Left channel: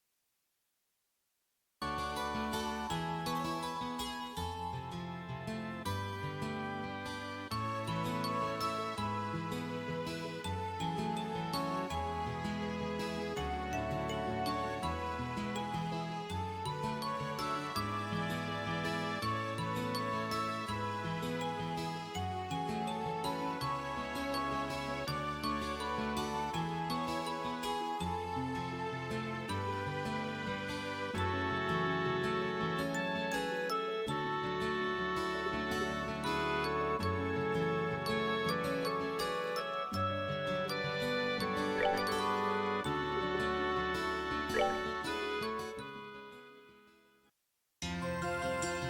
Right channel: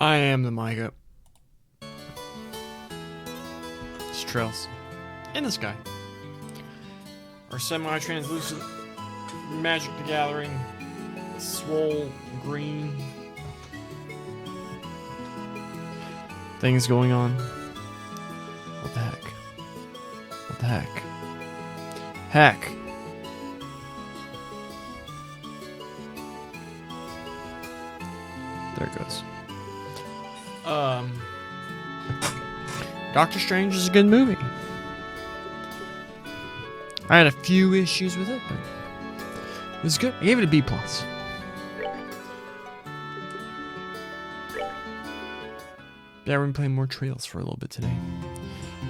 I am the Micah. It's trails in the sky. Or semi-translucent Magic the Gathering, swole green things going on. What the heck? What the heck? Heck. There it goes. Doctor Strange is a good movie. I had a few issues with it, but it was good. I gave it a B+. Yeah, we're gonna play more Trails for a little bit today.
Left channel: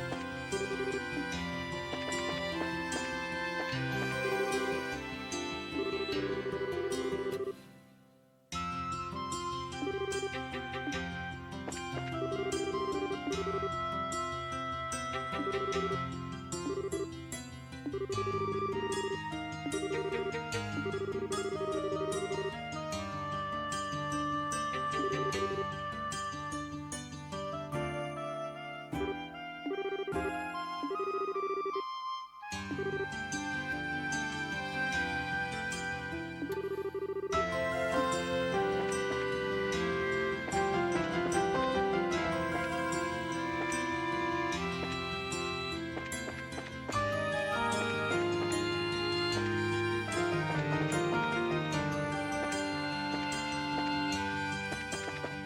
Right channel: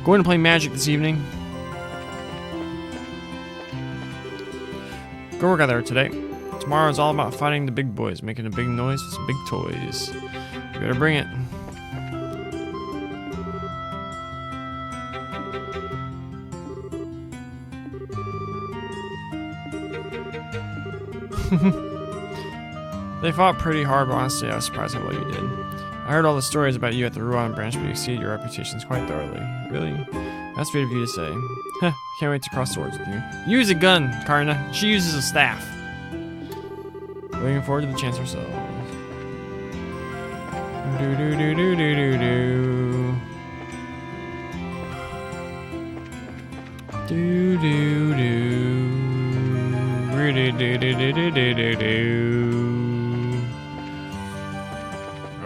Going to play Magic this evening. Go work out there today. Tomorrow is all about fighting the big boys, making a big noise with some big toys. You better bring it. They fought pretty hard, but honestly, I was surprised at what you did. I heard all the stories about you at the Ruan branch, but you exceeded your reputations quite thoroughly. Really? That's sweet of you to say. Heh, can't wait to cross swords with you. Use a gun, Karna. She uses a staff. Looking forward to the chance herself.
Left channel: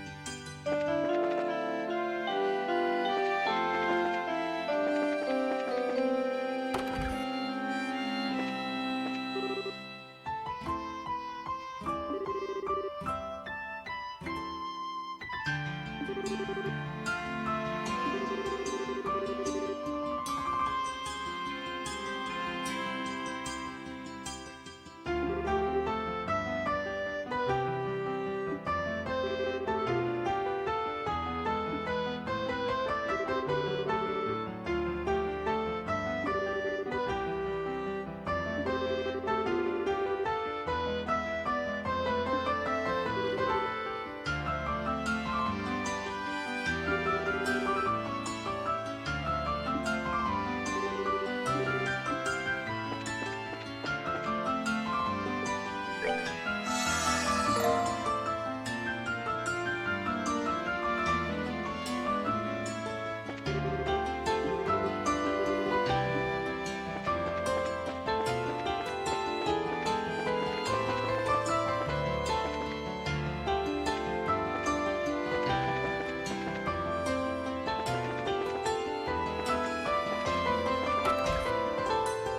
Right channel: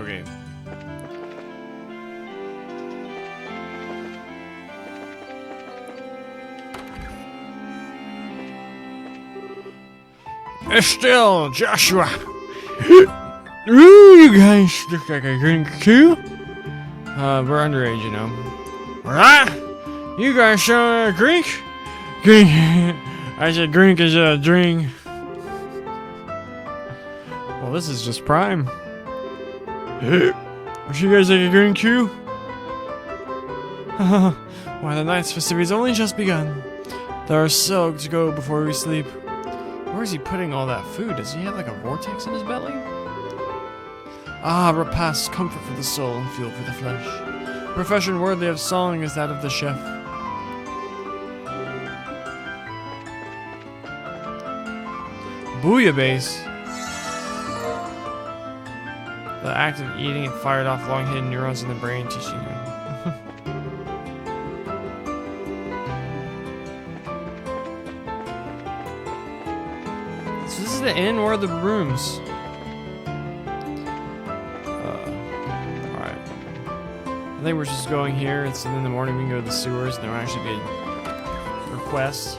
Okay. Estelle, Joshua. Ooh, you guys look like a drink too. We're underage, you know. Alright? You guys show a drink? Drink. I said drink is a drink. Well, this is just prime. Would you guys like a drink too? Why, the night's festivities only just begun. There are so to go before we sleep. Where is he putting all that food? Does he have like a vortex in his belly? Ah, repast, comfort for the soul and fuel for the flesh. Profession worthy of song is that of the chef. Bouillabaisse. The act of eating it fired off long hidden neurons in the brain, teaching you. So this is the inn or the rooms? Alright. I think we're just going here. It's in the morning. We can go to the sewers. And there might actually be requests.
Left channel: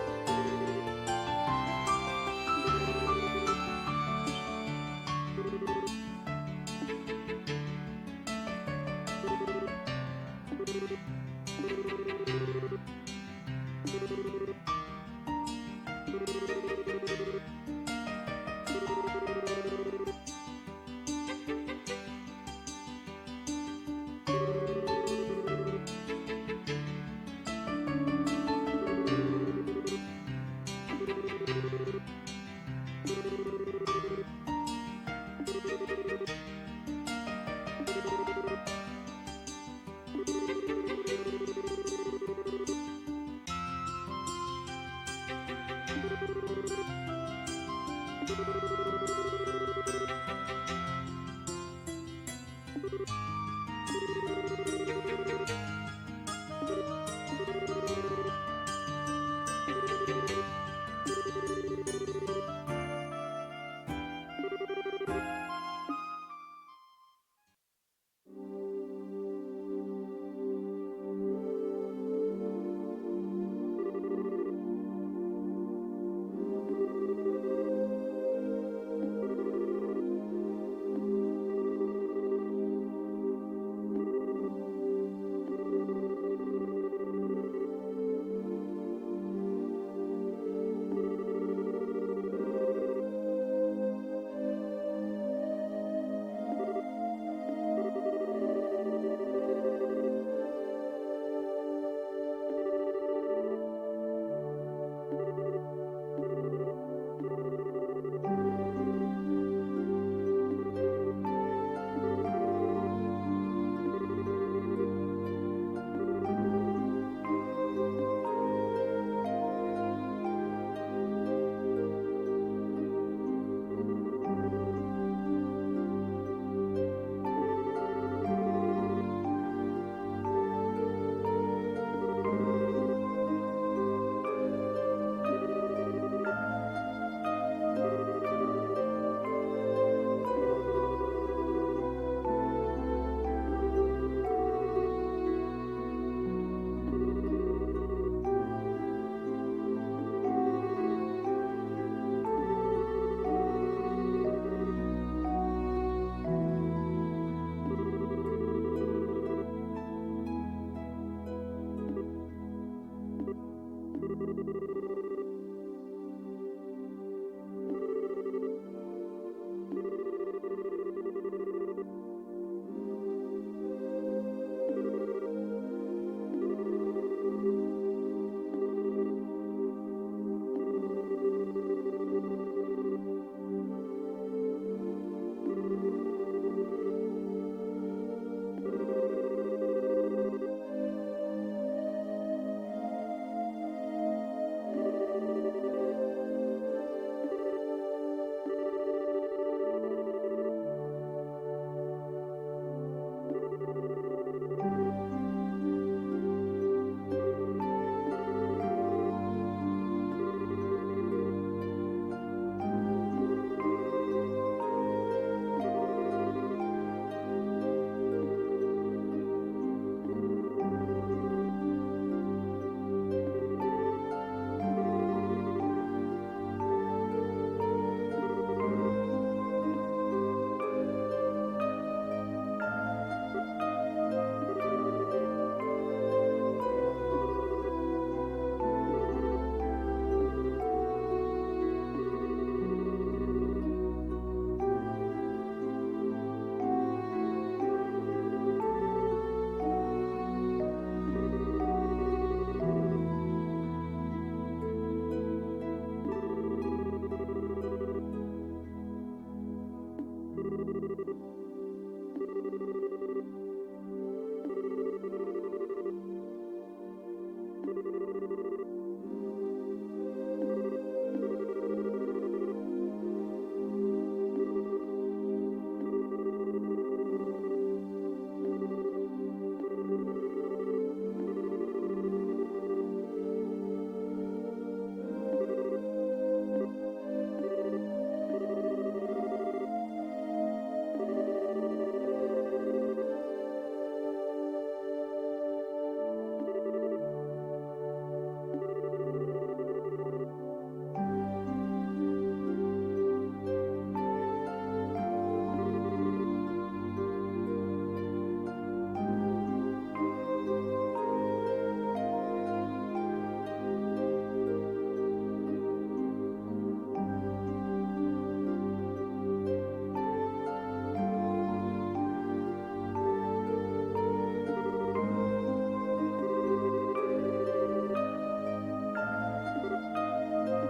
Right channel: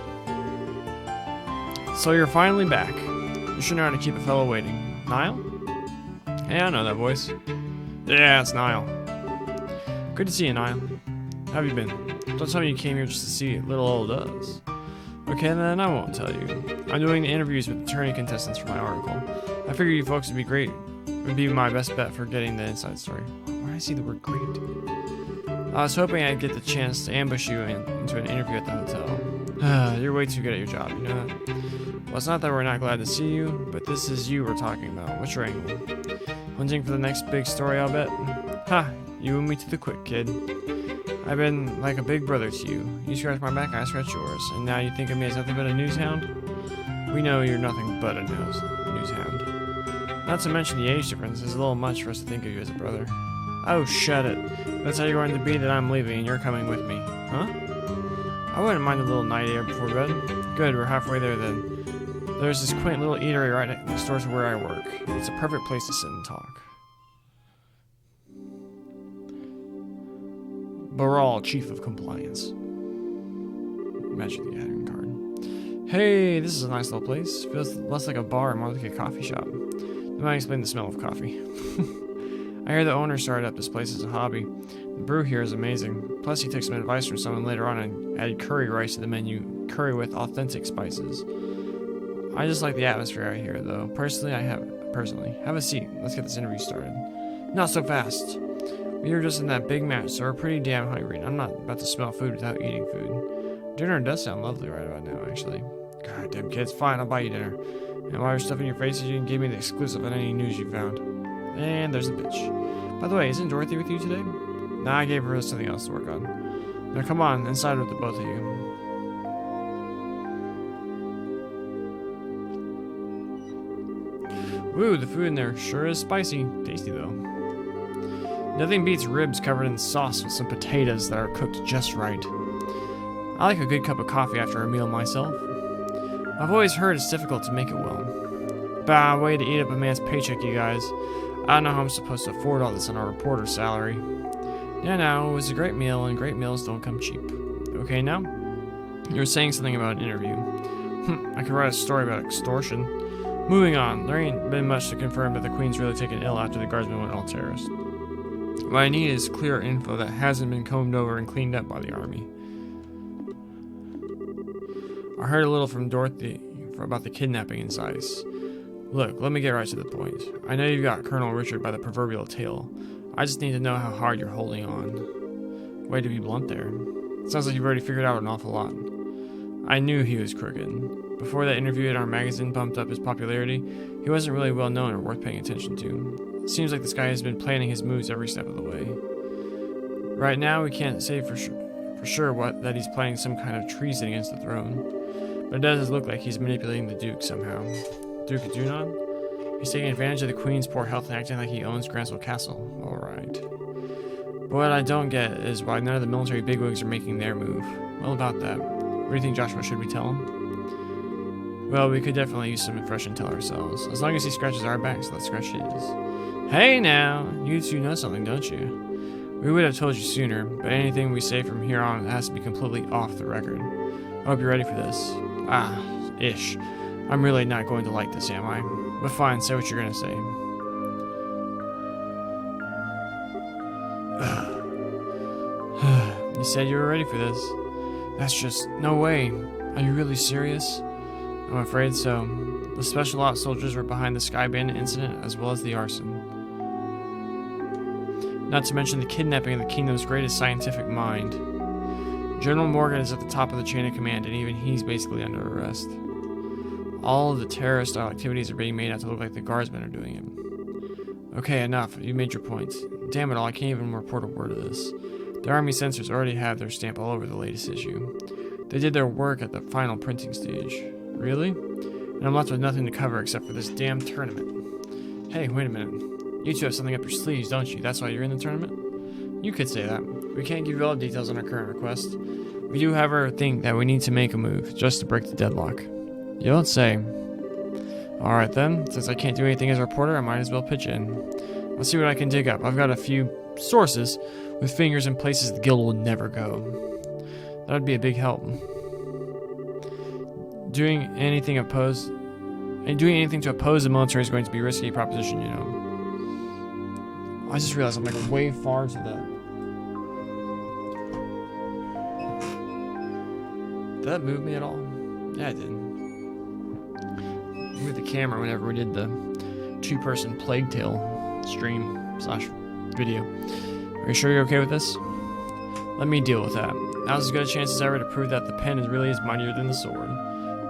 So you're finally back. You should know how to keep a fellow waiting. Niall? Yeah, I know that voice. Yeah, it's Niall. Good to see you, Niall. How have you been? Don't tell me you came here just to see little old us. Okay, then I won't tell you. I'm doing the interviews with attorney contestants for my article. I figured you folks would be great. Would be my best bet for getting the inside story. Why do I see the word great? I was hoping I'd get the chance to ambush you into an interview at the hotel. You're way too good at your job, you know that? Well, it's not that we're not glad to see you, but this is you we're talking about. What's your angle? Hunting for the next big story, I'll bet? Ha! You and me to the quick, kid. I've been like a big brother to you. You scratch my back, I scratch yours. And now you think of me as nothing but a news hound? We know you're nothing but a news hound. Not to mention the age difference. It's a little much for us to think of you as a brother. Oh, shut it. That's how you're going to be that I'm leaving and you're coming with me. Huh? I wouldn't mind a little night air before bed. Good, we're halfway there then. There's this quaint little eatery right next door to where I work. It's a perfect place to sit and talk. Baral, Chief of Compliance. Magic the Gathering card. Hey, this is a nice little place. Feels less like a bar and more like a coffee shop. That might explain the smell of coffee. I hear the owner started up this place as a hobby. The brew here is amazing. Plus, he took some advice from someone later on and added curry rice to the menu. Curry with authentic spices. I just like the atmosphere out here, though. Personally, have a seat. Let's get this interview started. Not so fast. We were just in that big match, so we're pretty damn hungry. I'm not about to smell food without eating food. Dinner does sound lovely right about now, actually. God damn kids, fine, I'll buy you dinner. And while you're stuffing your face, you didn't give me the exclusive on any news you found. And there's the pitch. By the way, isn't Dorothy with you today? Nah, I gave her something else to work on. Now come on, inside with the both of you. Woo, the food in there sure is spicy. Tasty though. Nothing beats ribs covered in sauce with some potatoes that are cooked just right. I like a good cup of coffee after a meal myself. I've always heard it's difficult to make it well. Bah, way to eat up a man's paycheck, you guys. I don't know how I'm supposed to afford all this on our reporter's salary. Yeah, no, it was a great meal, and great meals don't come cheap. Okay, now? You were saying something about an interview. I could write a story about extortion. Moving on, there ain't been much to confirm that the Queen's really taken ill after the guardsmen went all terrorist. What I need is clear info that hasn't been combed over and cleaned up by the army. I heard a little from Dorothy about the kidnapping in Zeiss. Look, let me get right to the point. I know you've got Colonel Richard by the proverbial tail. I just need to know how hard you're holding on. Way to be blunt there. It sounds like you've already figured out an awful lot. I knew he was crooked. Before that interview in our magazine bumped up his popularity, he wasn't really well known or worth paying attention to. It seems like this guy has been planning his moves every step of the way. Right now, we can't say for sure that he's planning some kind of treason against the throne. But it does look like he's manipulating the Duke somehow. Duke of Dunon? He's taking advantage of the Queen's poor health and acting like he owns Gransville Castle. Alright. But what I don't get is why none of the military bigwigs are making their move. Well, about that. What do you think, Joshua? Should we tell him? Well, we could definitely use some fresh intel ourselves. As long as he scratches our backs, let's scratch his. Hey now! You two know something, don't you? We would have told you sooner, but anything we say from here on has to be completely off the record. I hope you're ready for this. Ish. I'm really not going to like this, am I? But fine, say what you're gonna say. You said you were ready for this. That's just no way. Are you really serious? I'm afraid so. The Special Ops soldiers were behind the Sky Bandit incident as well as the arson. Not to mention the kidnapping of the kingdom's greatest scientific mind. General Morgan is at the top of the chain of command, and even he's basically under arrest. All of the terrorist-style activities are being made out to look like the guardsmen are doing it. Okay, enough. You made your point. Damn it all, I can't even report a word of this. The Army censors already have their stamp all over the latest issue. They did their work at the final printing stage. Really? And I'm left with nothing to cover except for this damn tournament. Hey, wait a minute. You two have something up your sleeves, don't you? That's why you're in the tournament? You could say that. We can't give you all the details on our current request. We do, however, think that we need to make a move, just to break the deadlock. You don't say. Alright then, since I can't do anything as a reporter, I might as well pitch in. Let's see what I can dig up. I've got a few sources with fingers in places the guild would never go. That would be a big help. Doing anything to oppose the military is going to be a risky proposition, you know. I just realized I'm like way far to that. Did that move me at all? Yeah, it did. Moved the camera whenever we did the two-person Plague Tale stream / video. Are you sure you're okay with this? Let me deal with that. Now's as good a chance as ever to prove that the pen really is mightier than the sword.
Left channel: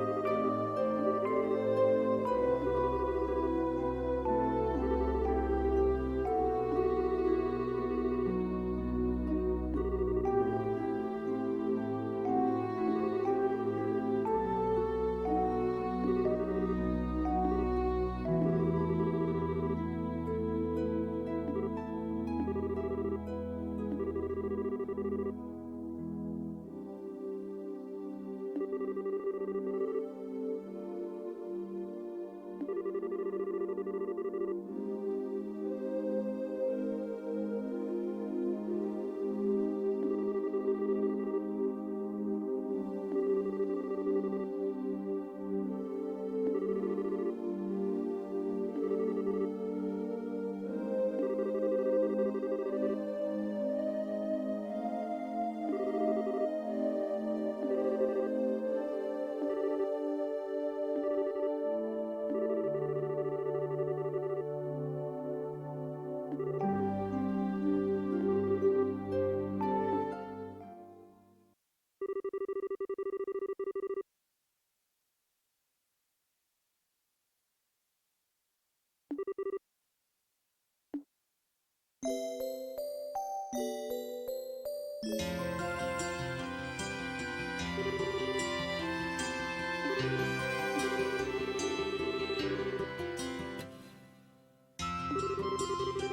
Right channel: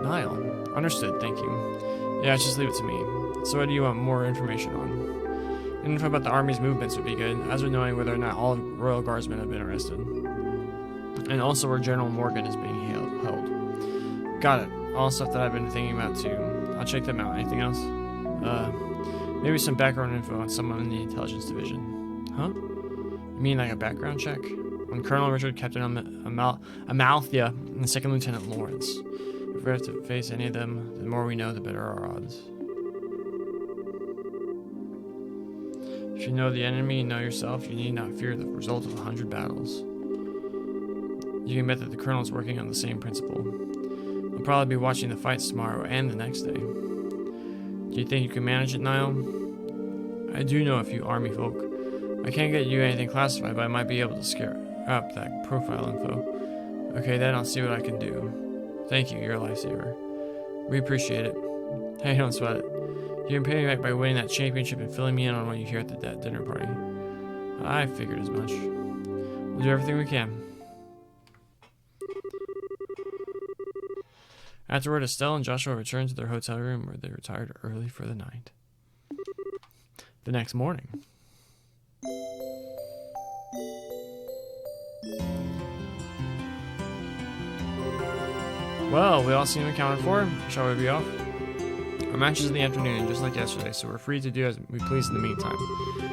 Niall. Understood, thank you. Yeah, just leave it to me. So what do you want more information on? Info about the army's movements would be good, as with knowing whether or not all royal guardsmen have been arrested. And also where General Morgan is being held. Got it. All stuff that I've been thinking about too. I'll check them out. Anything else? Maybe some background info on someone in the intelligence division. Huh? You mean like a background check? On Colonel Richard, Captain Amalthea, and Second Lieutenant Lawrence. If we have to face any of them, the more we know, the better our odds. If you know the enemy and know yourself, you need not fear the result of 100 battles. You can bet that the Colonel's working on the same principle. You'll probably be watching the fights tomorrow and the next day. Do you think you can manage it, Niall? I do know a few army folk. I can't get you anything classified, but I might be able to scare up that profile info. Okay, then I'll see what I can do. Thank you, you're a lifesaver. We appreciate it. Hey, don't sweat it. You can pay me back by winning that championship and filling me in on what you hear at the dinner party. I figured as much. We'll do everything we can. Afterward, Estelle and Joshua returned to their hotel room where they retired early for the night. The next morning. Well, we all seem accounted for. Shall we be off? Our match is in the afternoon, just like yesterday, so we're free to do as we please in the meantime.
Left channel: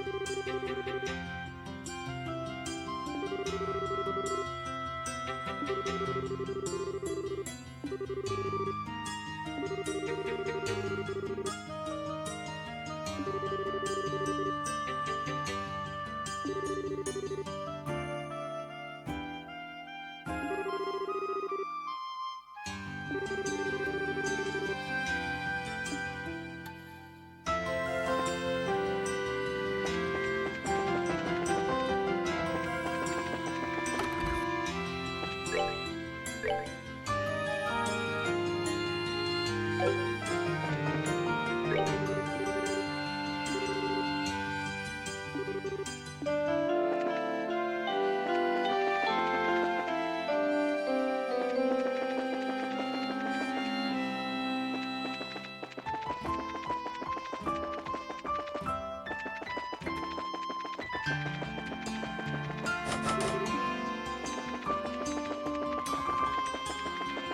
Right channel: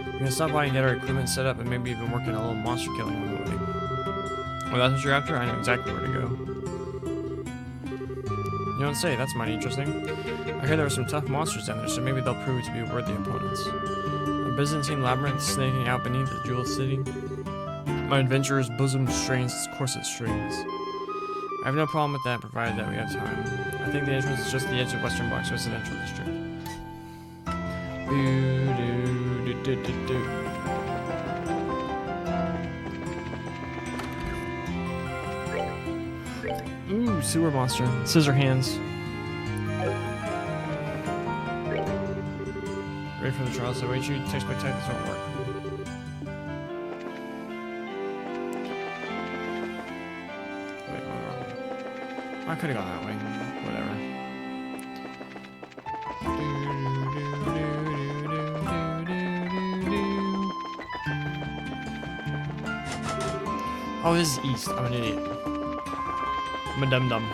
We're gonna stop by and get our equipment set up and maybe even work on a little monster killing on the way. Well, that's what you're after? I know exactly where to go. You don't say, that's mighty interesting. I heard there were some tough monsters down there, so maybe they'll prove to be worthy opponents. A Byzantine labyrinth snaking out beneath the jeweled city. My adventurer's bosom strains its corset strings. I have no problem with that, provided that we have time. I think the entrance is just the edge of Western Block's residential district. Ooh, sewer monster. Scissor hands. Ready for the trials that await you? Takes my time, doesn't work. I could have gone that way. Whatever. Oh, this is east. I'm an idiot. I'm a dum-dum.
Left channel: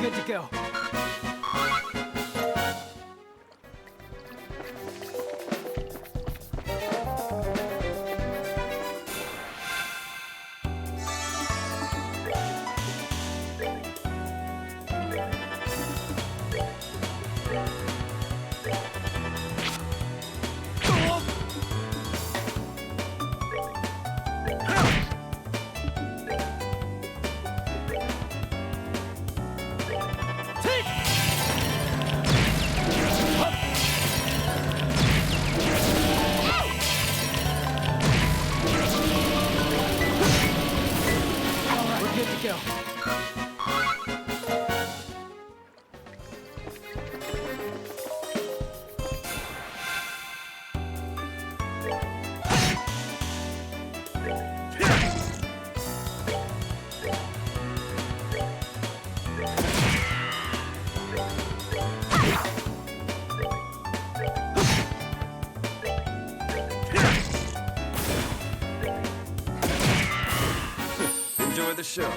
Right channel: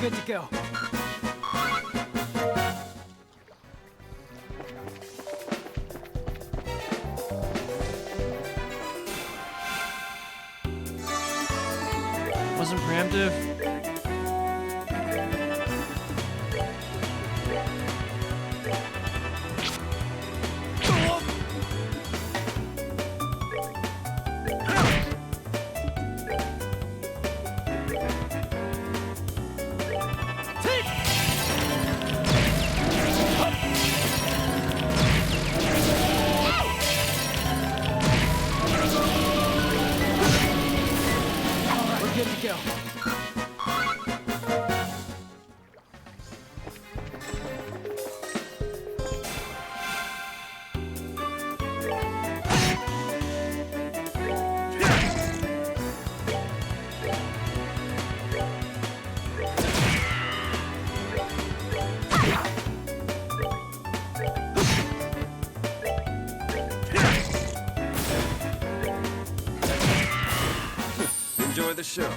Good to go. Wasn't preemptive. Good to go. Enjoy the show.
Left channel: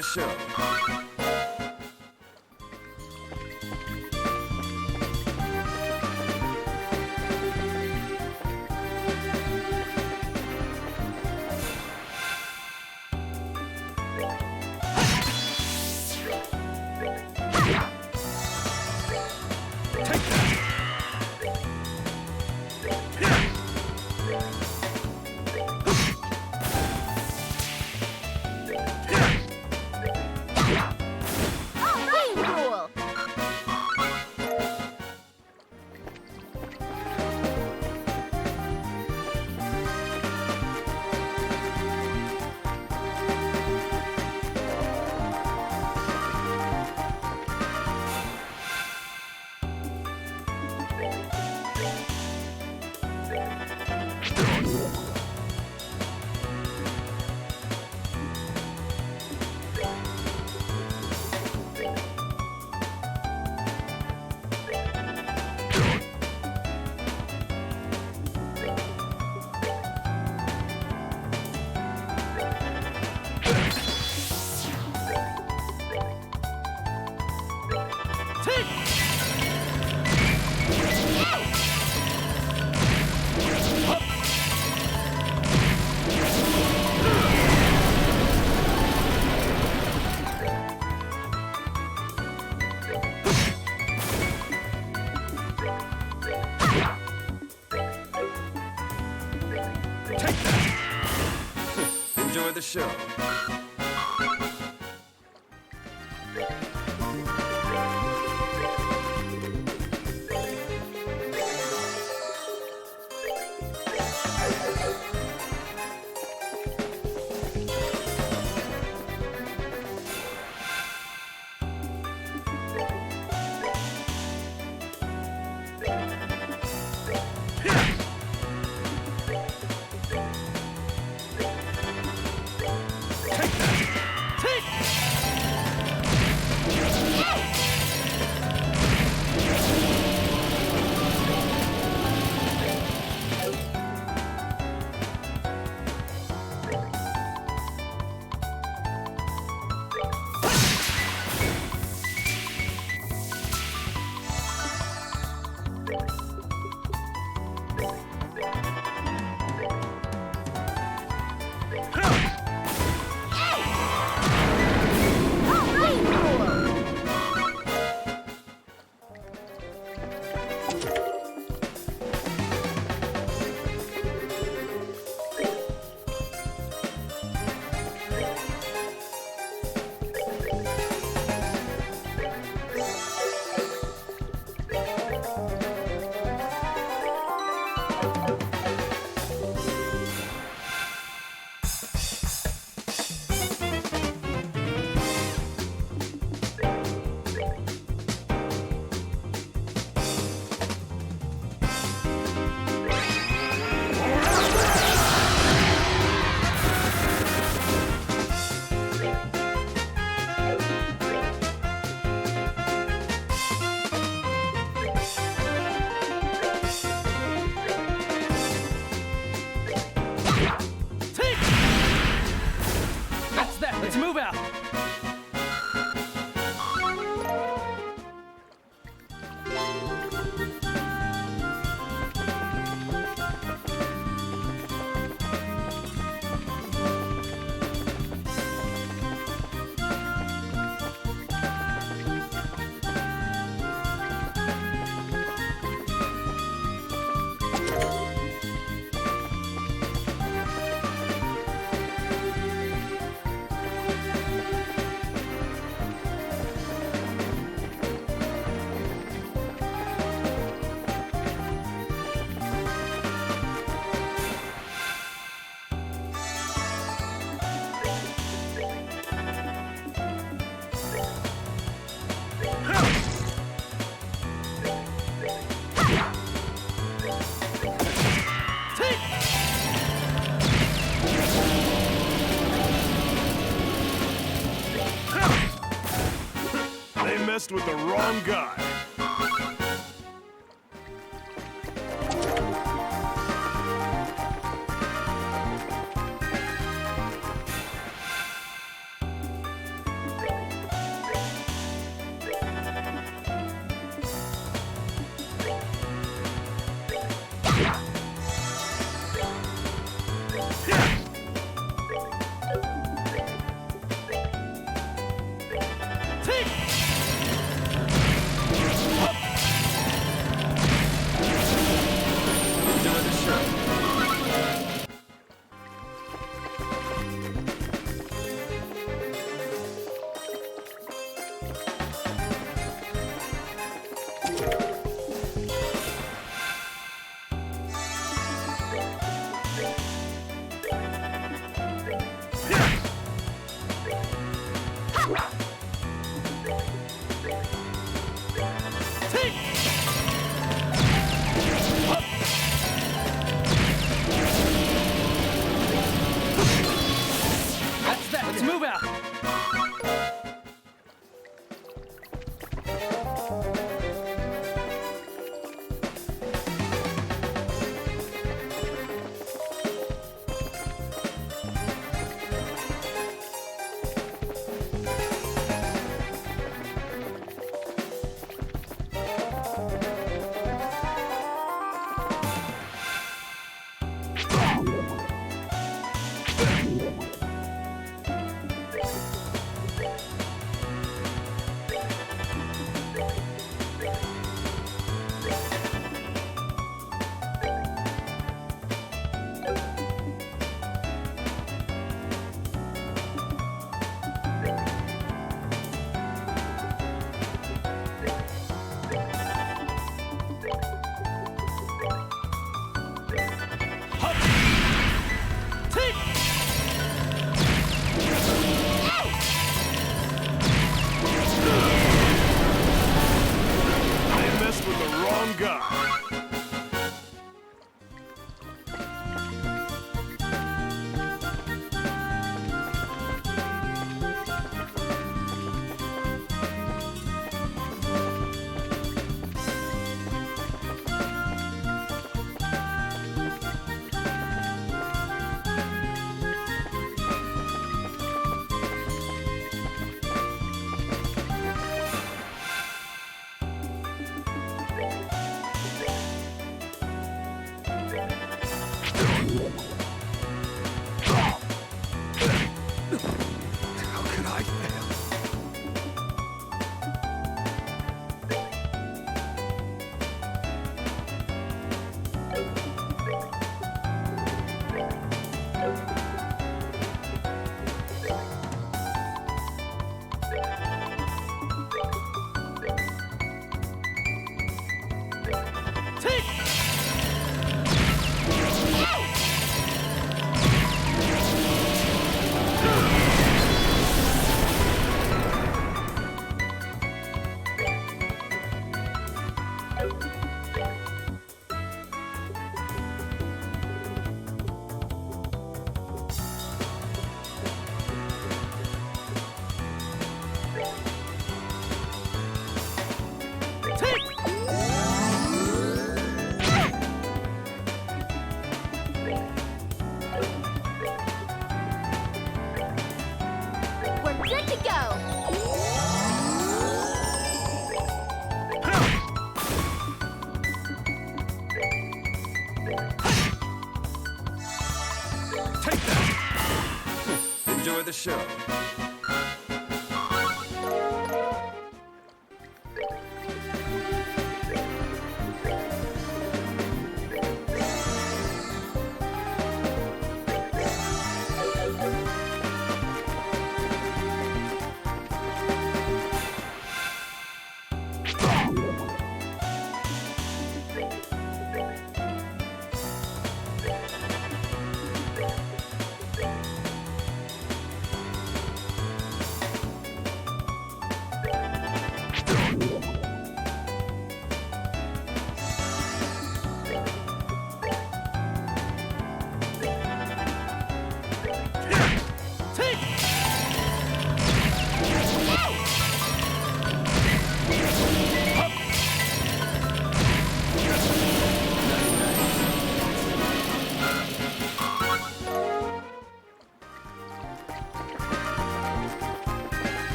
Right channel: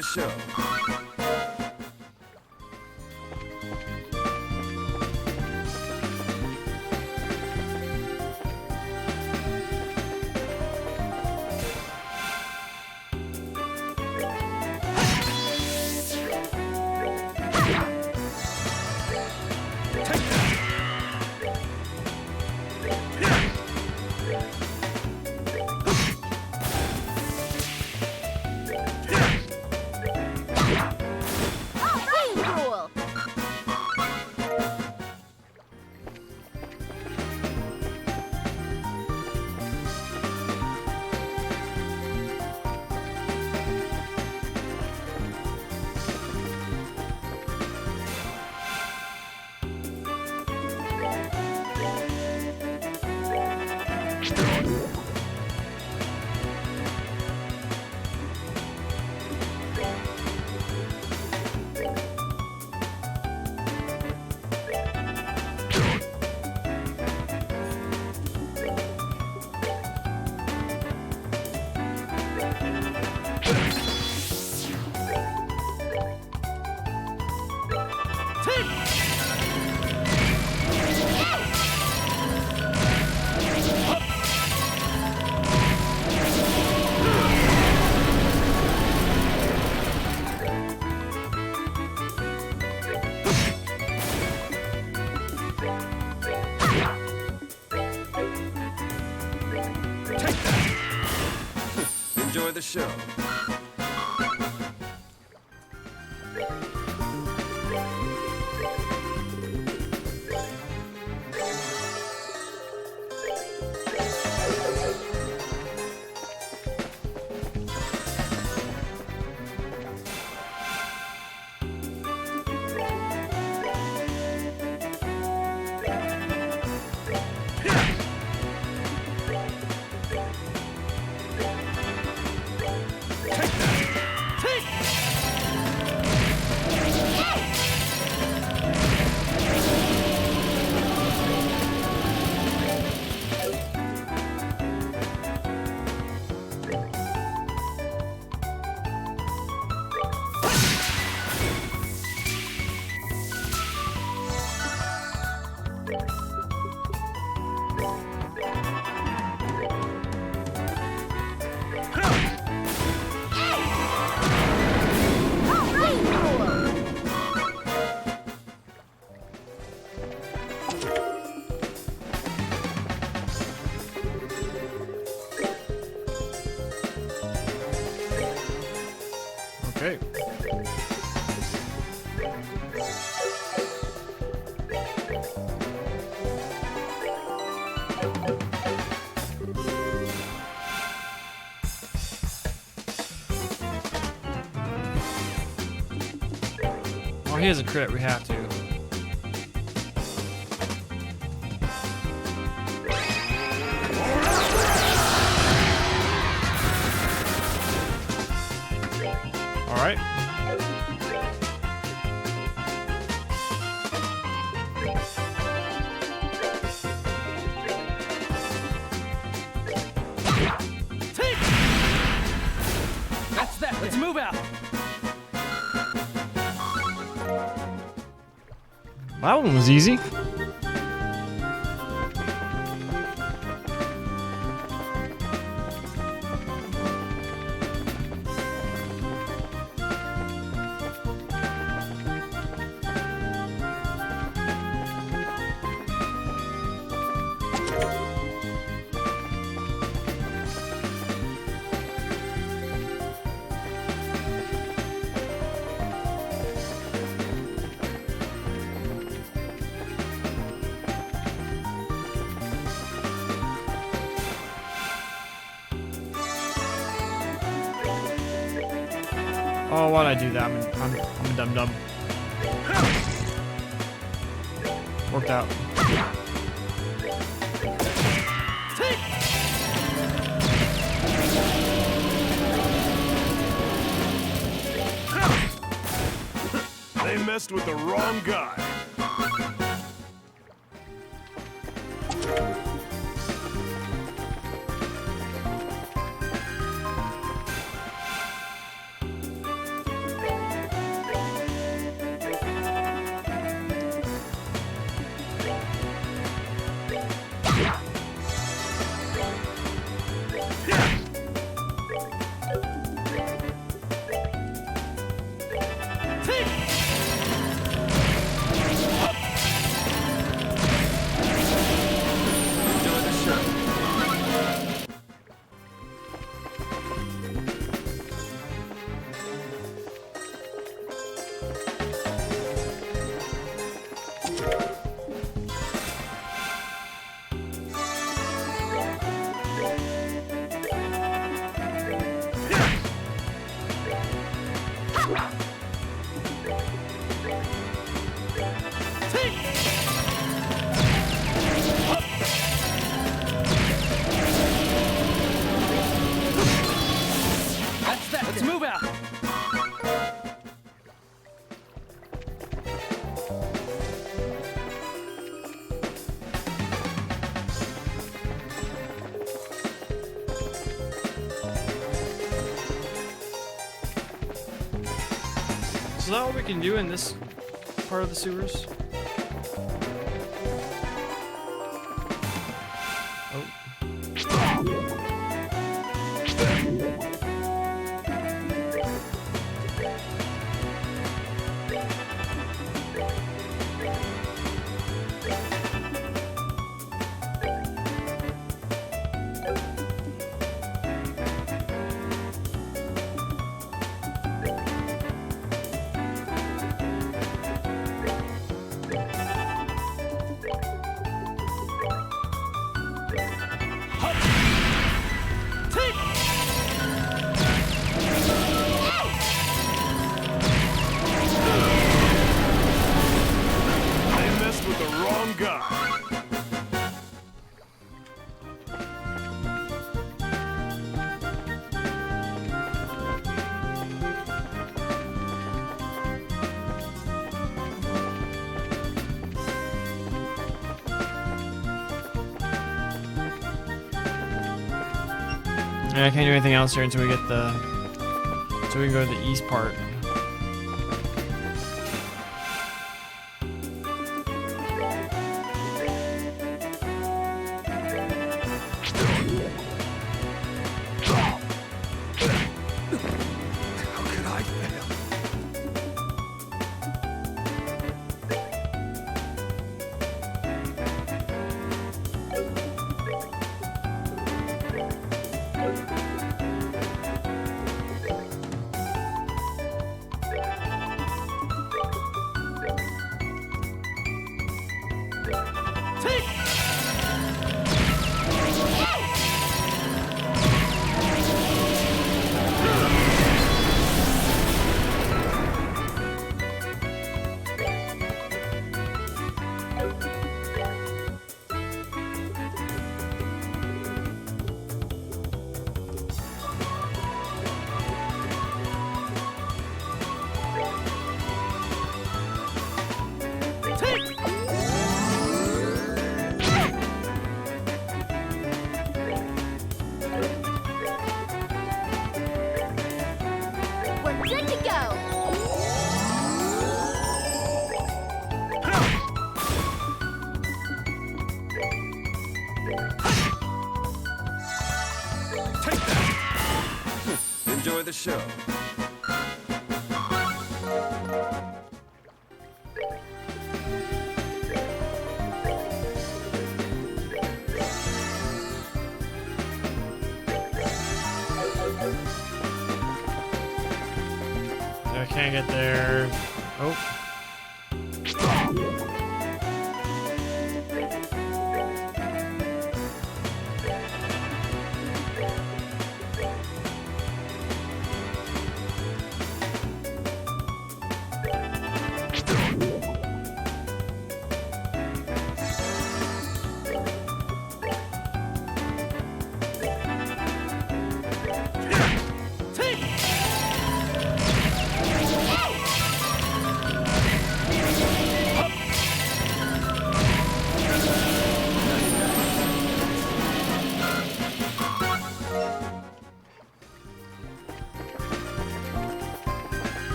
the show. Cool. Enjoy the show. Okay. Well, he has a crit. We have to. All right. That's that. Let's move out. That one was easy. Oh, why'd I do that? I'm dumb. Worked out. They messed with the wrong guy. That's that. Let's move out. Is that what we can do in this part of the sewers? They messed with the wrong guy. Yeah, I can't do anything else here until we get until we go to the east part. How could I fail? We're good to go. Take that. Enjoy the show. I can't get there. Oh.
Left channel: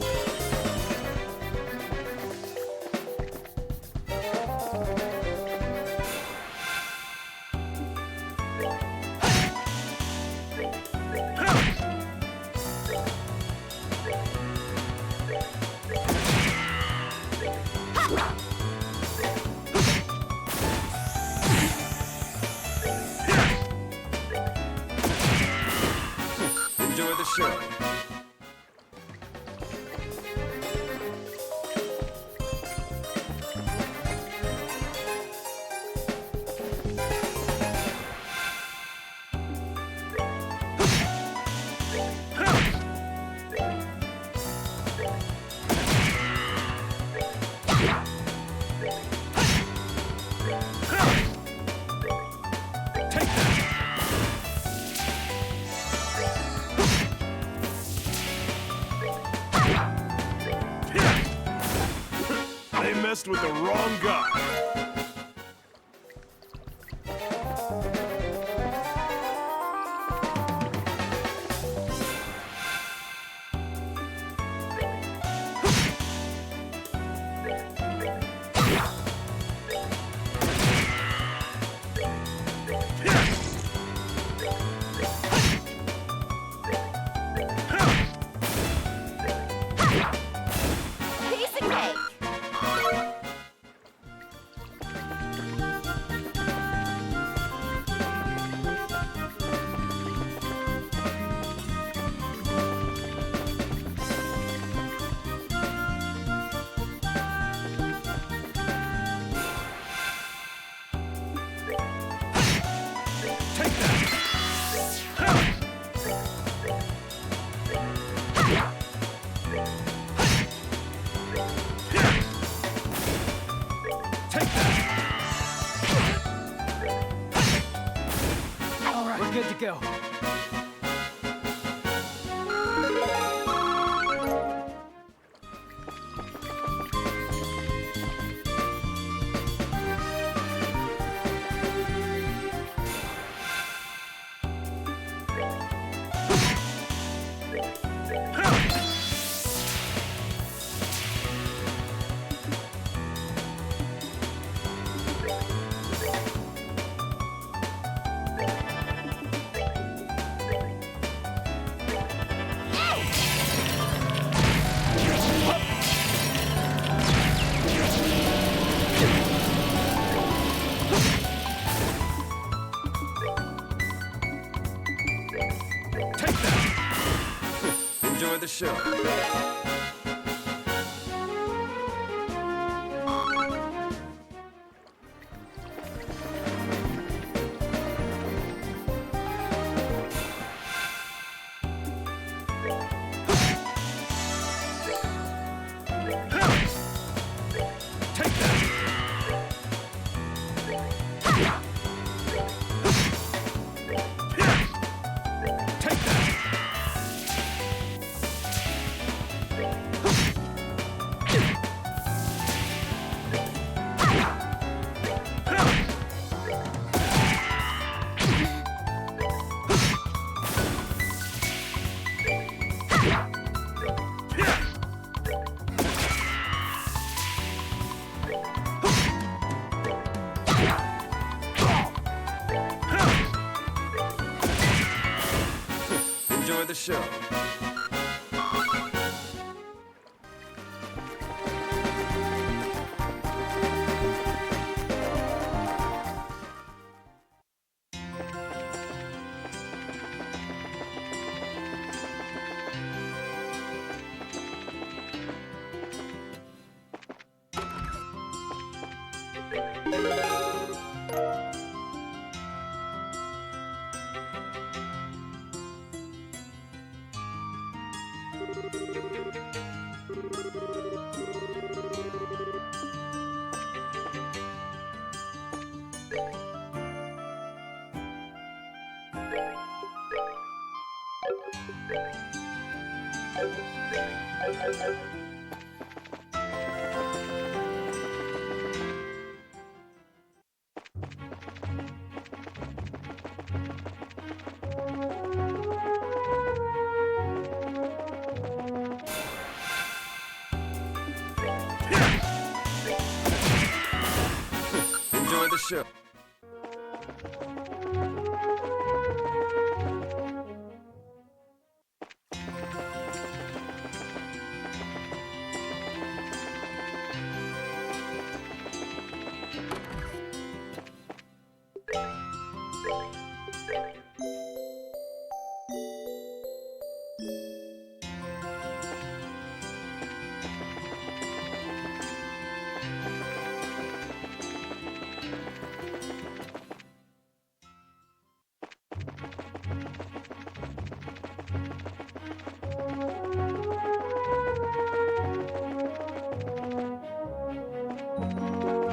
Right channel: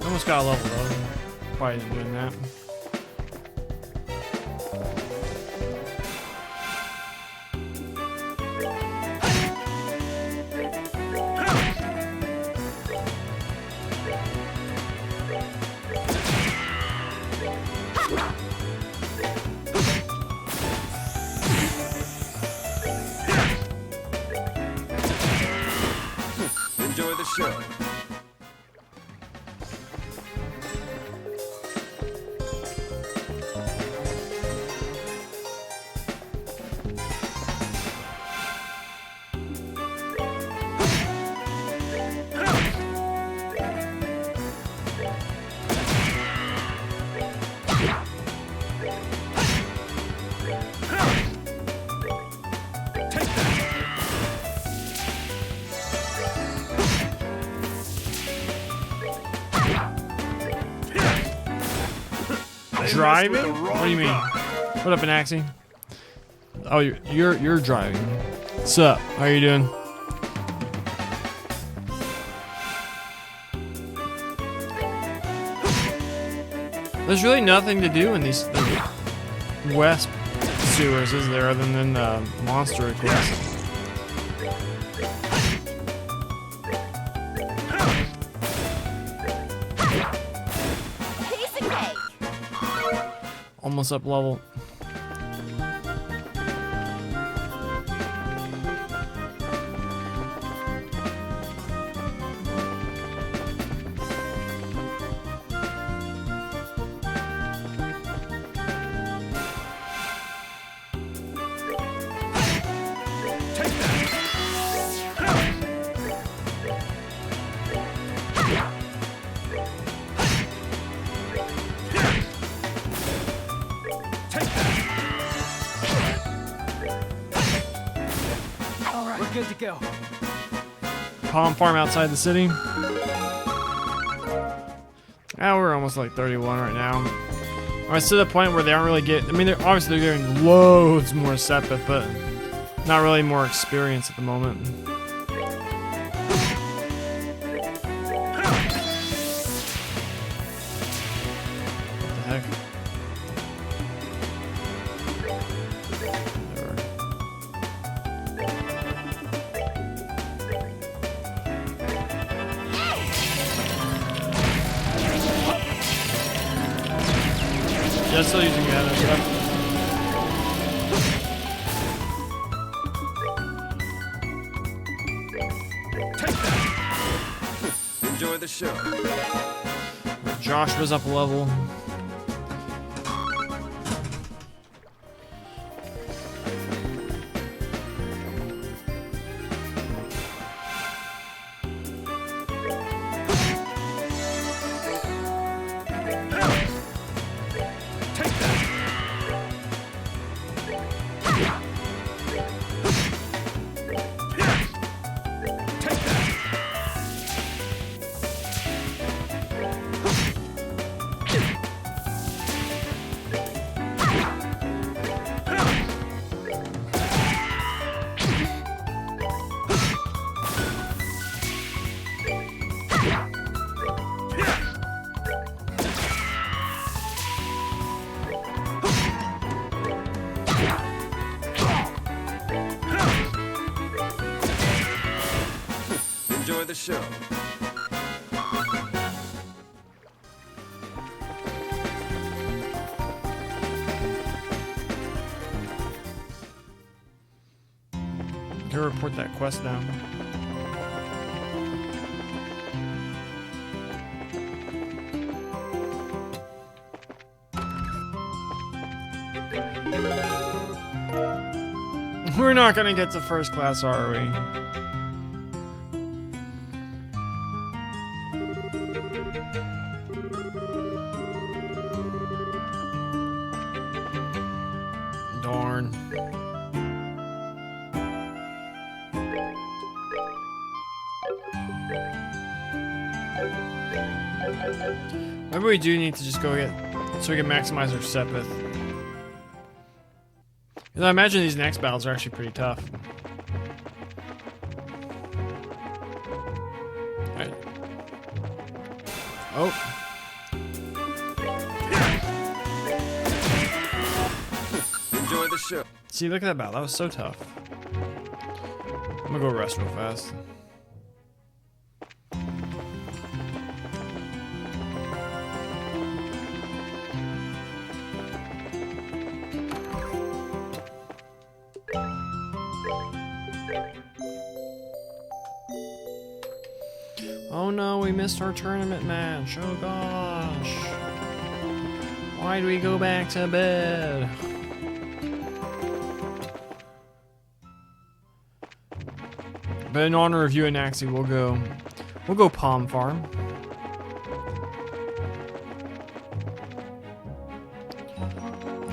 Almost got a level up. Why is it doing that? Enjoy the show. messed with the What do you wrong mean? guy. What up, Anaxi? Oh, you're driving. What's up? How you doing? There's really nothing to do in these west sewers, is there, other than monster attacks? Piece of cake. Almost up level. Take that. Take that. All right, we're good to go. Palm farm outside the city. Ah, we're almost like 31 right now. We're to the point where they aren't really getting. I mean, they're obviously getting loads more Sepith, but not really more experience at the moment. Heck. Just so you can get it. Take that. Enjoy the show. Josh was up level. Take that. Take that. Enjoy the show. Gotta report that quest down. We're not gonna get to first class, are we? Darn. Maybe we do need to just go get so we can maximize our Sepith. Because I imagine these next battles are actually pretty tough. Right. Oh. Enjoy the show. See, look at that battle. That was so tough. I'm gonna go rest real fast. Oh no, we missed our tournament match. Oh gosh. Why do we go back to bed? But in honor of you and Anaxi, we'll go Palm Farm.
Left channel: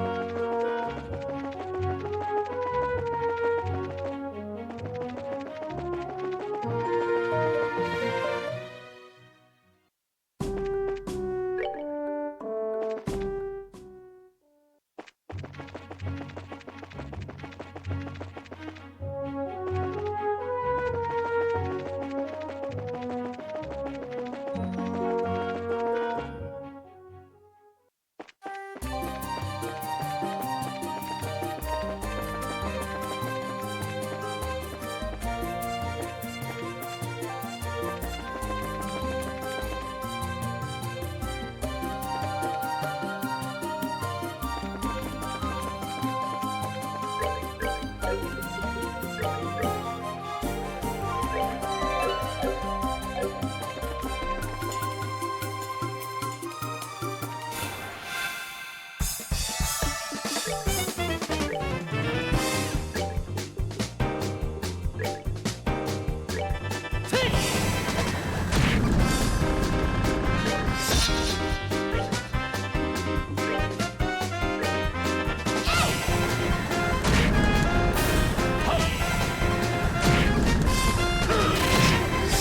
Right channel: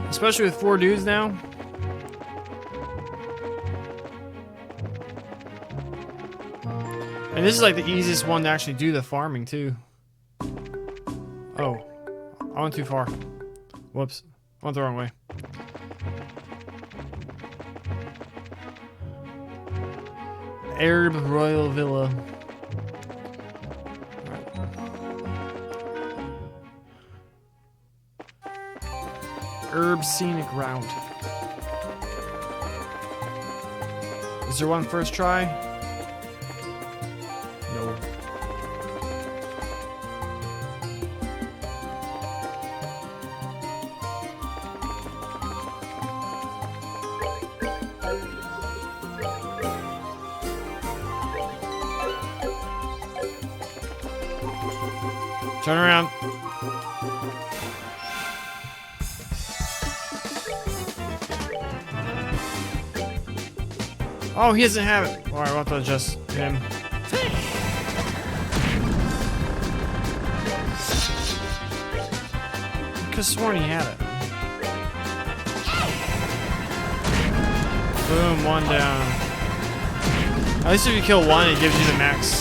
Especially with 4 dudes now. And this is like the easiest one to actually do the farming too. Oh, I went too far. Whoops. Went the wrong way. Arab Royal Villa. Herb Scenic Route. Is there one first try? No. Turn around. Oh, he doesn't have it. Alright, we'll have to adjust him. I could've sworn he had it. Boom, one down. At least if you kill one, it gives you the next.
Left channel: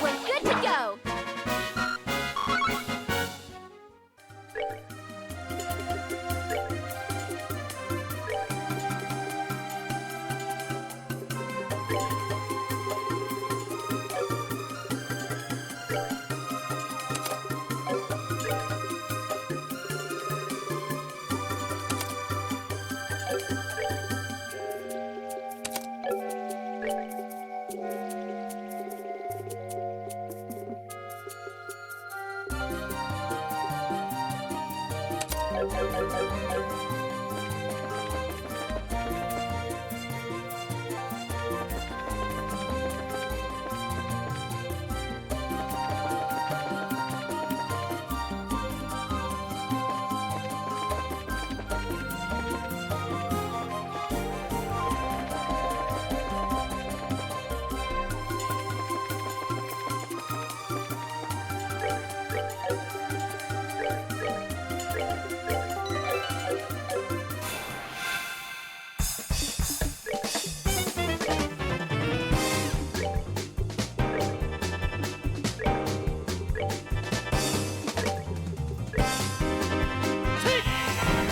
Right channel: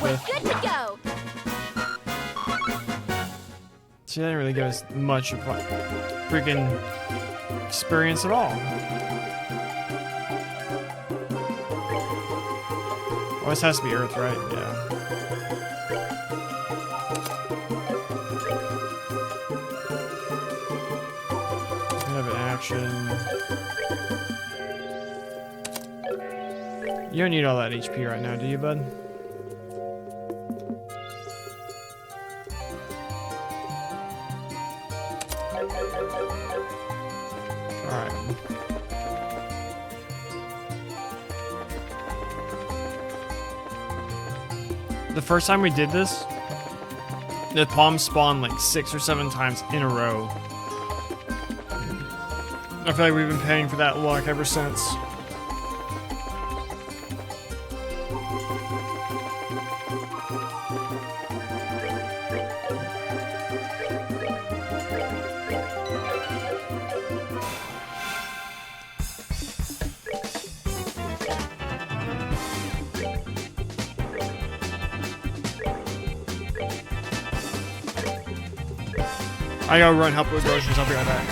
We're good to go. See, that didn't really give us much of what freaking experience at all. Oh, this has to be Earth, right? Yeah. Kind of action. You don't need all that HP right now, do you, bud? The first time we did this, the palm spawned like 6 or 7 times in a row. I feel like we've been paying for that luck ever since. I gotta run help those Russians. I'll be right back.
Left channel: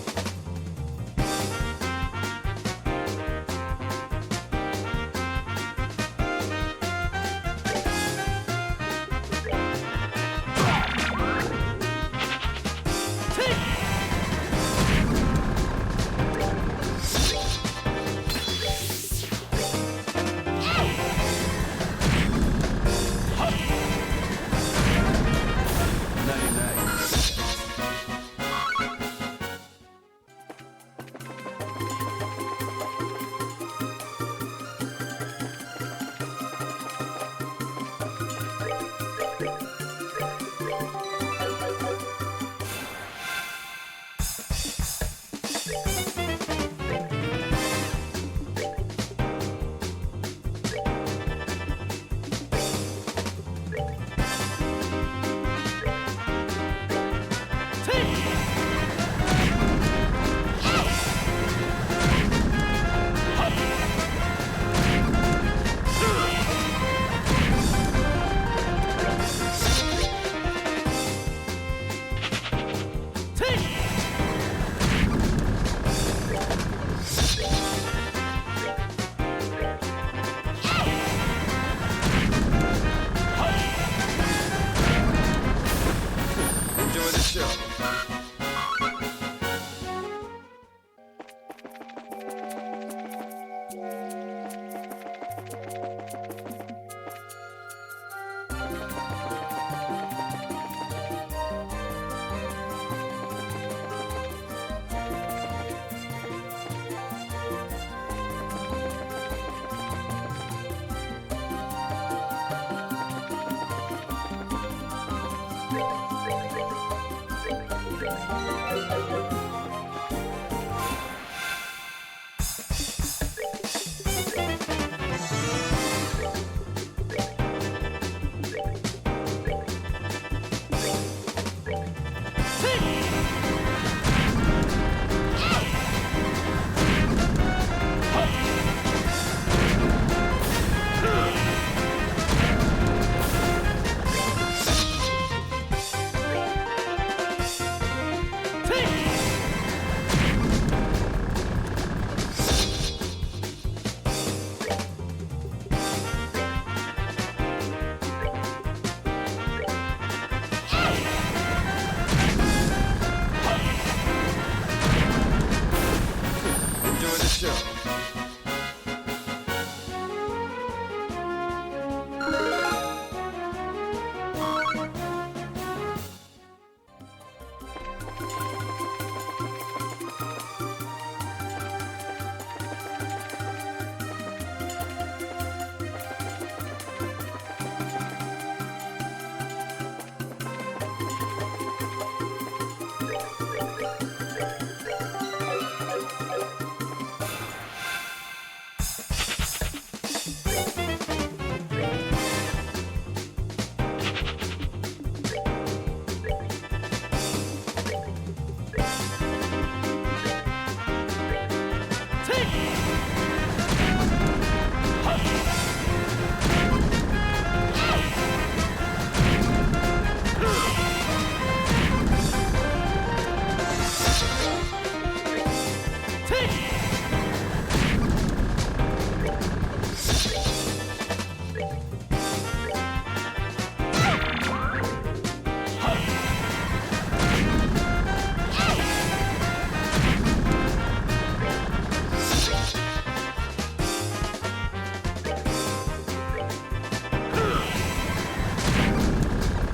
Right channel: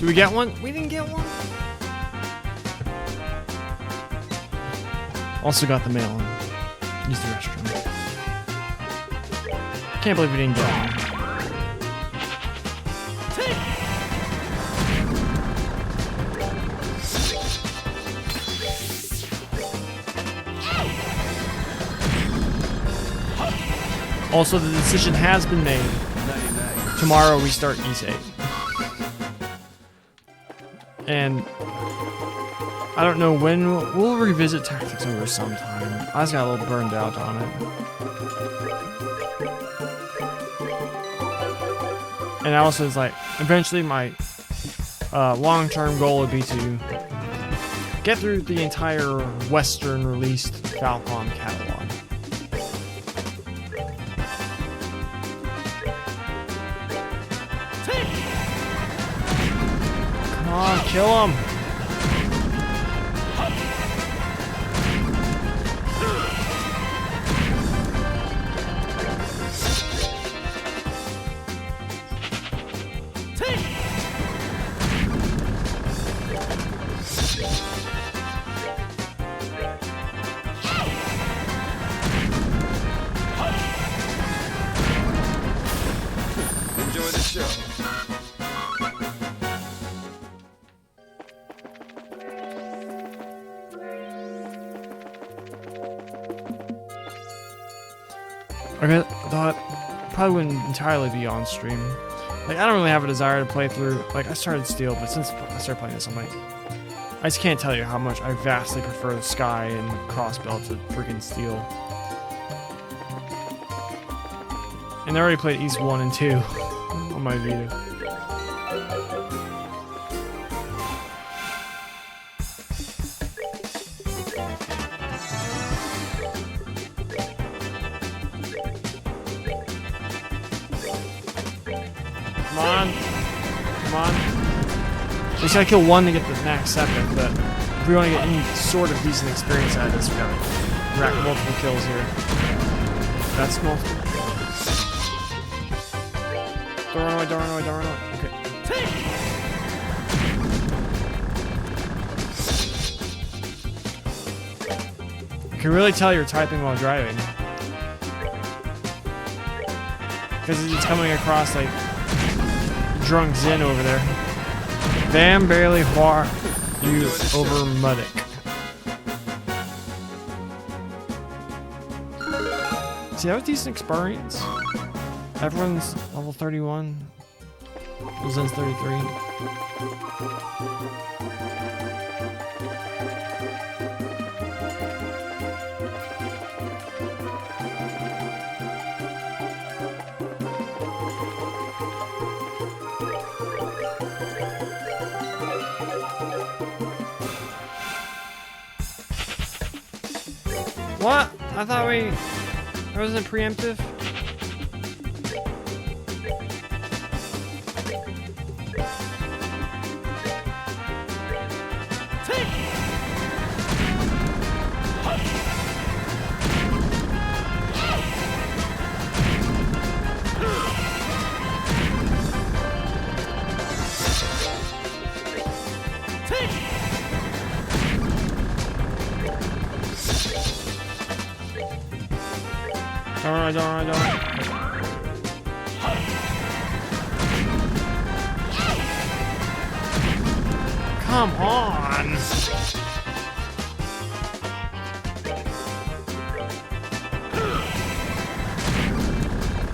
Do we get one? We didn't get one. Also got the mail. Use the extra. Can't believe we didn't get one. Also, the decision has been made. Tomorrow we start Ys 8. And I don't know when we'll revisit Tactics Ogre sometime. I just got a little burned out on it. And also it's like, eventually my long-term goal would be to get through the entire Western released Falcon catalog. Kill him! Enjoy the show. I thought probably wouldn't entirely be on stream. Like, I don't really have a desire to play through. Like, I started Steel, but since I started playing this, I'm like, I just can't tell you how much I vastly prefer Sky and Crossbell to freaking Steel. And I already played East 1 and 2 on my Vita. I kill one to get the max 7, but we only get any sort of decent experience out of this round. Rack multiple kills here. That's cool. You can really tell you're typing while driving. Because he's coming across like drunk Zin over there. Bam barely far over Muddick. See, that was decent experience. Everyone's level 31. Zen's 33. What? I thought was it preemptive?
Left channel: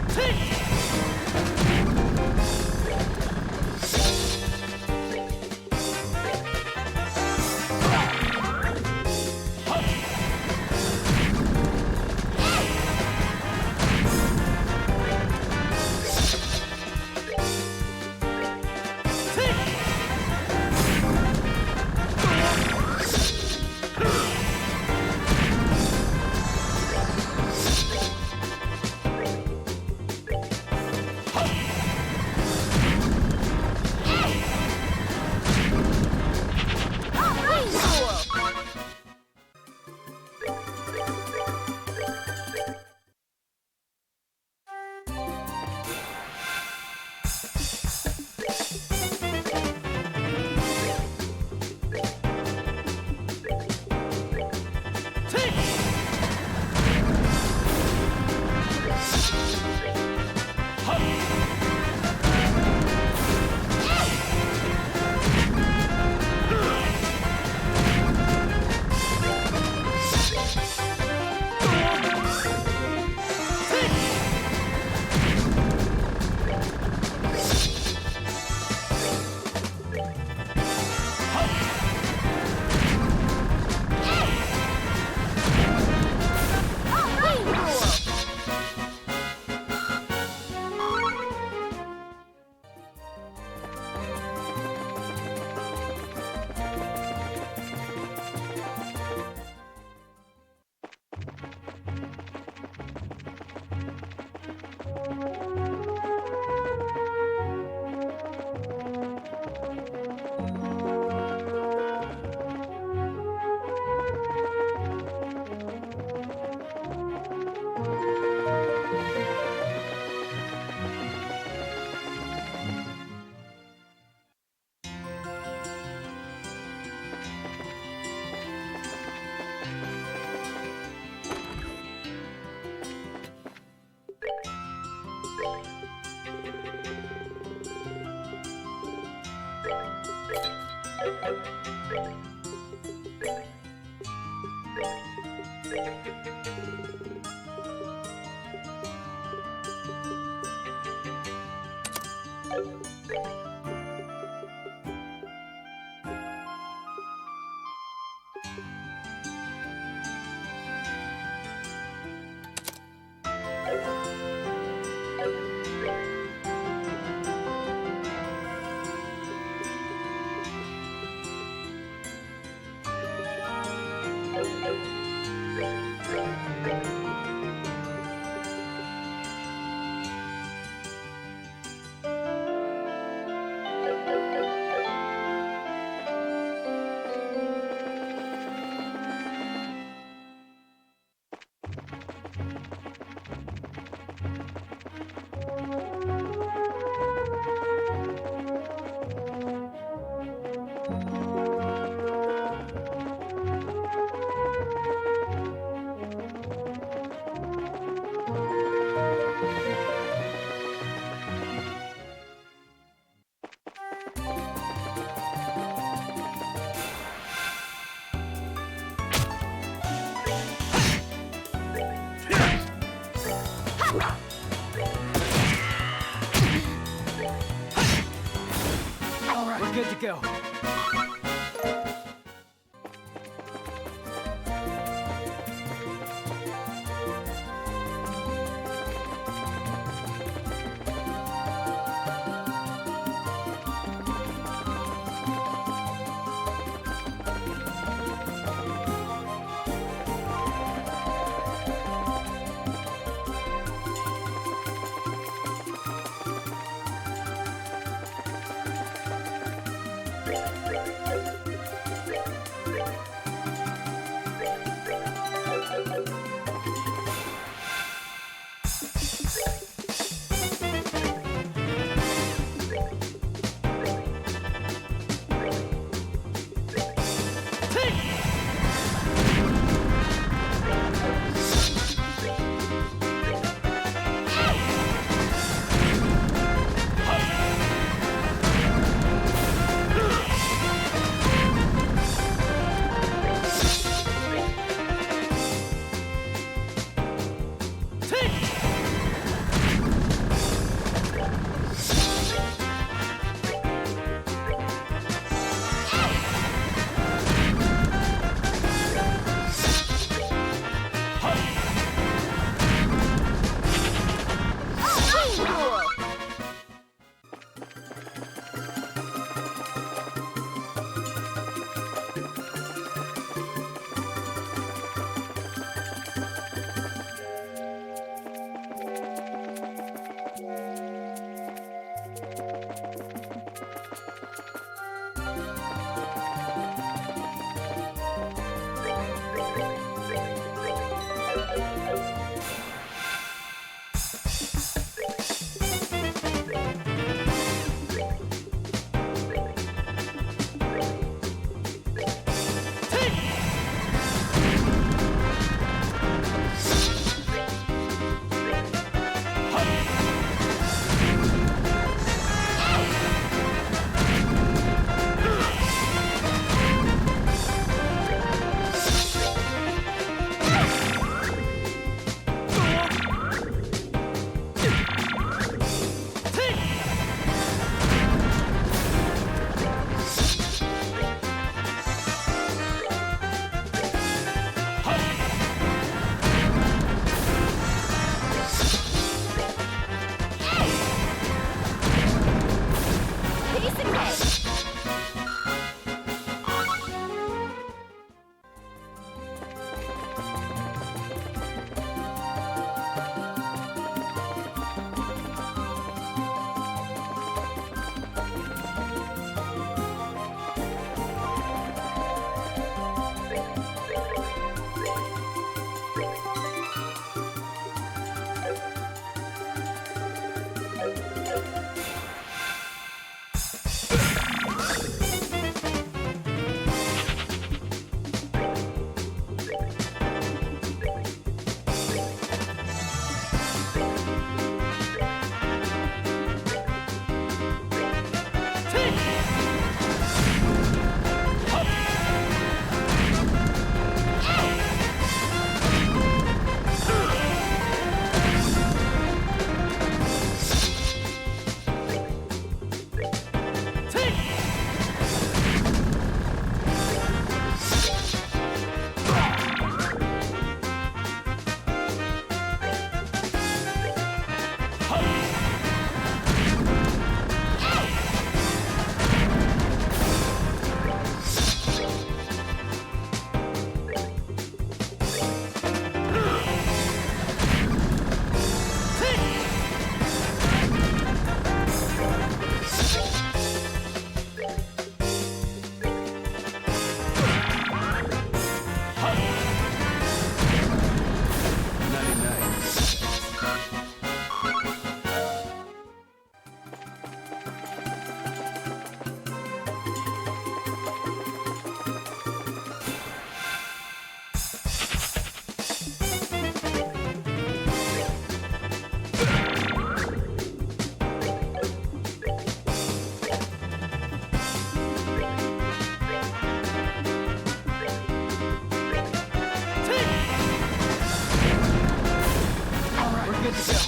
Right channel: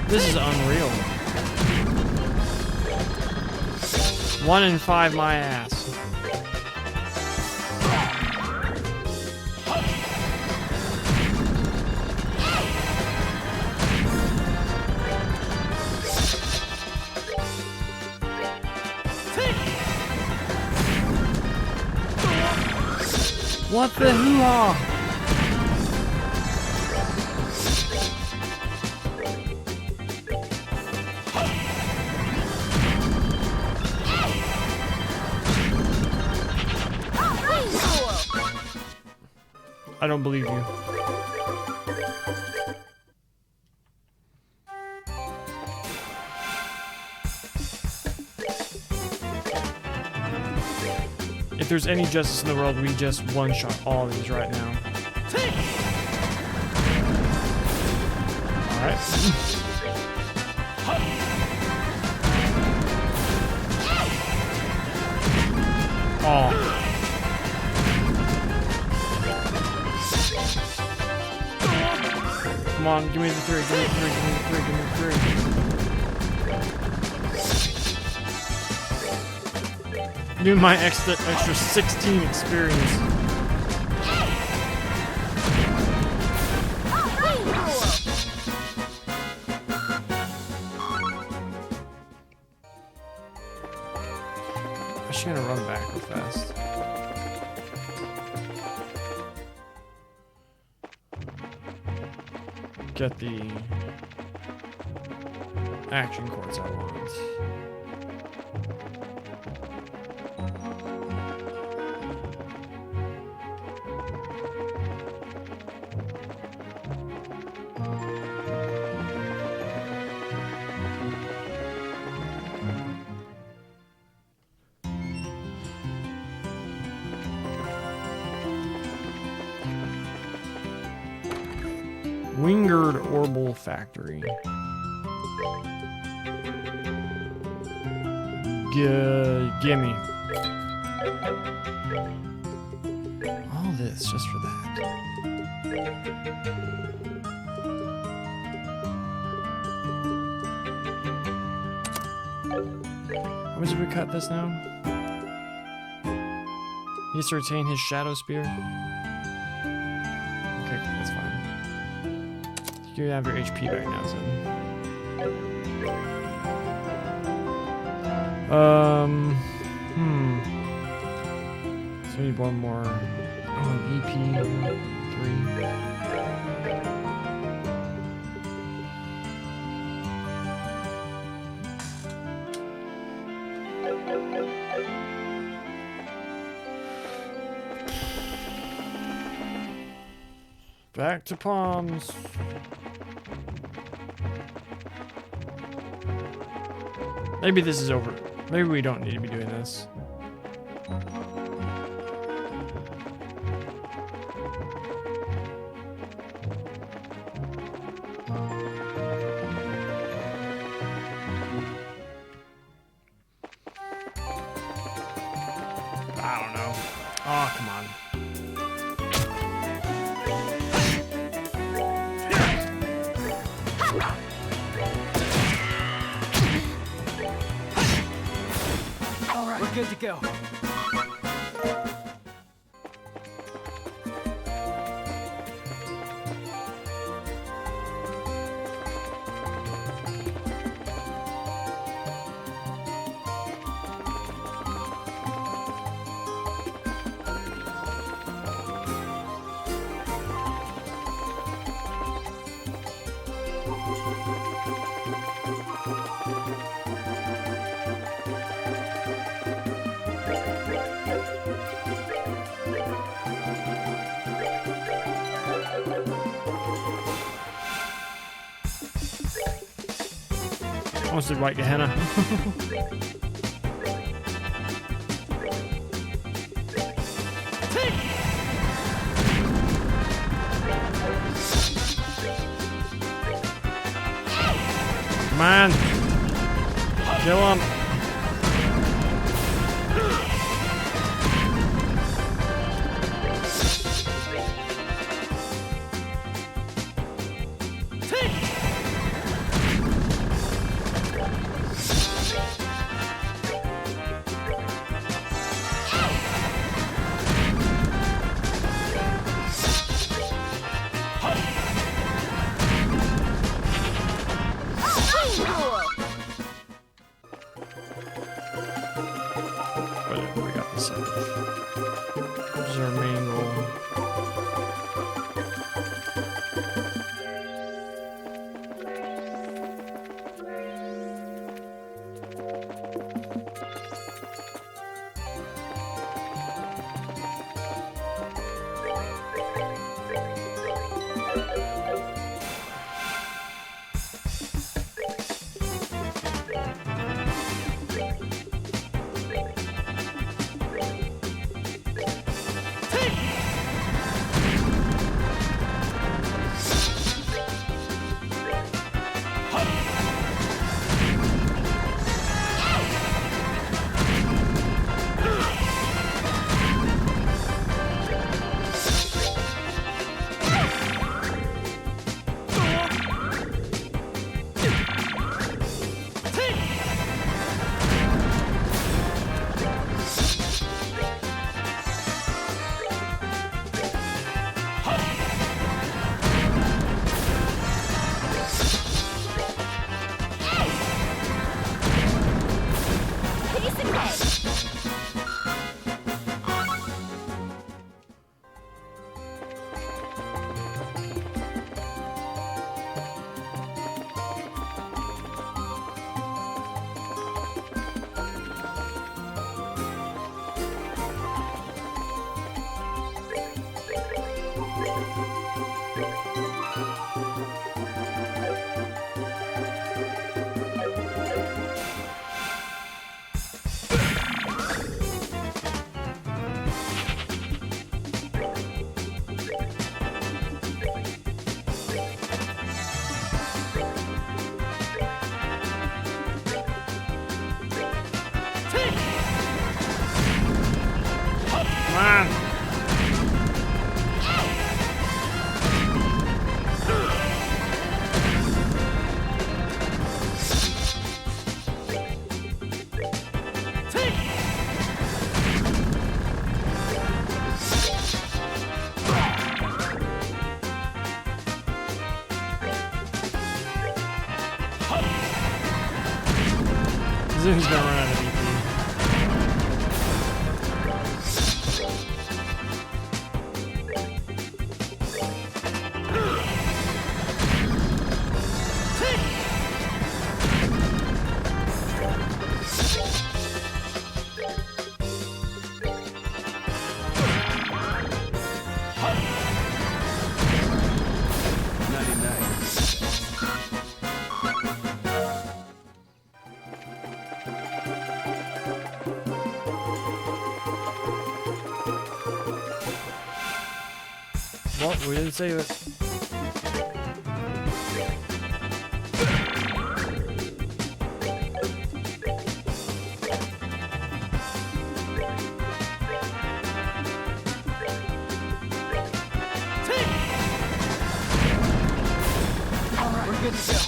This is unreal. 1 in 5 my ass. What the hell? I don't believe you. there's any justice in the world, we just one-shot all of these right now. Come on, give me the three. Give me my extra 16 experience. I'm just gonna run back real fast. Get the action cards I want. Wingard Orbital Factory. Gimme. All this just for that. How much did we cut this now? He gets to retain his Shadow Spear. Okay, that's fine. You have your HP back now, so. So we need one more. EP 3. Back to Palms. Maybe this is over. Maybe we don't need to be doing this. I don't know. Oh, come on. We're good to go. Wants to bite your henna. Man, kill him. We didn't save it. We're good to go.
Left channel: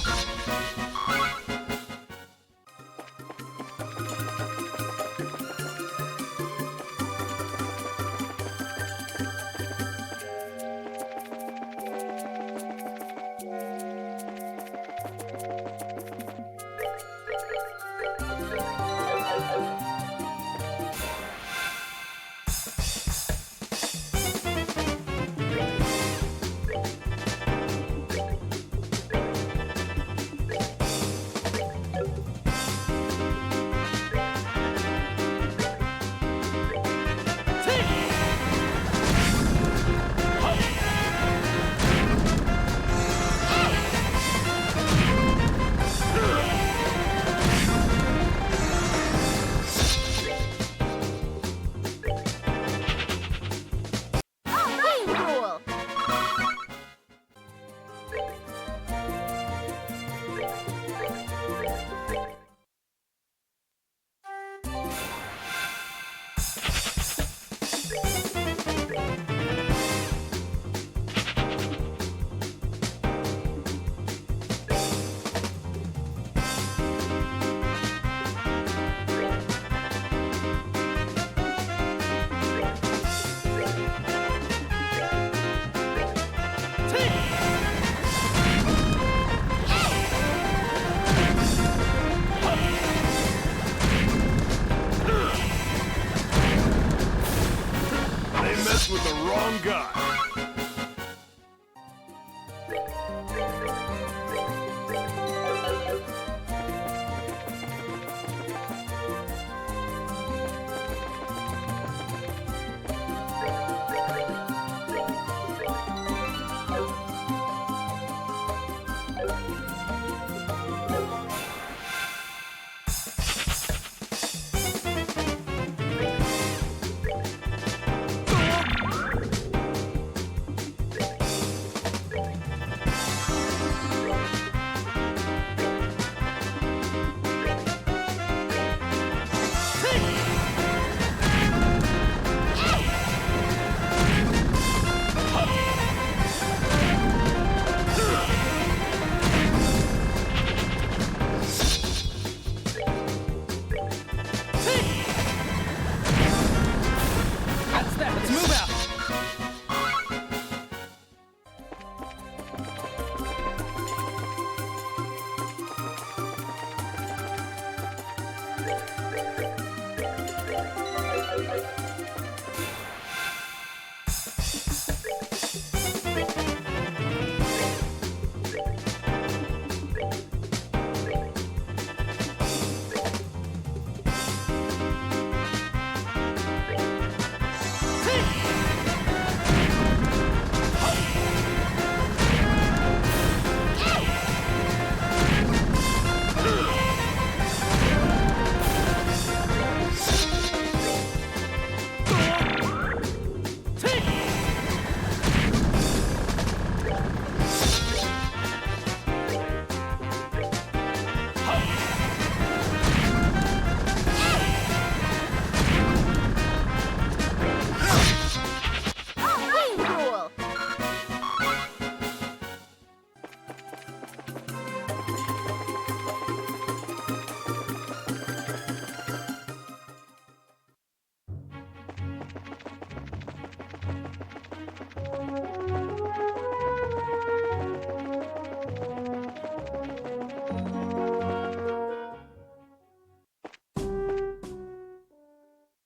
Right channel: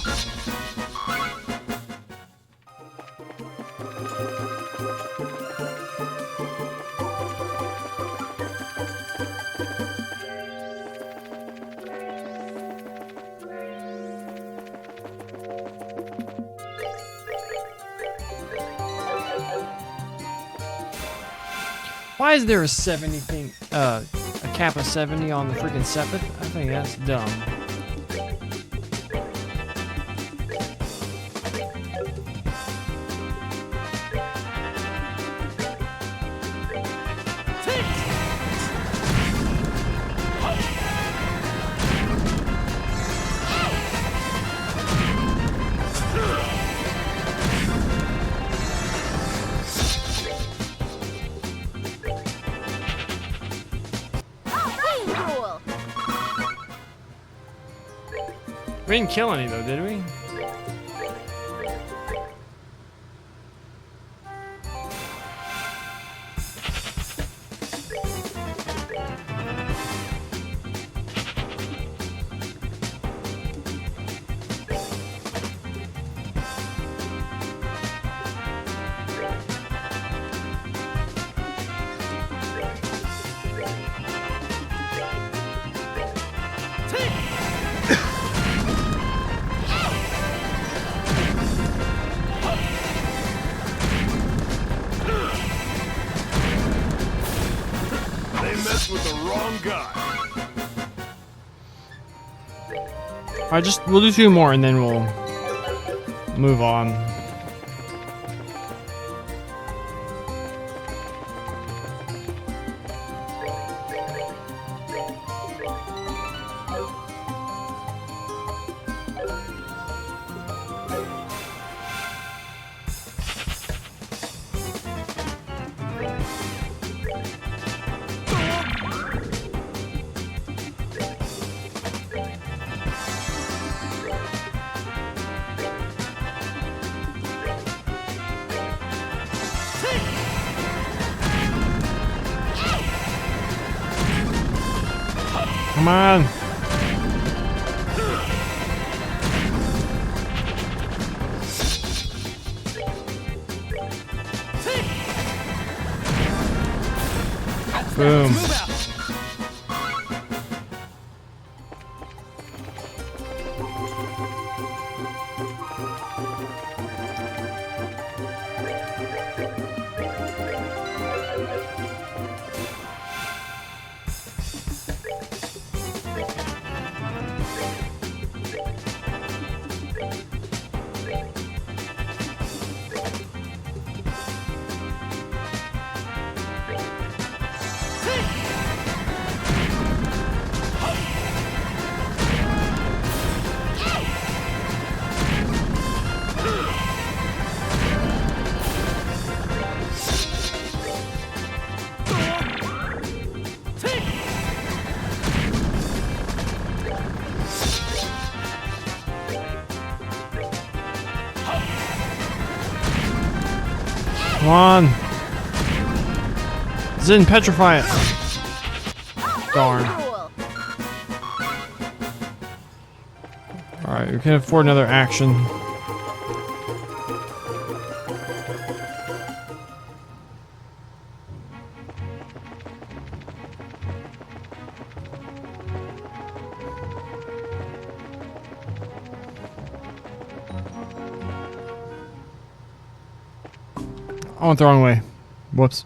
Why is there a 70 thing, a cap of 70 on the freaking 7? I think that's dumb. Cool. We didn't kill any though, did we? They messed with the wrong guy. Alright, we'll do 2 more and then we'll move on. Come on. Boom. Move out. Come on. Zin, petrify it. Darn. Cool. Alright, we can afford another action. I went the wrong way. Whoops.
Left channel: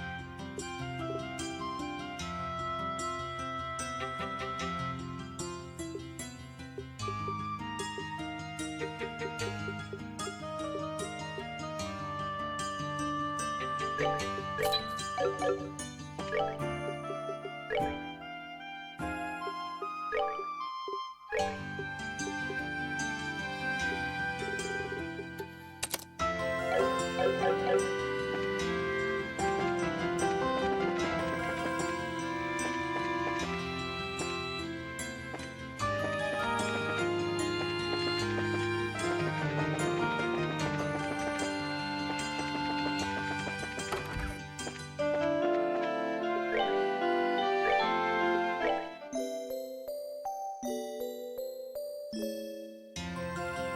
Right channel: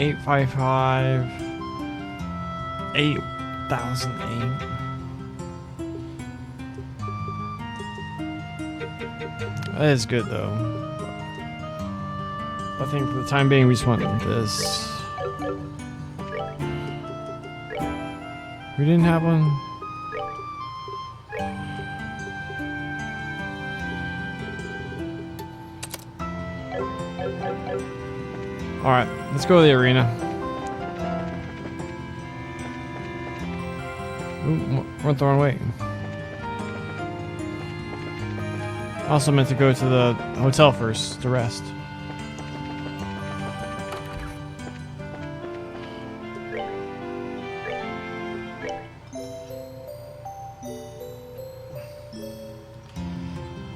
855 8008. That is good though. I think for the time being we just want this. We didn't have one. Alright, let's go to the arena. Ooh, went the wrong way. Also meant to go to the hotel first to rest.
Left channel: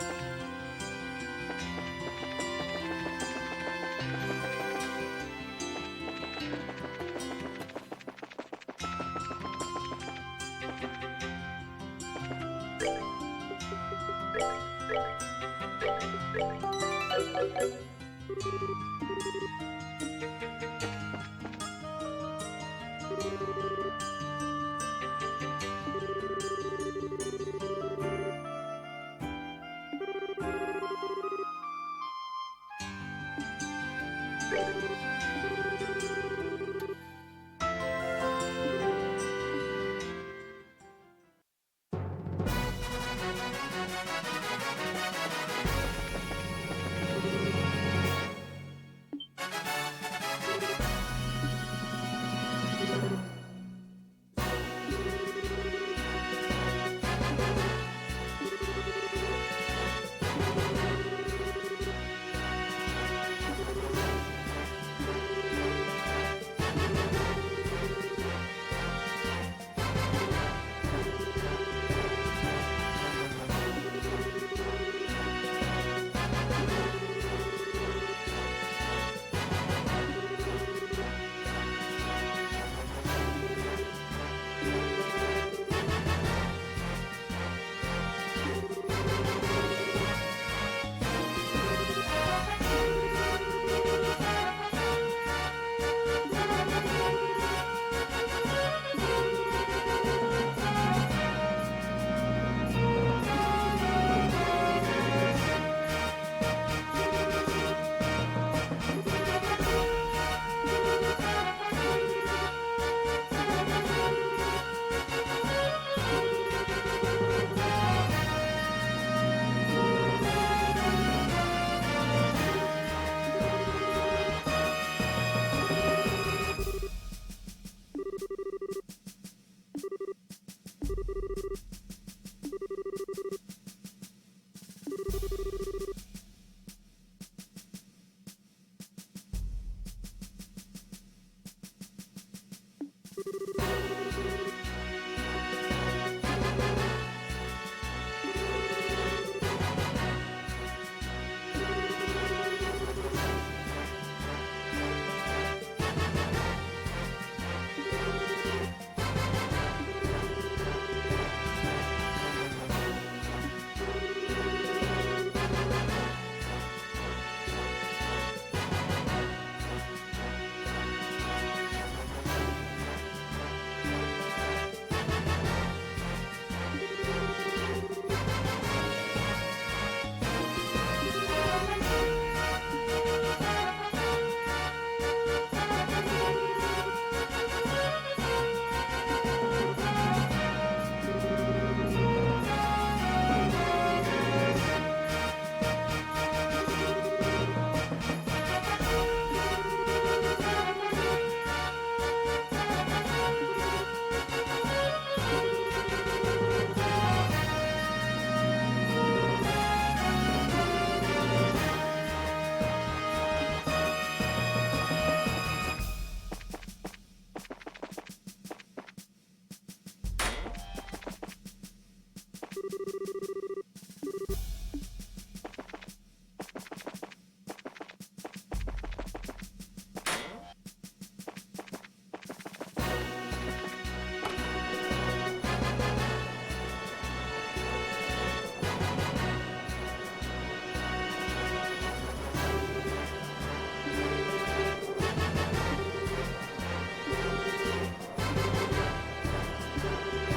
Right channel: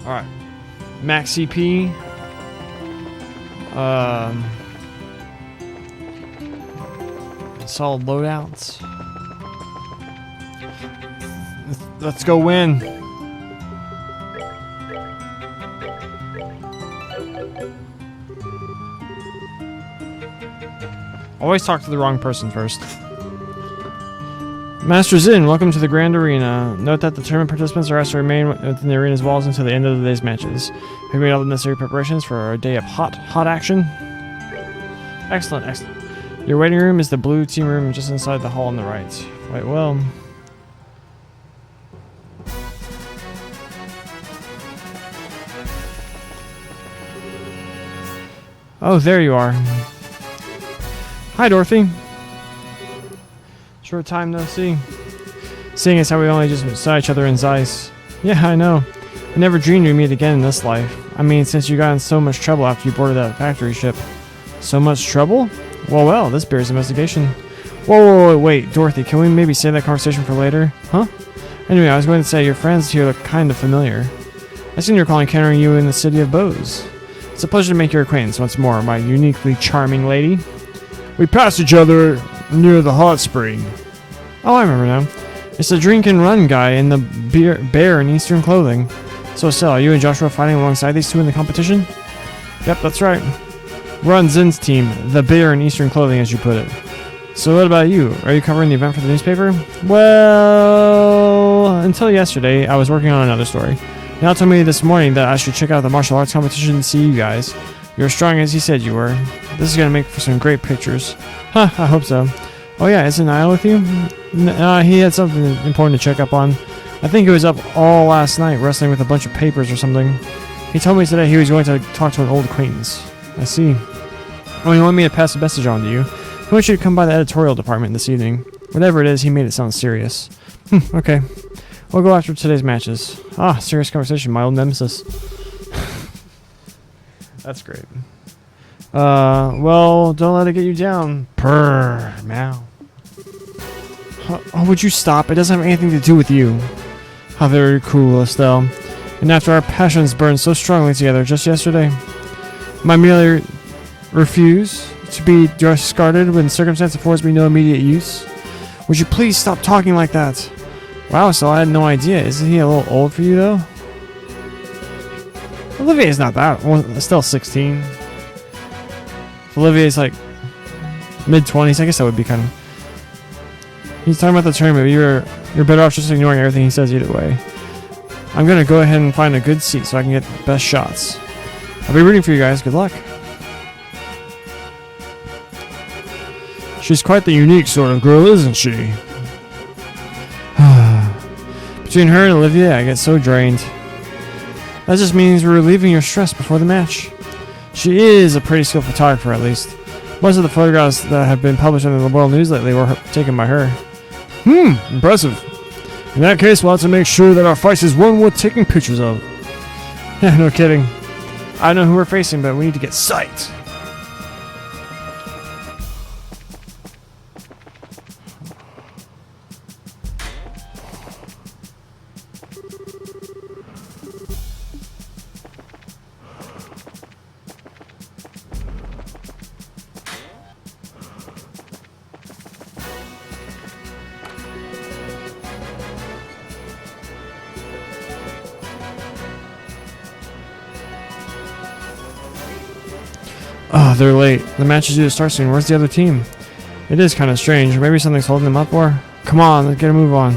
Alright. Max CP. Solid loadouts. Let's go win. Always talk to the wrong person first. Master Zin, welcome to the Grand Arena. Note that the tournament participants are asked to remain within the arena's walls until the end of the day's matches. Have you made all the necessary preparations for a day of hot action? Excellent, excellent. Your waiting room is the blue team room just inside the hall on the right. Wait, well... Oh, there you are. Hi, Dorothy. Short time no see. Seeing as how we only just saw each other in Zeiss. Yeah, I know. I never dreamed we'd meet again in this life. I mean, since you got in so much trouble after you boarded that factory ship. So much trouble? Well, this bears investigation. Whoa, wait, Dorothy, can we maybe save that conversation for later? Huh? Anyway, I was going to say, your friends here look kind of familiar. I seem to recall encountering you in the city of Bose. It's a pleasure to make your acquaintance once more, my uniquely charming lady. We passed each other near the hot spring. Oh, I remember now. It's the drink and run guy in the bear in Eastern clothing. So, are you and Joshua fighting alongside these two in the competition? Yep, that's right. We're on Zin's team, the bear in Eastern clothing, as you put it. So what about you? Are you covering the event for the newspaper? Well, until yesterday, I was working on another story. Now told me this morning that I should check out the martial arts competition and see you guys. You're as strong as he said you were. This is going to make for some great pictures. Huh, I hope so. Oh yeah, isn't Niall with you? He had something important to check up on. I think he was up all last night wrestling with a bunch of papers or something. He told me today he was going to talk to an old acquaintance. I see. Oh, you want me to pass a message on to you? I want you to come by the editorial department this evening. Whatever it is, he made it sound serious. Okay. We'll go after today's matches. Ah, serious conversation, my old nemesis. That's great. Well, don't let it get you down. Purr, meow. Oh, would you stop? It doesn't have anything to do with you. How very cool, Estelle. And after our passions burned so strongly together just yesterday, I merely refuse to be discarded when circumstance affords me no immediate use. Would you please stop talking like that? Wow, Estelle, I had no idea. Isn't he a little old for you, though? Olivier's not that. Well, Estelle's 16. Olivier's like mid-20s. I guess that would be kind of... He's talking about the tournament, but you're better off just ignoring everything he says either way. I'm gonna go ahead and find a good seat so I can get the best shots. I'll be rooting for you guys. Good luck. She's quite the unique sort of girl, isn't she? Between her and Olivia, I get so drained. That just means we're relieving your stress before the match. She is a pretty skilled photographer, at least. Most of the photographs that have been published in the World News lately were taken by her. Impressive. In that case, we'll have to make sure that our fight is one worth taking pictures of. Yeah, no kidding. I know who we're facing, but we need to get psyched. Oh, they're late. The match is due to start soon. Where's the other team? It is kind of strange. Maybe something's holding them up, or... Come on, let's get a move on.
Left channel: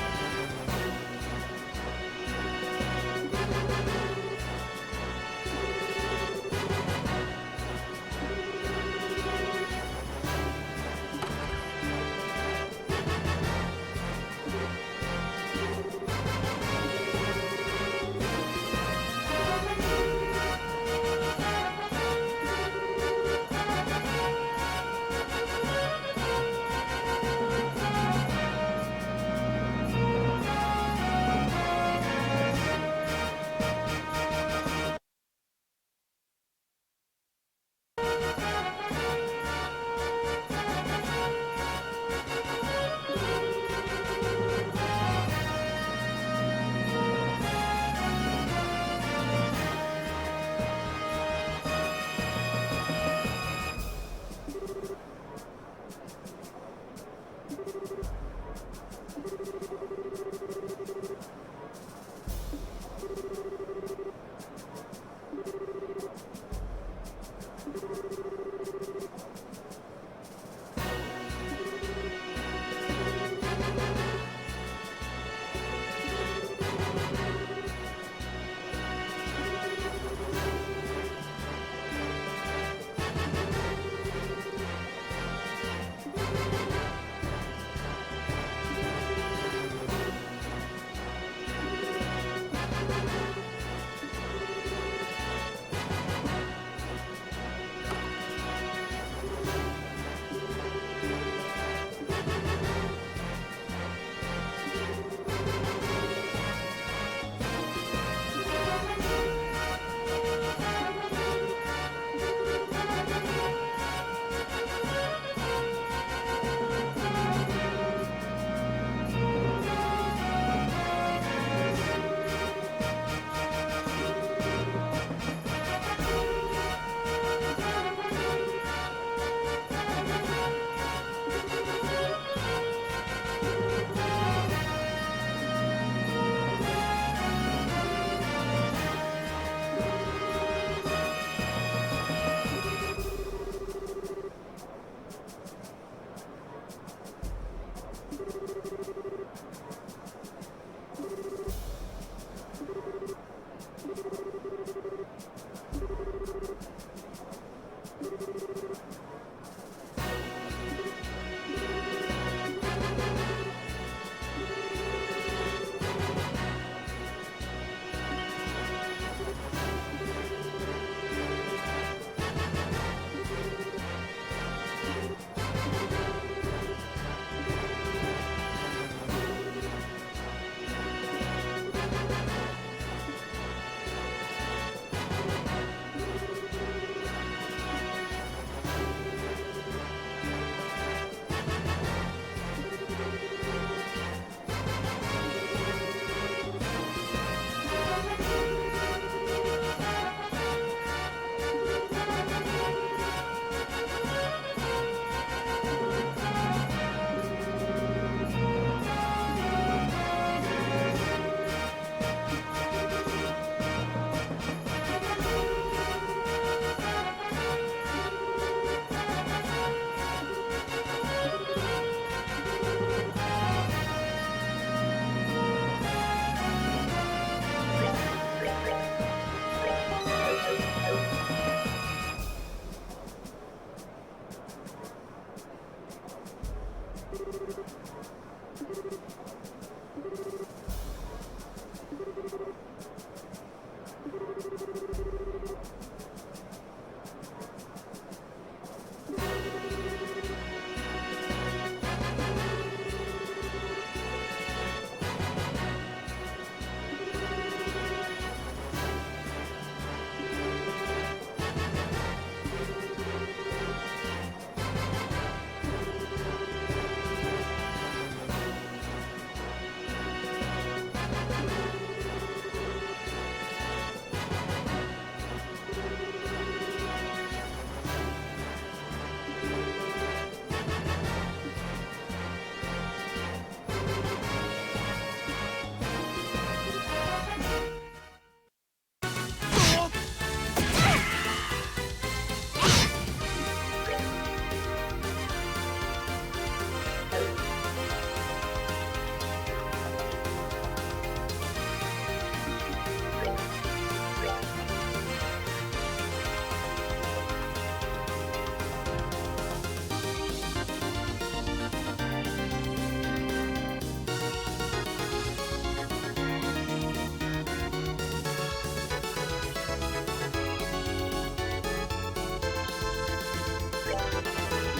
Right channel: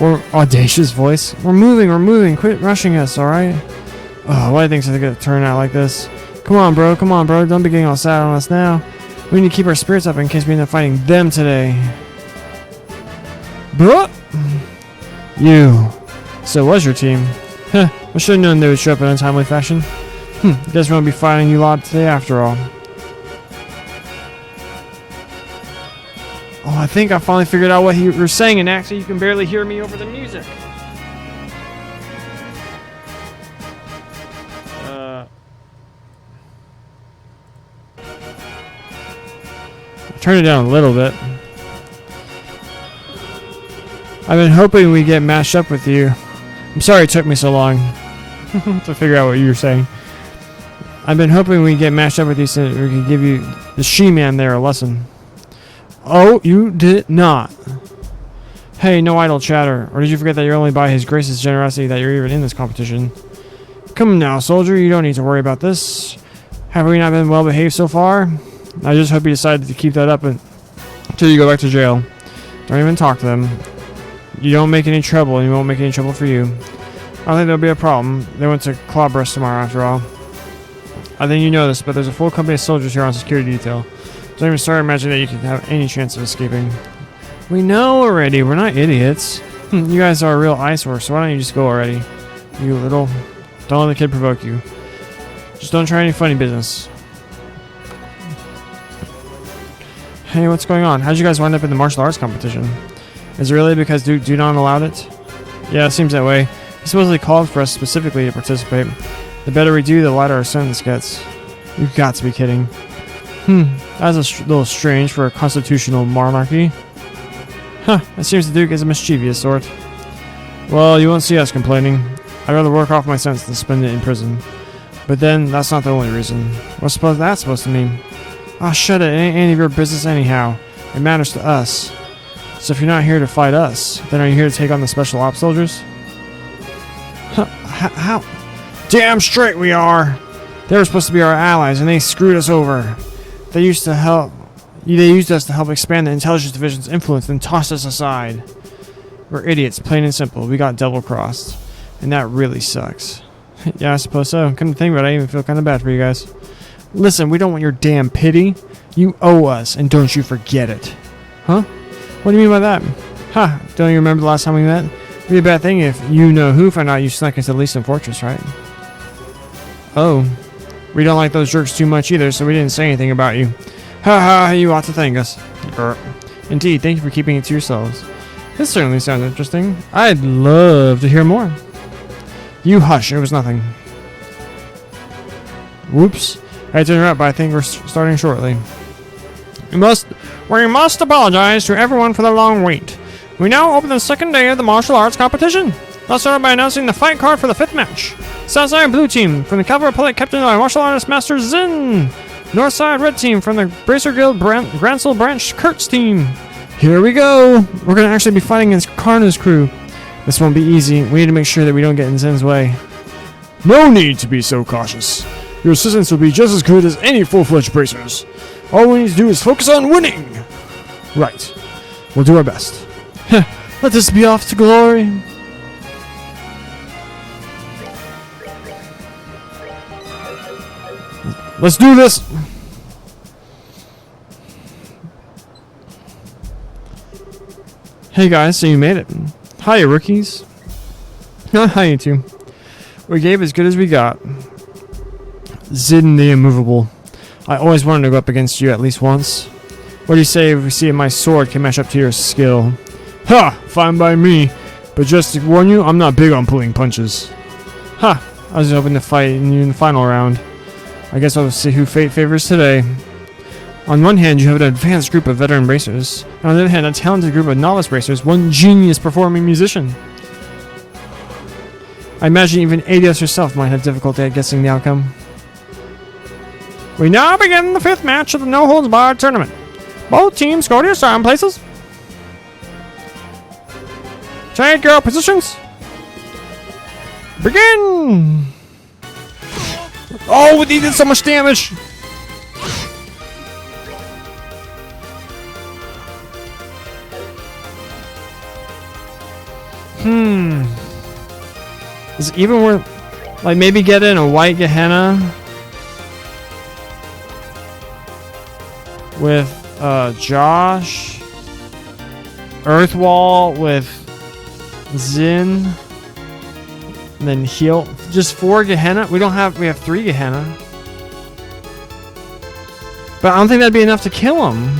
Or audacious voice. We're moving. Quit rushing us, alright? Oh, why do you think it's gonna turn out like this? Come on, bro. Don't be getting all sad on us now. We need to keep our spirits up in case we end up fighting them today. Bro! You. So it was your team. Huh, I should have known they would show up in untimely fashion. Guess we won't be fighting you lot today after all. Oh, I think I finally figured out what you were saying, and actually you can barely hear me over the music. Turn it down a little bit. I've been hoping we get matched up with you. I'm sorry it took me so long to figure out what you were saying. I've been hoping we get matched up with you so that we can give you the She-Man there a lesson. Oh, you did not. Hey, no idle chatter. Or did you forget that you're only by His Grace's generosity that you're even in this competition? Come now, soldier. You don't need to worry about this. Have we not been well behaved so far? I just hope you decided to keep that up until you go back to jail. Don't even talk to them. You don't make any trouble, and you won't make any trouble for you. I don't think there'll be a problem. They went to Clawburst tomorrow, after all. I think you know this, but there's a full company of soldiers here on security detail. Don't even start imagining that you can have any chance of escaping. We know already. We're not idiots. You guys are a real eyesore, so why don't you just go already? You little... Don't let the kid provoke you. Just don't try any funny business. Hey, what's going on? How'd you guys wind up in the martial arts competition? Is it really because Dudon allowed it? Yeah, it seems that way. He supposedly called for us specifically to participate. The better we do, the lighter our sentence gets. You've got to be kidding. That's a little strange for a constitutional monarchy. Huh, it seems the Duke is a mischievous sort. Well, you won't see us complaining. I'd rather work off my sentence than spend it in prison. But then, that's not the only reason. What's that's supposed to mean? Oh, shut it. It ain't any of your business anyhow. It matters to us. So if you're not here to fight us, then are you here to take on the special ops soldiers? Huh, how? Damn straight we are! They were supposed to be our allies, and they screwed us over. They used us to help expand the intelligence division's influence, then tossed us aside. We're idiots, plain and simple. We got double-crossed. And that really sucks. Yeah, I suppose so. Come to think about it, I even feel kind of bad for you guys. Listen, we don't want your damn pity. You owe us, and don't you forget it. Huh? What do you mean by that? Ha! Don't you remember the last time we met? It'd be a bad thing if you-know-who found out you snuck into the Leeson Fortress, right? Oh. We don't like those jerks too much either, so we didn't say anything about you. Ha ha, you ought to thank us. Indeed, thank you for keeping it to yourselves. This certainly sounds interesting. I'd love to hear more. You hush, it was nothing. Whoops. I had to interrupt, but I think we're starting shortly. We must apologize to everyone for the long wait. We now open the second day of the martial arts competition. Let's start by announcing the fight card for the 5th match. Southside Blue Team from the Cavalry Republic, captained by martial artist Master Zin. Northside Red Team from the Bracer Guild Gransel Branch Kurtz team. Here we go. We're going to actually be fighting against Karna's crew. This won't be easy. We need to make sure that we don't get in Zin's way. No need to be so cautious. Your assistants will be just as good as any full-fledged bracers. All we need to do is focus on winning. Right. We'll do our best. Let us be off to glory. Let's do this. Hey guys, so you made it. Hiya, rookies. Hi, you two. We gave as good as we got. Zin the Immovable. I always wanted to go up against you at least once. What do you say if we see if my sword can match up to your skill? Ha! Fine by me. But just to warn you, I'm not big on pulling punches. Ha! I was hoping to fight in the final round. I guess we'll see who fate favors today. On one hand, you have an advanced group of veteran bracers. On the other hand, a talented group of novice bracers, one genius performing musician. I imagine even Adios herself might have difficulty at guessing the outcome. We now begin the 5th match of the No Holds Barred tournament. Both teams go to your starting places. Trade girl positions. Begin! Oh, we did so much damage! Is it even worth, like, maybe get in a white Gehenna with Josh, Earthwall with Zin, and then heal. Just 4 Gehenna? We have 3 Gehenna. But I don't think that'd be enough to kill him.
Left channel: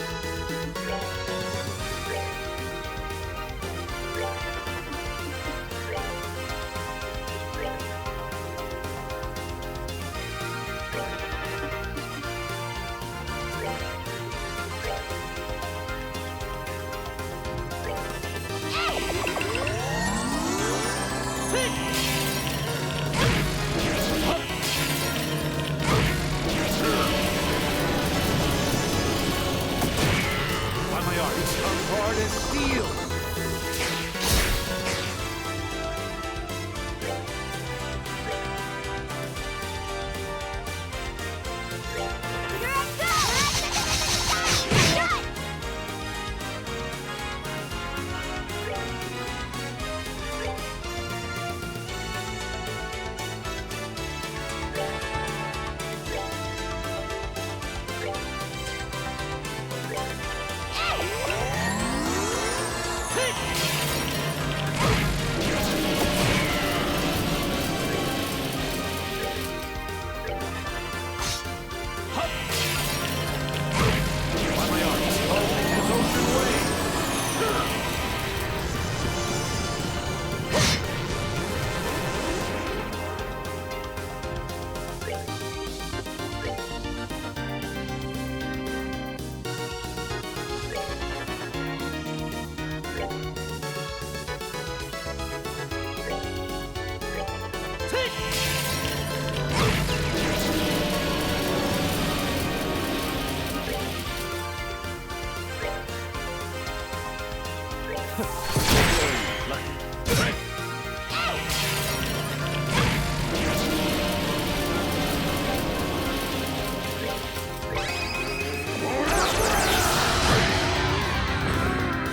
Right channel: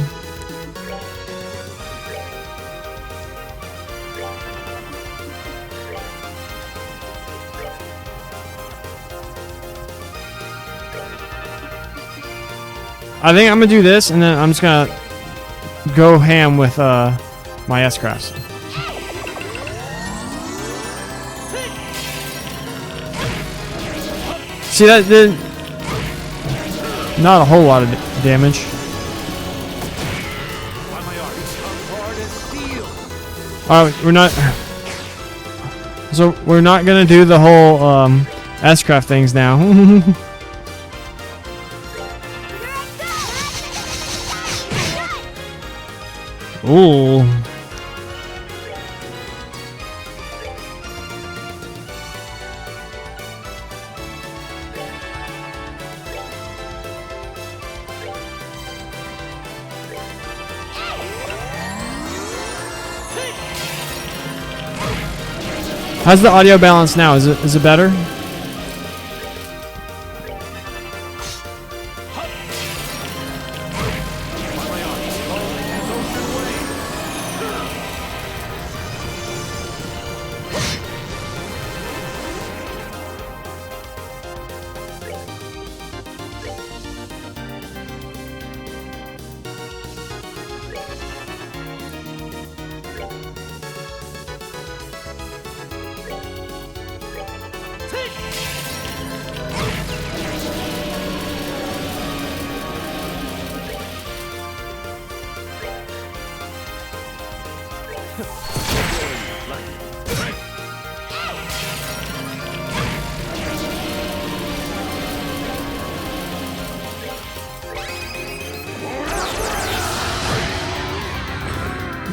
I think I'm gonna do this, and then I'm just gonna go ham with my S-Crafts. See, that did not a whole lot of damage. We're not. So we're not gonna do the whole S-Craft things now. Ooh. How's the audio balance now? Is it better?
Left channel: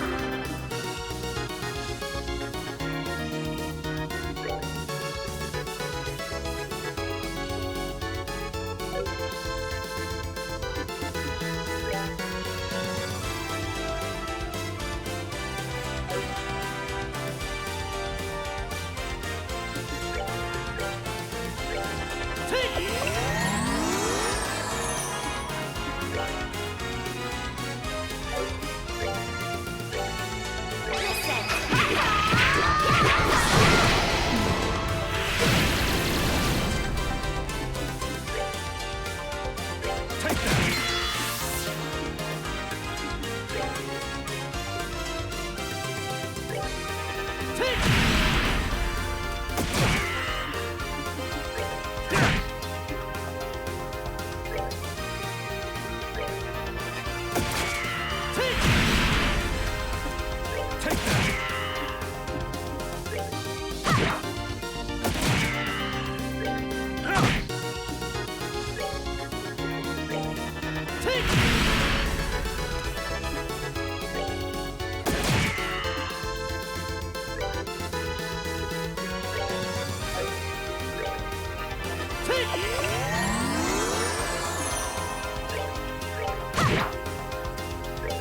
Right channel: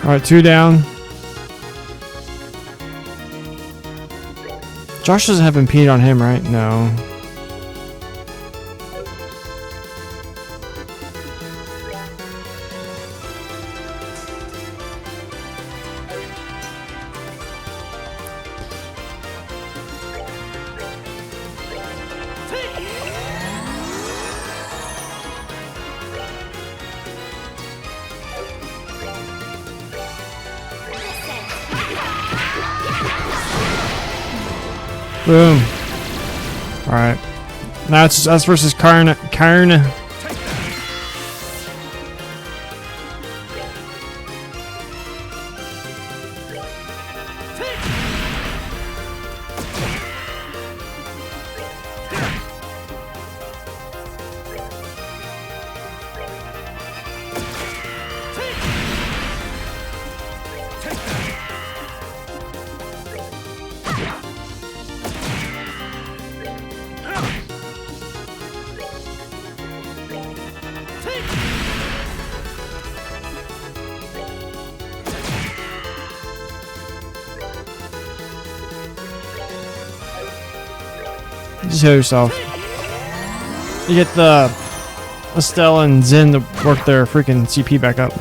Alright, 2 down. Josh doesn't have impede on him, right? No. Boom. Alright. Now it's us versus Karn. Just heal yourself. You get the Estelle and Zin to work their freaking CP back up.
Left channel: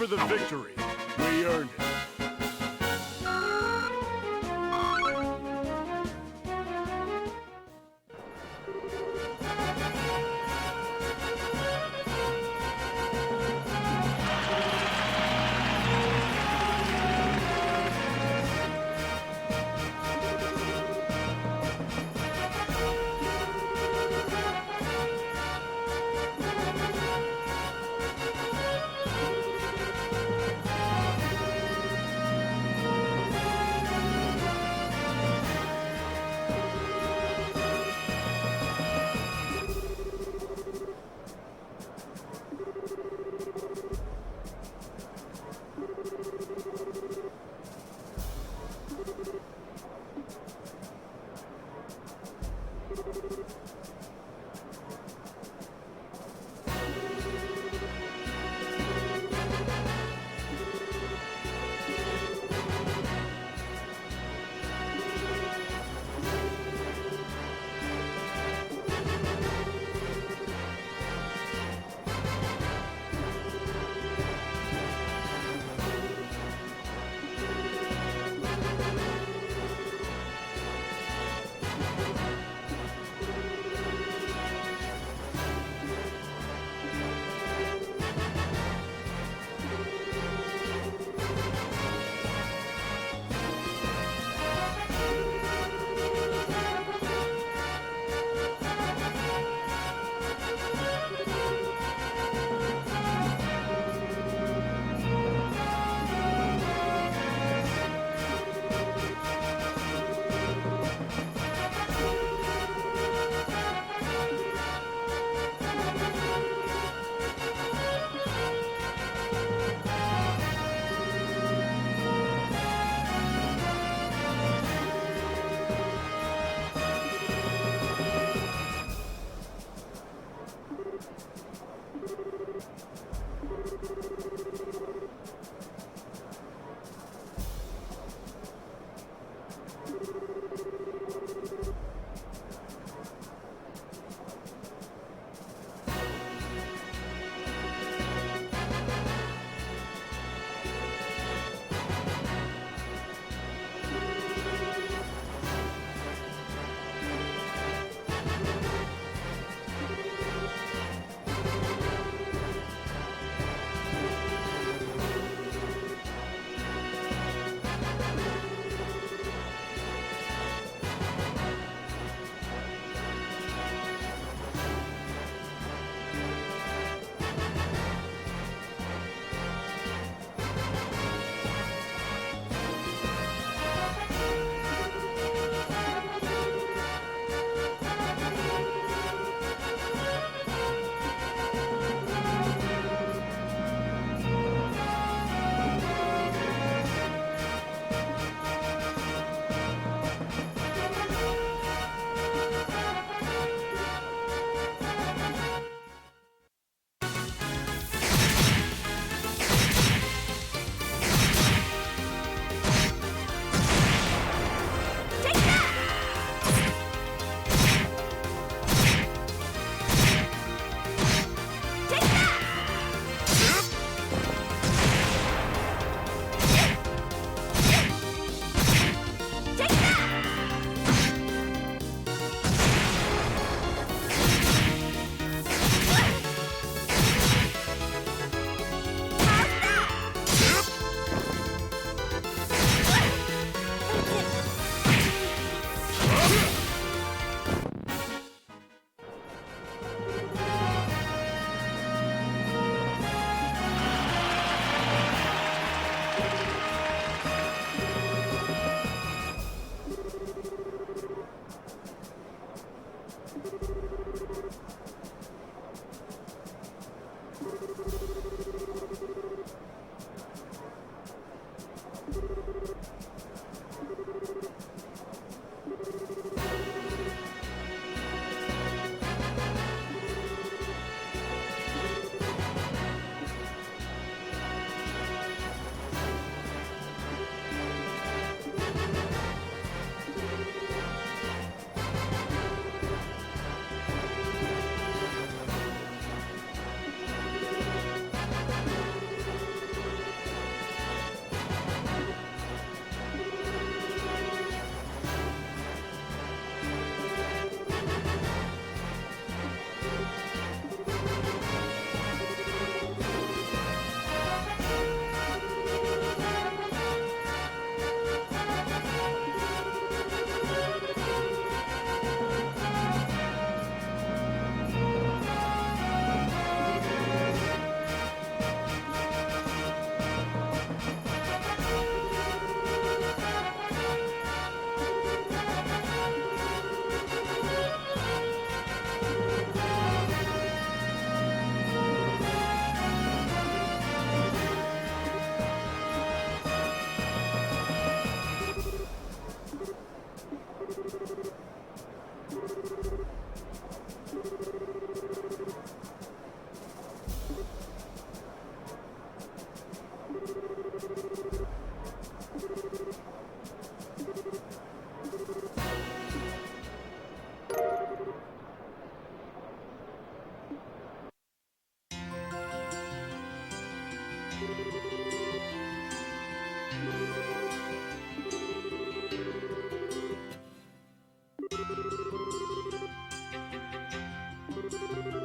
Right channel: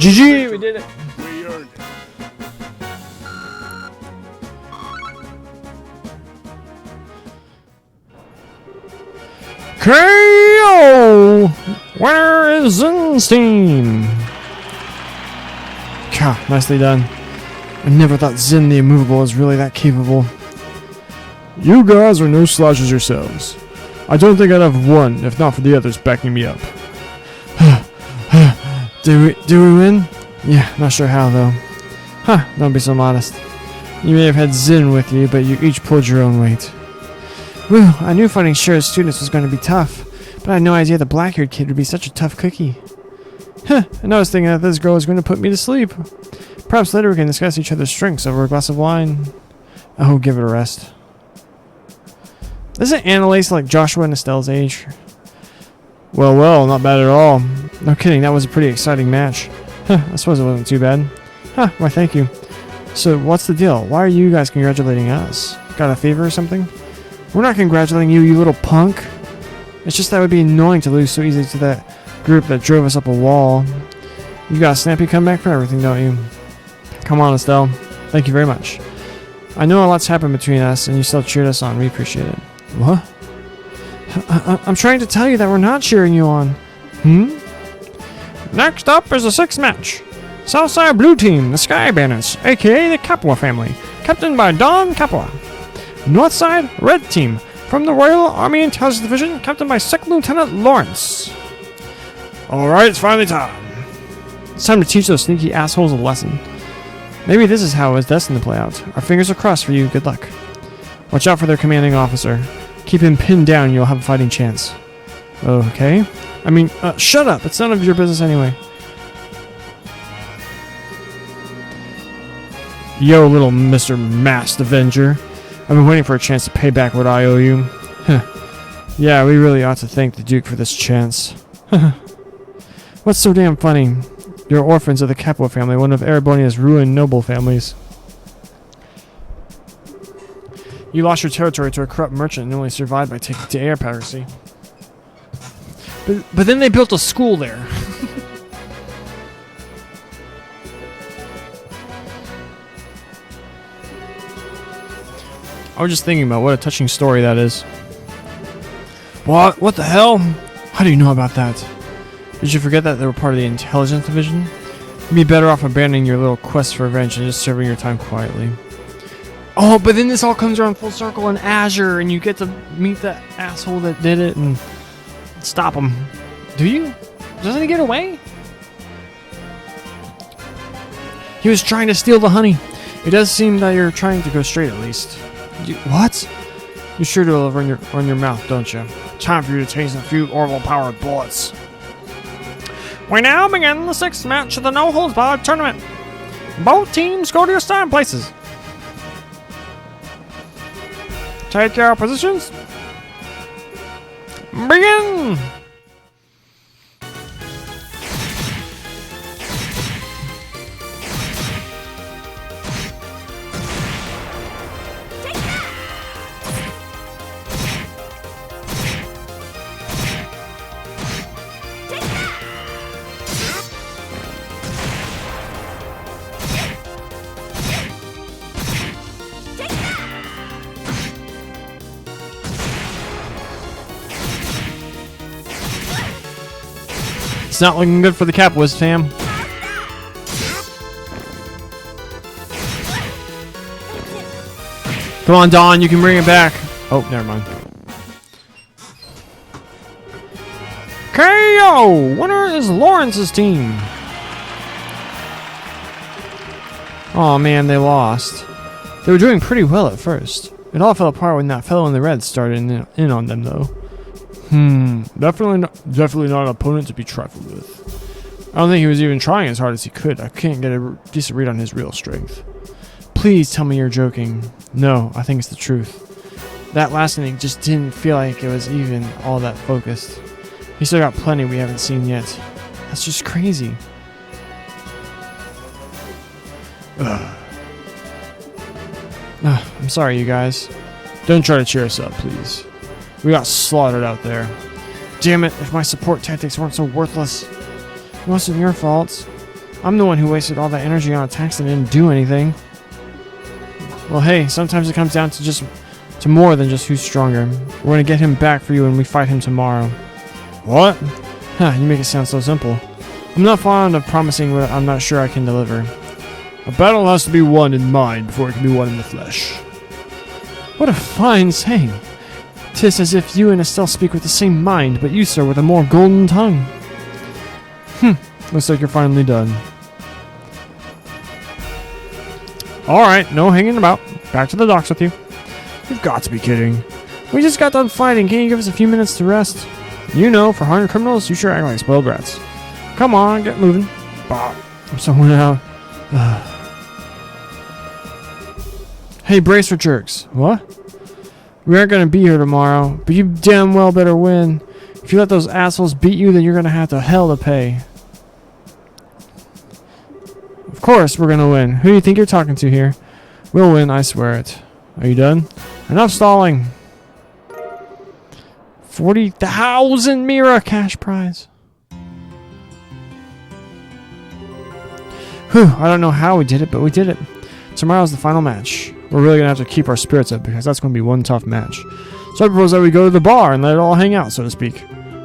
GG! We did it! We earned it. KO! Where is Zinstein? God, nicely done. I never thought Zin the Immovable was really that capable. You guys are no slouches yourselves. I don't think I'd have won if not for the others backing me up. Do we win? Yeah, not sure how though. Huh, don't be so modest. You may have had Zin with you, but you each pulled your own weight. Whew, I knew fighting shared students was going to be tough, but I had no idea the black-haired kid would be such a tough cookie. Huh, and I was thinking that this girl was going to put me to sleep. Perhaps later we can discuss each other's strengths over a glass of wine. Oh, give it a rest. Isn't Annalise like Joshua and Estelle's age? Well, well, not bad at all. No kidding, that was a pretty exciting match. Huh, I suppose it wasn't too bad. Huh, why thank you. So, what's the deal? Why are you guys congratulating us? Got a fever or something? We're not congratulating you, you little punk. It's just that would be annoying to lose so easily to that group that drove us up a wall. You got a snappy comeback for everything, don't you? Come on, Estelle. Thank you very much. I know a lot's happened between us, and you still cheered us on. We appreciate it. What? I'm trying to tell you that we're not cheering you on. Next up is the 6th match. Southside Blue Team, the Sky Bandits, aka the Capua family, captained by Don Capua. Northside Red Team, from the Royal Army Intelligence Division, captained by 2nd Lieutenant Lawrence. Alright, it's finally time. It's time to teach those sneaky assholes a lesson. Maybe this is how it's destined to play out. Our fingers are crossed for you. Good luck. Watch out for their commanding officer. Keep him pinned down and you'll have a fighting chance. Okay. I mean, shut up. It's none of your business anyway. Yo, little Mr. Masked Avenger. I've been waiting for a chance to pay back what I owe you. Yeah, we really ought to thank the Duke for this chance. What's so damn funny? You're orphans of the Capua family, one of Erebonia's ruined noble families. You lost your territory to a corrupt merchant and only survived by taking to air piracy. But then they built a school there. I was just thinking about what a touching story that is. What? What the hell? How do you know about that? Did you forget that they were part of the Intelligence Division? You'd be better off abandoning your little quest for revenge and just serving your time quietly. Oh, but then this all comes around full circle in Azure, and you get to meet that asshole that did it and stop him. Do you? Doesn't he get away? He was trying to steal the honey. It does seem that you're trying to go straight at least. What? You sure do run your mouth, don't you? Time for you to taste a few Orville-powered bullets. We now begin the 6th match of the No Holds Barred tournament. Both teams go to your starting places. Take your positions. Begin! It's not looking good for the Capuas, fam. Come on, Don, you can bring it back. Oh, never mind. KO! Winner is Lawrence's team. Oh man, they lost. They were doing pretty well at first. It all fell apart when that fellow in the red started in on them, though. Definitely not an opponent to be trifled with. I don't think he was even trying as hard as he could. I can't get a decent read on his real strength. Please tell me you're joking. No, I think it's the truth. That last inning just didn't feel like it was even all that focused. He still got plenty we haven't seen yet. That's just crazy. I'm sorry, you guys. Don't try to cheer us up, please. We got slaughtered out there. Damn it, if my support tactics weren't so worthless. It wasn't your fault. I'm the one who wasted all that energy on attacks and didn't do anything. Well, hey, sometimes it comes down to more than just who's stronger. We're gonna get him back for you when we fight him tomorrow. What? Huh, you make it sound so simple. I'm not fond of promising what I'm not sure I can deliver. A battle has to be won in mind before it can be won in the flesh. What a fine saying. 'Tis as if you and Estelle speak with the same mind, but you, sir, with a more golden tongue. Looks like you're finally done. Alright, no hanging about. Back to the docks with you. You've got to be kidding. We just got done fighting. Can't you give us a few minutes to rest? You know, for hardened criminals, you sure act like spoiled brats. Come on, get moving. I'm someone out. Hey, brace for jerks. What? We aren't gonna be here tomorrow, but you damn well better win. If you let those assholes beat you, then you're gonna have to hell to pay. Of course we're gonna win. Who do you think you're talking to here? We'll win, I swear it. Are you done? Enough stalling. 40,000 Mira cash prize. Whew, I don't know how we did it, but we did it. Tomorrow's the final match. We're really gonna have to keep our spirits up because that's gonna be one tough match. So I propose that we go to the bar and let it all hang out, so to speak.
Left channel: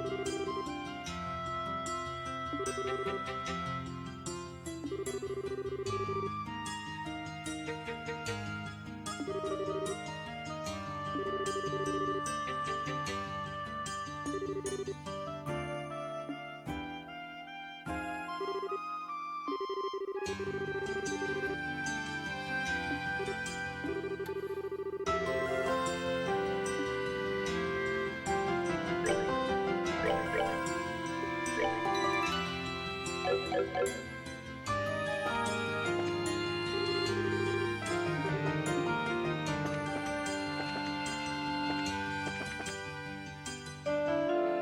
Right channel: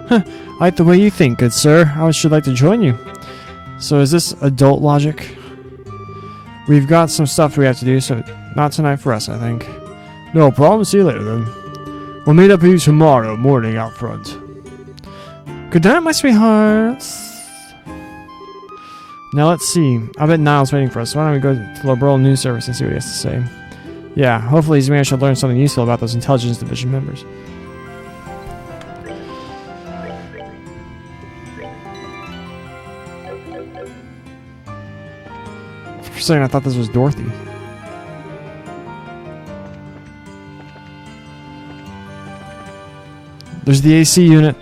Huh, I like the way you think, good sir. I should like to join you. So is this adult logic? We've got some stuff we have to do, so not tonight for us, I think. No problem. See you later, then. We'll meet up with you tomorrow morning out front. Good night, my sweethearts. Now let's see. I bet Niall's waiting for us. So why don't we go to the Liberal News Service and see what he has to say? Yeah, hopefully he's managed to learn something useful about those Intelligence Division members. For a second, I thought this was Dorothy. There's the AC unit.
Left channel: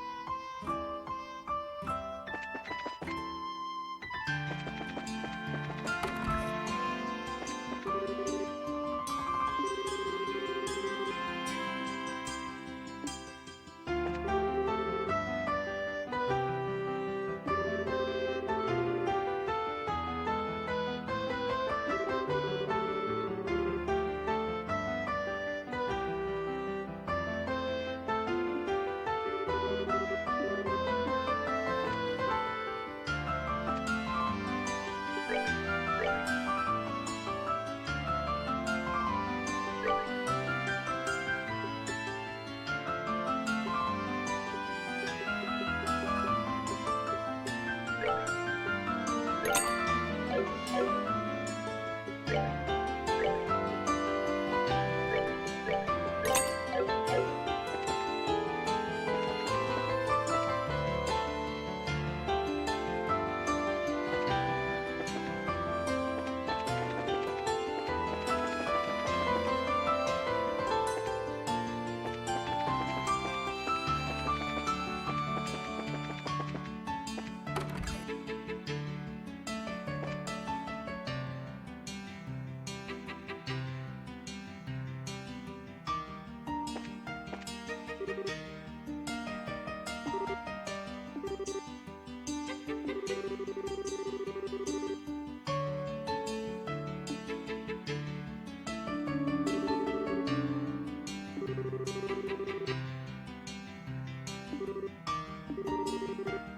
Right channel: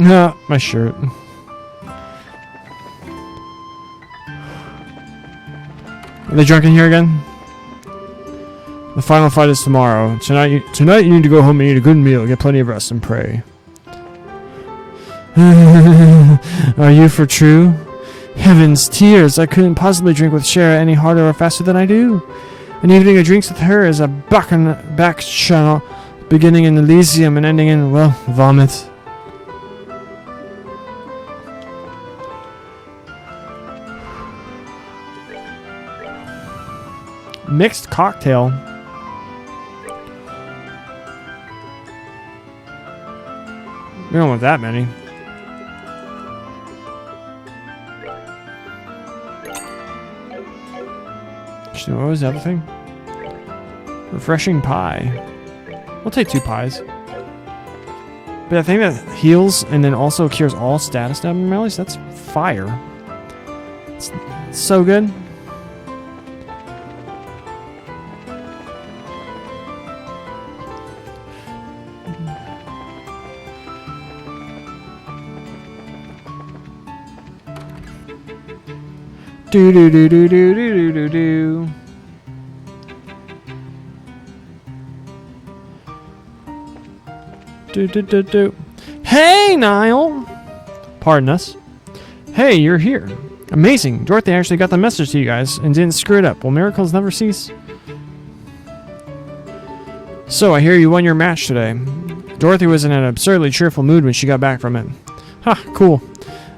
Yeah, my shirt. Are they drunk in here again? The final fight is tomorrow. Tonight you need to go home and eat a good meal, get plenty of rest, and pray. Are you for true? Heavens, tears! I couldn't possibly drink with Shara any harder or faster than I do. An evening of drinks with her is a back channel, beginning in Elysium and ending in, well, vomit. Mixed cocktail. We don't want that many. Actually, what was the other thing? Refreshing pie. We'll take 2 pies. But I think that heals and then also cures all status abnormalities. That's fire. It's so good. Do do do do do do do do. Do do do do. Hey, Niall. Pardon us. Hey, you're here. Amazing. Dorothy actually got the message to you guys and didn't screw it up. Will miracles never cease? So I hear you won your match today. Dorothy was in an absurdly cheerful mood when she got back from it. Ha, cool.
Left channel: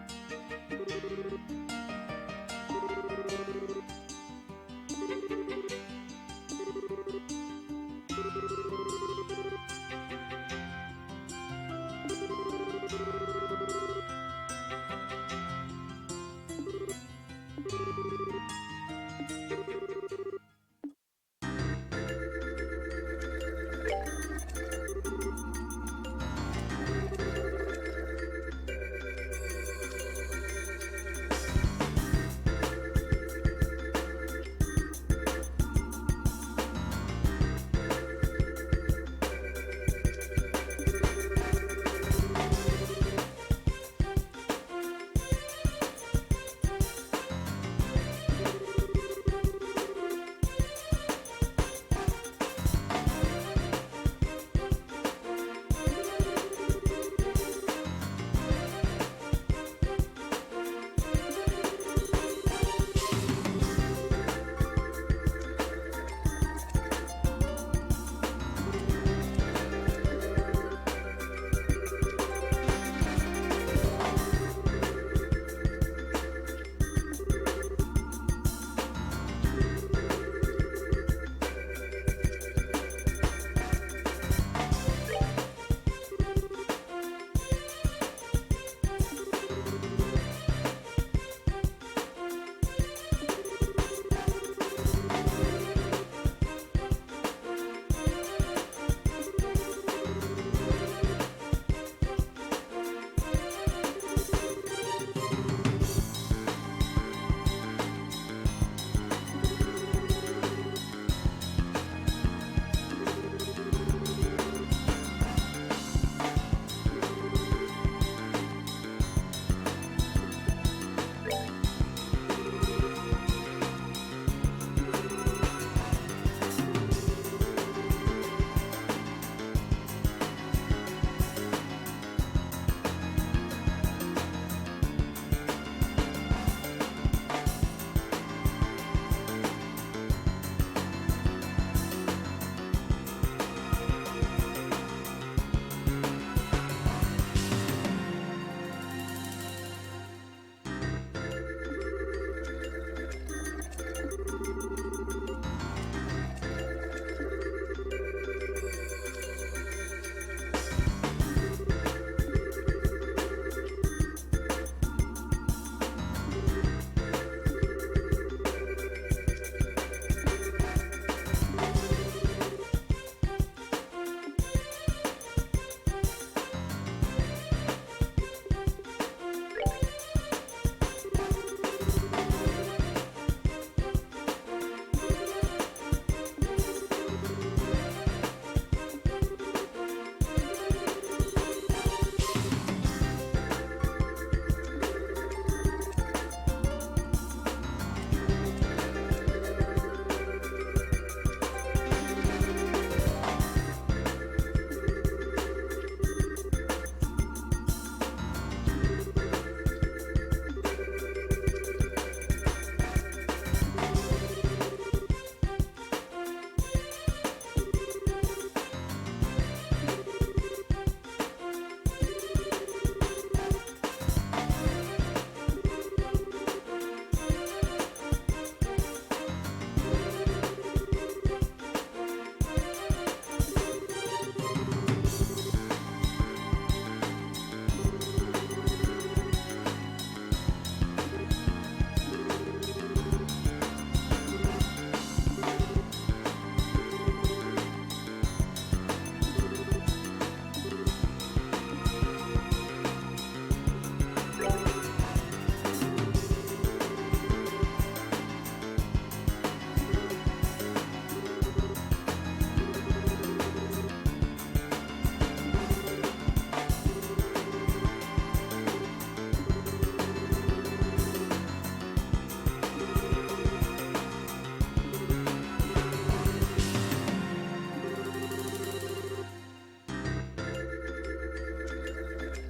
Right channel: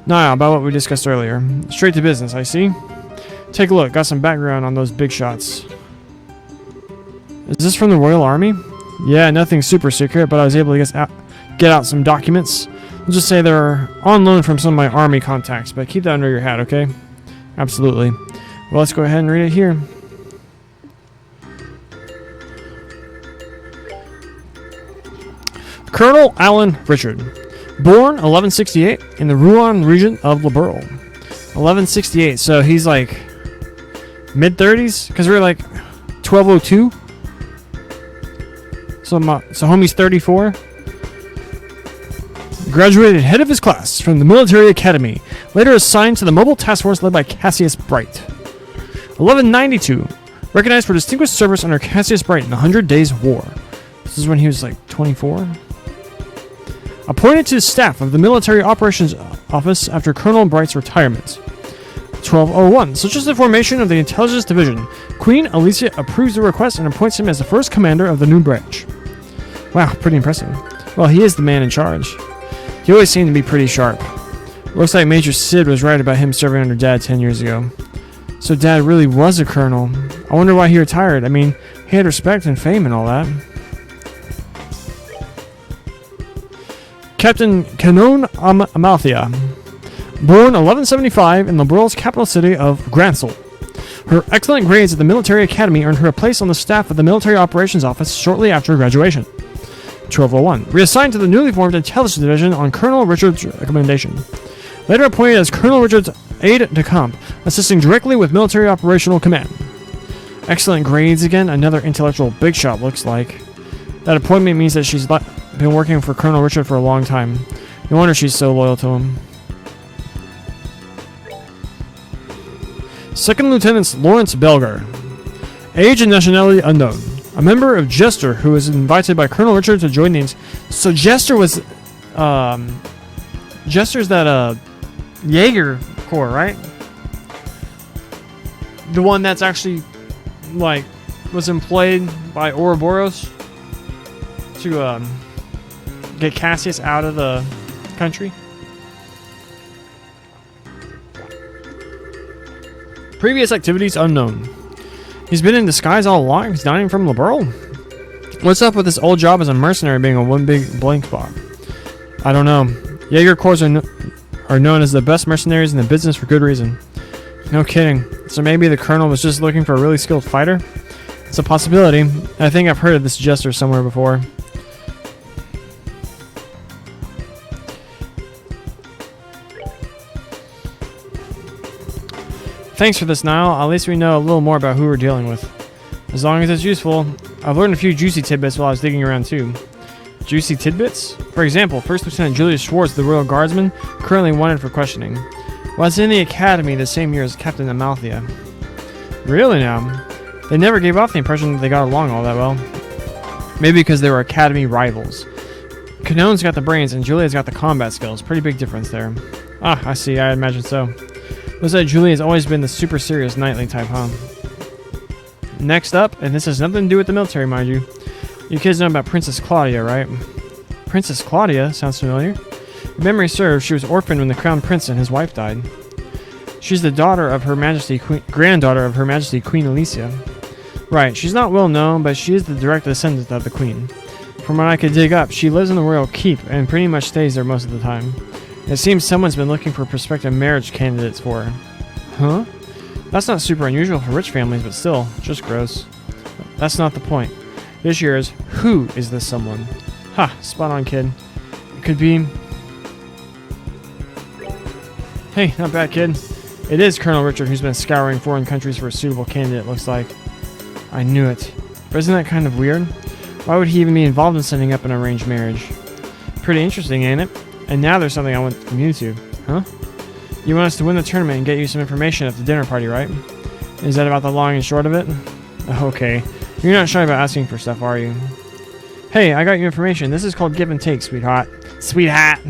Niall, about what we discussed earlier. Straight to business, I see. Take a look. Got some background on those big shots. Is this from the Royal Army? Yeah, nothing super secret, but I was able to get out some documents. I'll just say they're on loan from some of my army contacts, but keep that under your hat, okay? Absolutely. Well, let's go ahead and read it here. Colonel Alan Richard. Born 1168 in the Rouen region of Liberal. 1168, so he's like mid-30s? Because we're like 1202? So homie's 34. Graduated head of his class from the military academy. Later assigned to the mobile task force led by Cassius Bright. 1192. Recognized for distinguished service under Cassius Bright in the 100 Days War. This is when he was like 24. Appointed to the staff of the Military Operations Office after Colonel Bright's retirement. 1201. Such as the formation of the Intelligence Division. Queen Alicia approves the request and appoints him as the first commander of the new branch. Wow, pretty impressive. Well, he is the man in charge. He always seemed to be pretty sharp. Looks like Major Sid was right about him serving under Dad 10 years ago. So Dad really was a colonel. I wonder why he retired. I mean, he had respect and fame and all that. Captain Canon Amalthea. Born 1175 in Liberal's capital city of Gransel. Her excellent grades at the military academy earned her a place on the staff of the Military Operations Office shortly after graduation. 1201. Reassigned to the newly formed Intelligence Division on Colonel Richard's recommendation. Later appointed as Colonel Richard's aide-de-camp, assisting directly with military operational command. Excellent grades again, another intellectual big shot looks like. That appointment means that she's been working for Colonel Richard for a long time. No wonder she's so loyal to him. Second Lieutenant Lawrence Belgar. Age and nationality unknown. A member of Jester who was invited by Colonel Richard to join the... So Jester was... Jester's that, Jaeger Corps, right? The one that's actually, like, was employed by Ouroboros to, get Cassius out of the country. Previous activities unknown. He's been in disguise all along. He's not even from Liberl. What's up with this old job as a mercenary being a one big blank spot? I don't know. Jaeger Corps are known as the best mercenaries in the business for good reason. No kidding. So maybe the colonel was just looking for a really skilled fighter? It's a possibility. I think I've heard of this Jester somewhere before. Thanks for this, Niall. At least we know a little more about who we're dealing with. As long as it's useful. I've learned a few juicy tidbits while I was digging around too. Juicy tidbits? For example, First Lieutenant Julius Schwartz, the Royal Guardsman, currently wanted for questioning. Was in the academy the same year as Captain Amalthea. Really now? They never gave off the impression that they got along all that well. Maybe because they were academy rivals. Canone's got the brains and Julia's got the combat skills. Pretty big difference there. Ah, I see. I imagine so. Looks like Julia's always been the super serious knightly type, huh? Next up, and this has nothing to do with the military, mind you. You kids know about Princess Claudia, right? Princess Claudia? Sounds familiar. If memory serves, she was orphaned when the crown prince and his wife died. She's the daughter of Her Majesty, granddaughter of Her Majesty Queen Alicia. Right, she's not well known, but she is the direct descendant of the queen. From what I could dig up, she lives in the royal keep and pretty much stays there most of the time. It seems someone's been looking for prospective marriage candidates for her. Huh? That's not super unusual for rich families, but still, just gross. That's not the point. This year is, who is this someone? Ha, spot on, kid. Could be... Hey, not bad, kid. It is Colonel Richard who's been scouring foreign countries for a suitable candidate, looks like. I knew it. But isn't that kind of weird? Why would he even be involved in setting up an arranged marriage? Pretty interesting, ain't it? And now there's something I want you to. Huh? You want us to win the tournament and get you some information at the dinner party, right? Is that about the long and short of it? Okay. You're not shy about asking for stuff, are you? Hey, I got your information. This is called give and take, sweetheart. Sweetheart!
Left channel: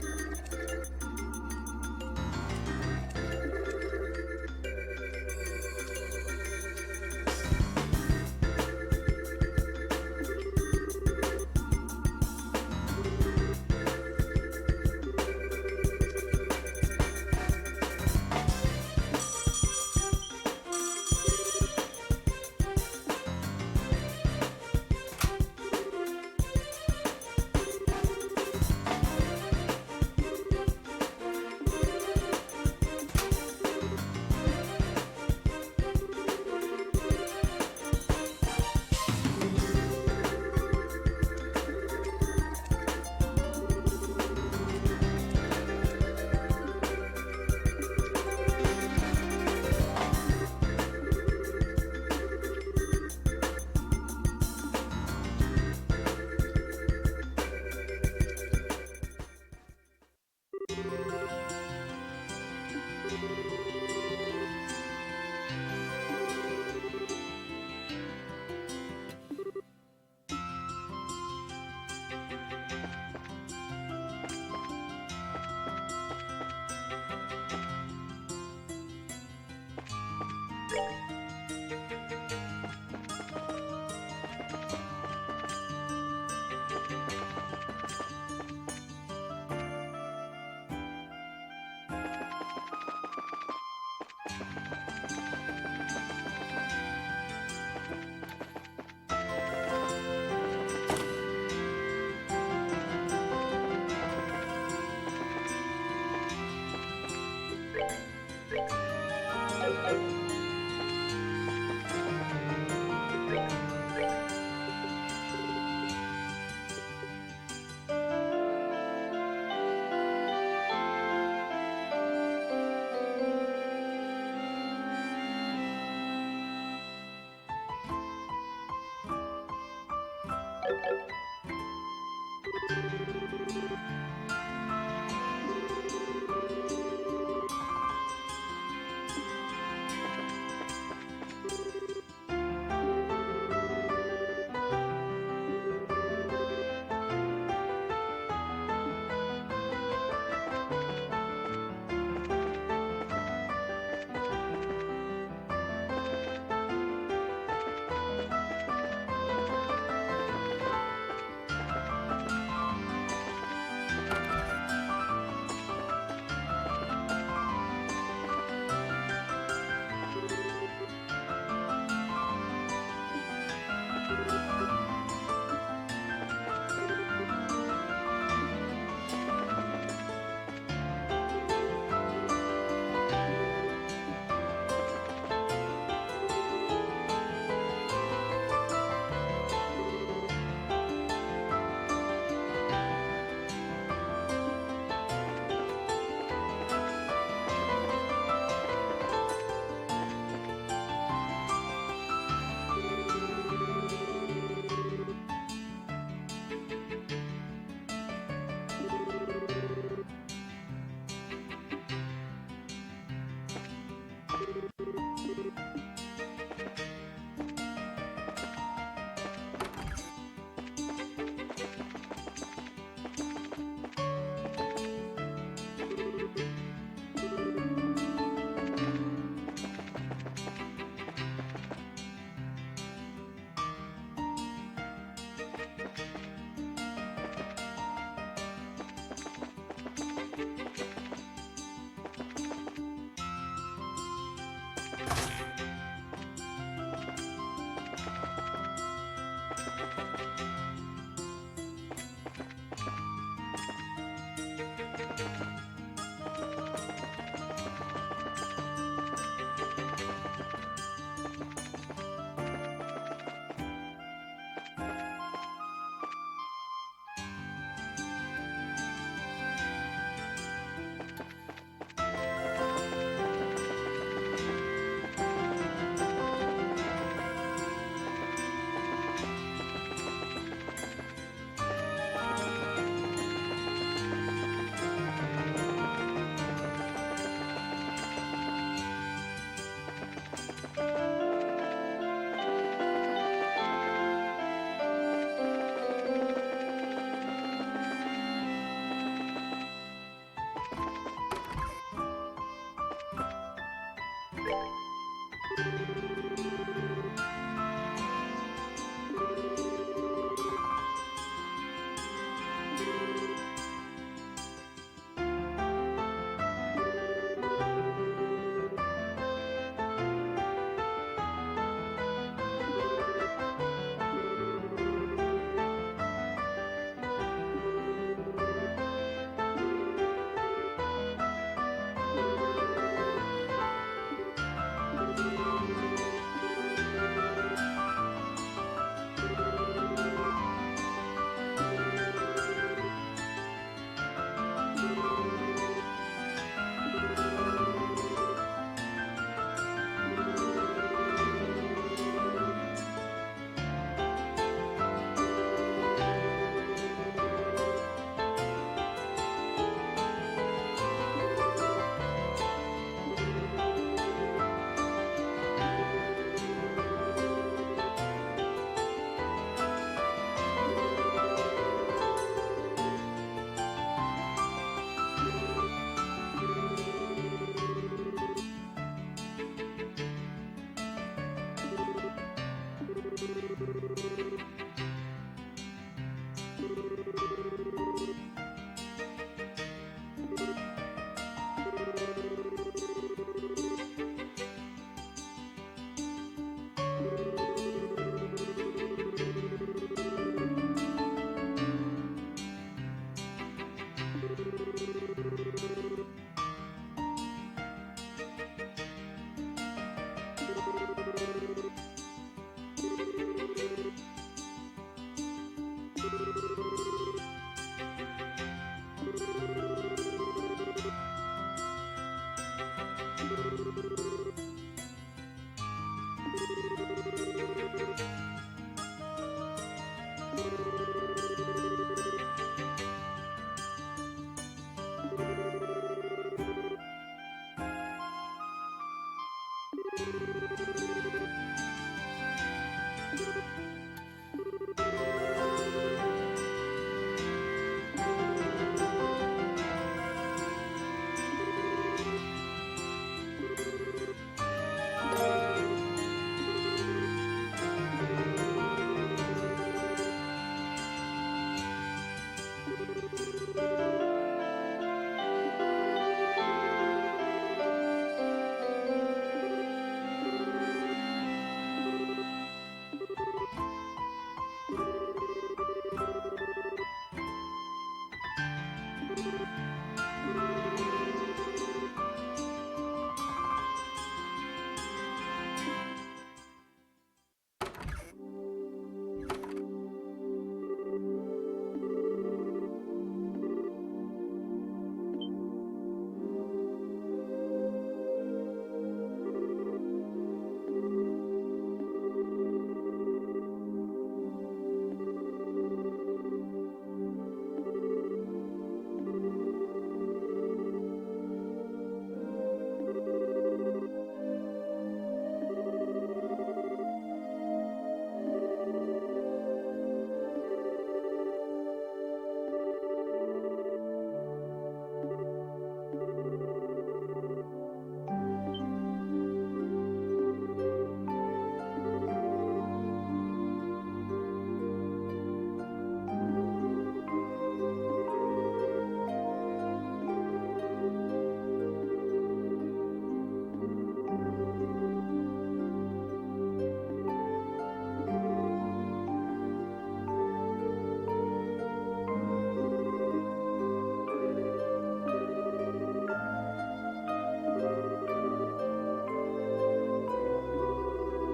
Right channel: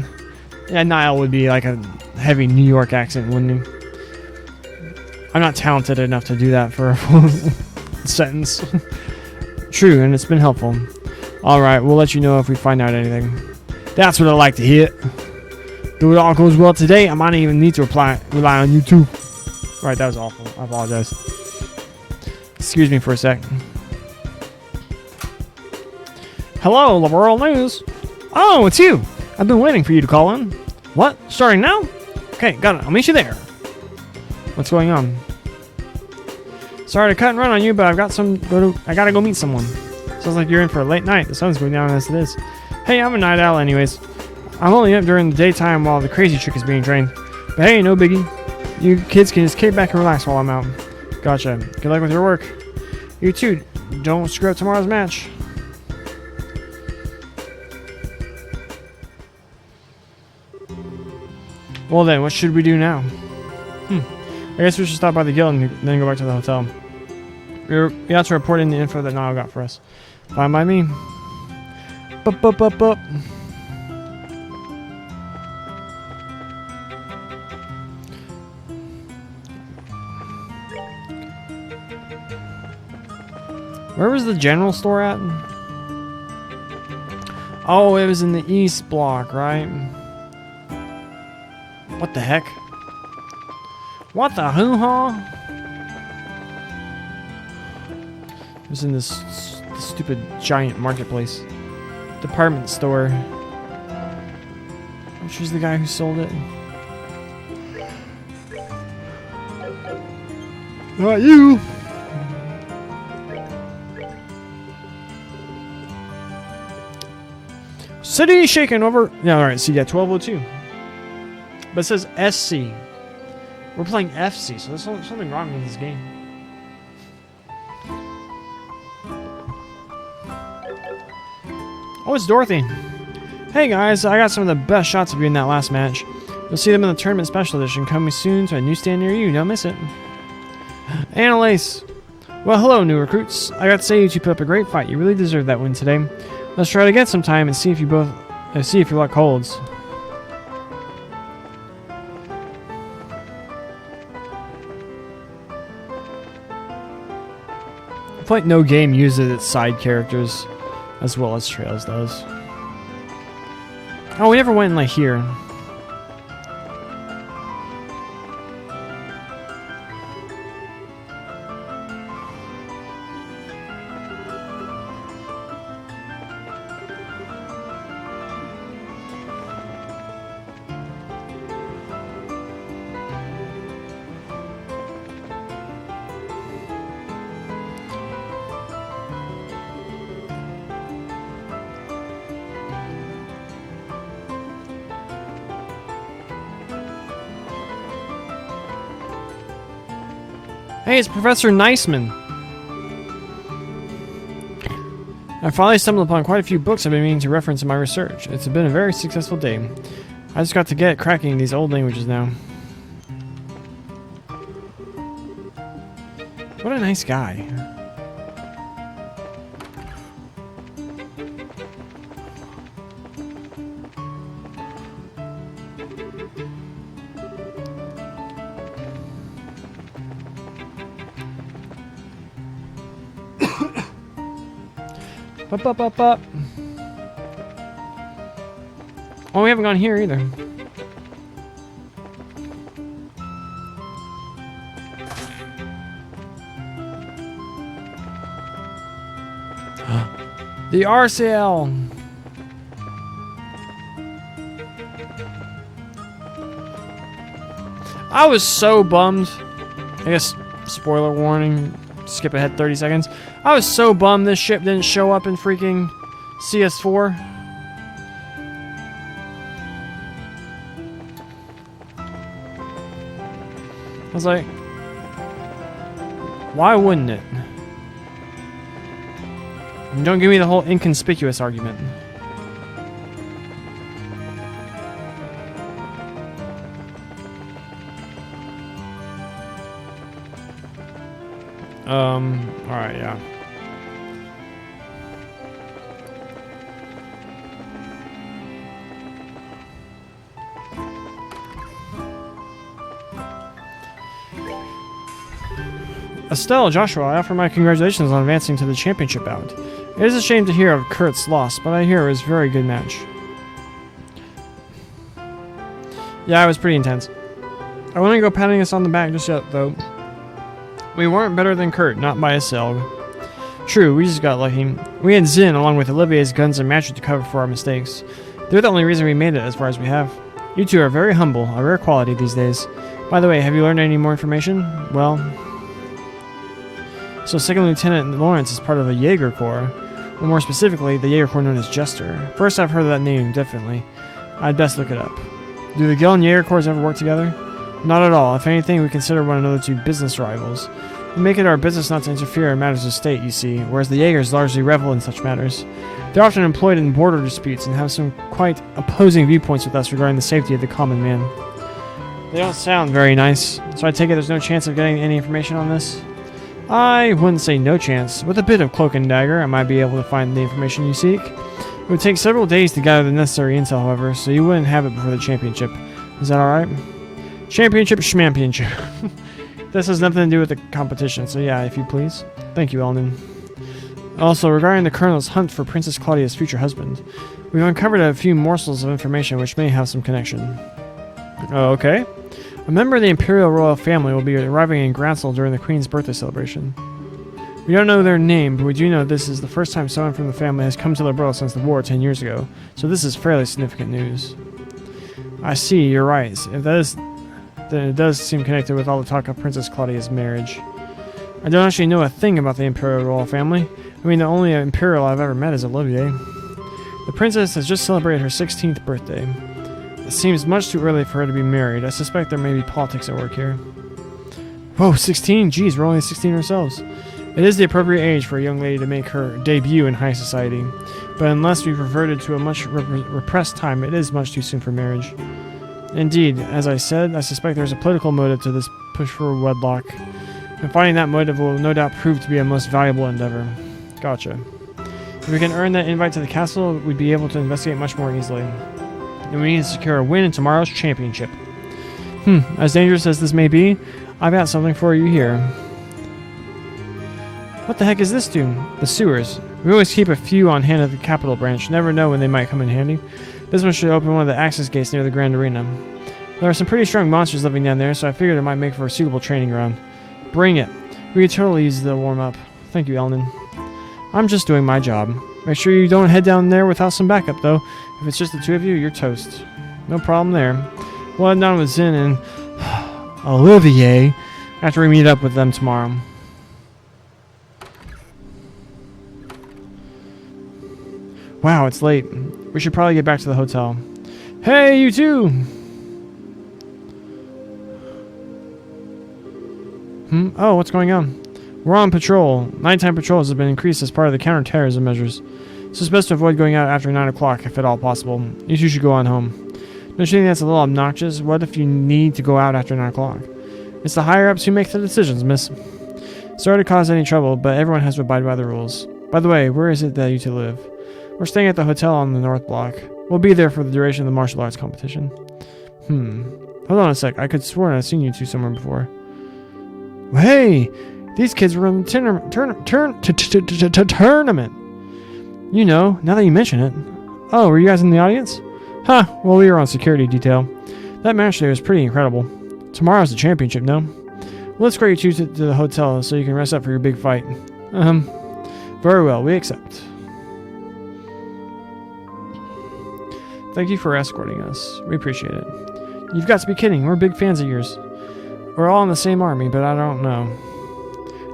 Yeah, Niall would be like a heavy New York accent, wouldn't he? I'm not talented enough to do that for a full sentence. True, and it's been helpful. Alright, we'll let you know if we find out anything. That's what I like to hear. If it all goes well today, I might even need to rely on you too. Right, that was awful. I apologize. Excuse me for a sec. Hello, Liberl News. Oh, it's you. I've been waiting for you to call in. What? Starting now? Okay, got it. I'll meet you there. What's going on? Sorry to cut and run on you, but I gotta go meet someone. Sounds like you're in for a late night. The sun's going down as it is. Hey, I'm a night owl anyways. I'm only up during the daytime while the crazy trick is being trained. But hey, no biggie. You kids can just kick back and relax while I'm out. Gotcha. Good luck with your work. You too. Don't screw up tomorrow's match. Well then, what should we do now? I guess we should stop by the guild and then go back to the hotel. We have to report in the info that Niall got for us. Fine by me. Bup. Where was the general store at? Oh, it was in the east block, right? What the heck? What the hoo-ha? It was in this stupid giant marketplace. Department store. She's the guy who sold it. Not you! City shaken over. Yeah, alright, so yeah, 1202. But it says SC. We're playing FC, so there's something wrong with this game. Oh, it's Dorothy. Hey guys, I got some of the best shots of you in that last match. You'll see them in the tournament special edition coming soon to a newsstand near you. Don't miss it. Annalise. Well, hello, new recruits. I got to say you two put up a great fight. You really deserve that win today. Let's try it again sometime and see if your luck holds. I feel like no game uses its side characters as well as Trails does. Oh, we never went in like here. Hey, it's Professor Niceman. I finally stumbled upon quite a few books I've been meaning to reference in my research. It's been a very successful day. I just got to get cracking these old languages now. What a nice guy. Up. Oh, we haven't gone here either. The RCL. I was so bummed. I guess spoiler warning. Skip ahead 30 seconds. I was so bummed this ship didn't show up in freaking CS4. I was like, why wouldn't it? And don't give me the whole inconspicuous argument. Alright, yeah. Estelle, Joshua, I offer my congratulations on advancing to the championship bout. It is a shame to hear of Kurt's loss, but I hear it was a very good match. Yeah, it was pretty intense. I wouldn't go patting us on the back just yet, though. We weren't better than Kurt, not by a cell. True, we just got lucky. We had Zin along with Olivier's guns and matches to cover for our mistakes. They're the only reason we made it as far as we have. You two are very humble, a rare quality these days. By the way, have you learned any more information? Well... So Second Lieutenant Lawrence is part of the Jaeger Corps, or more specifically, the Jaeger Corps known as Jester. First I've heard of that name, definitely. I'd best look it up. Do the Gel and Jaeger Corps ever work together? Not at all. If anything, we consider one another to be business rivals. We make it our business not to interfere in matters of state, you see, whereas the Jaegers largely revel in such matters. They're often employed in border disputes and have some quite opposing viewpoints with us regarding the safety of the common man. They don't sound very nice, so I take it there's no chance of getting any information on this? I wouldn't say no chance. With a bit of cloak and dagger, I might be able to find the information you seek. It would take several days to gather the necessary intel, however, so you wouldn't have it before the championship. Is that alright? Championship schmampionship. This has nothing to do with the competition, so yeah, if you please. Thank you, Elden. Also, regarding the Colonel's hunt for Princess Claudia's future husband, we've uncovered a few morsels of information which may have some connection. Oh, okay. A member of the Imperial Royal Family will be arriving in Gransel during the Queen's birthday celebration. We don't know their name, but we do know this is the first time someone from the family has come to the world since the war 10 years ago, so this is fairly significant news. I see, you're right. If that is, then it does seem connected with all the talk of Princess Claudia's marriage. I don't actually know a thing about the Imperial Royal Family. I mean, the only Imperial I've ever met is Olivier. The princess has just celebrated her 16th birthday. It seems much too early for her to be married. I suspect there may be politics at work here. Whoa, 16? Geez, we're only 16 ourselves. It is the appropriate age for a young lady to make her debut in high society. But unless we've reverted to a much repressed time, it is much too soon for marriage. Indeed, as I said, I suspect there's a political motive to this push for wedlock. And finding that motive will no doubt prove to be a most valuable endeavor. Gotcha. If we can earn that invite to the castle, we'd be able to investigate much more easily. And we need to secure a win in tomorrow's championship. As dangerous as this may be, I've got something for you here. What the heck is this doom? The sewers. We always keep a few on hand at the Capital Branch. Never know when they might come in handy. This one should open one of the access gates near the Grand Arena. There are some pretty strong monsters living down there, so I figured it might make for a suitable training ground. Bring it. We could totally use the warm-up. Thank you, Elnan. I'm just doing my job. Make sure you don't head down there without some backup, though. If it's just the two of you, you're toast. No problem there. We'll head down with Zin and Olivier after we meet up with them tomorrow. Wow, it's late. We should probably get back to the hotel. Hey, you two! Oh, what's going on? We're on patrol. Nighttime patrols have been increased as part of the counterterrorism measures. So it's best to avoid going out after 9 o'clock if at all possible. You two should go on home. Don't you think that's a little obnoxious? What if you need to go out after 9 o'clock? It's the higher-ups who make the decisions, miss. Sorry to cause any trouble, but everyone has to abide by the rules. By the way, where is it that you two live? We're staying at the hotel on the North Block. We'll be there for the duration of the martial arts competition. Hold on a sec. I could swear I've seen you two somewhere before. Hey! These kids were in the tournament. You know, now that you mention it. Oh, were you guys in the audience? Huh, well, we were on security detail. That match today was pretty incredible. Tomorrow's the championship, no? Well, let's escort you two to the hotel so you can rest up for your big fight. Very well, we accept. Thank you for escorting us. We appreciate it. You've got to be kidding. We're big fans of yours. We're all in the same army, but I don't know.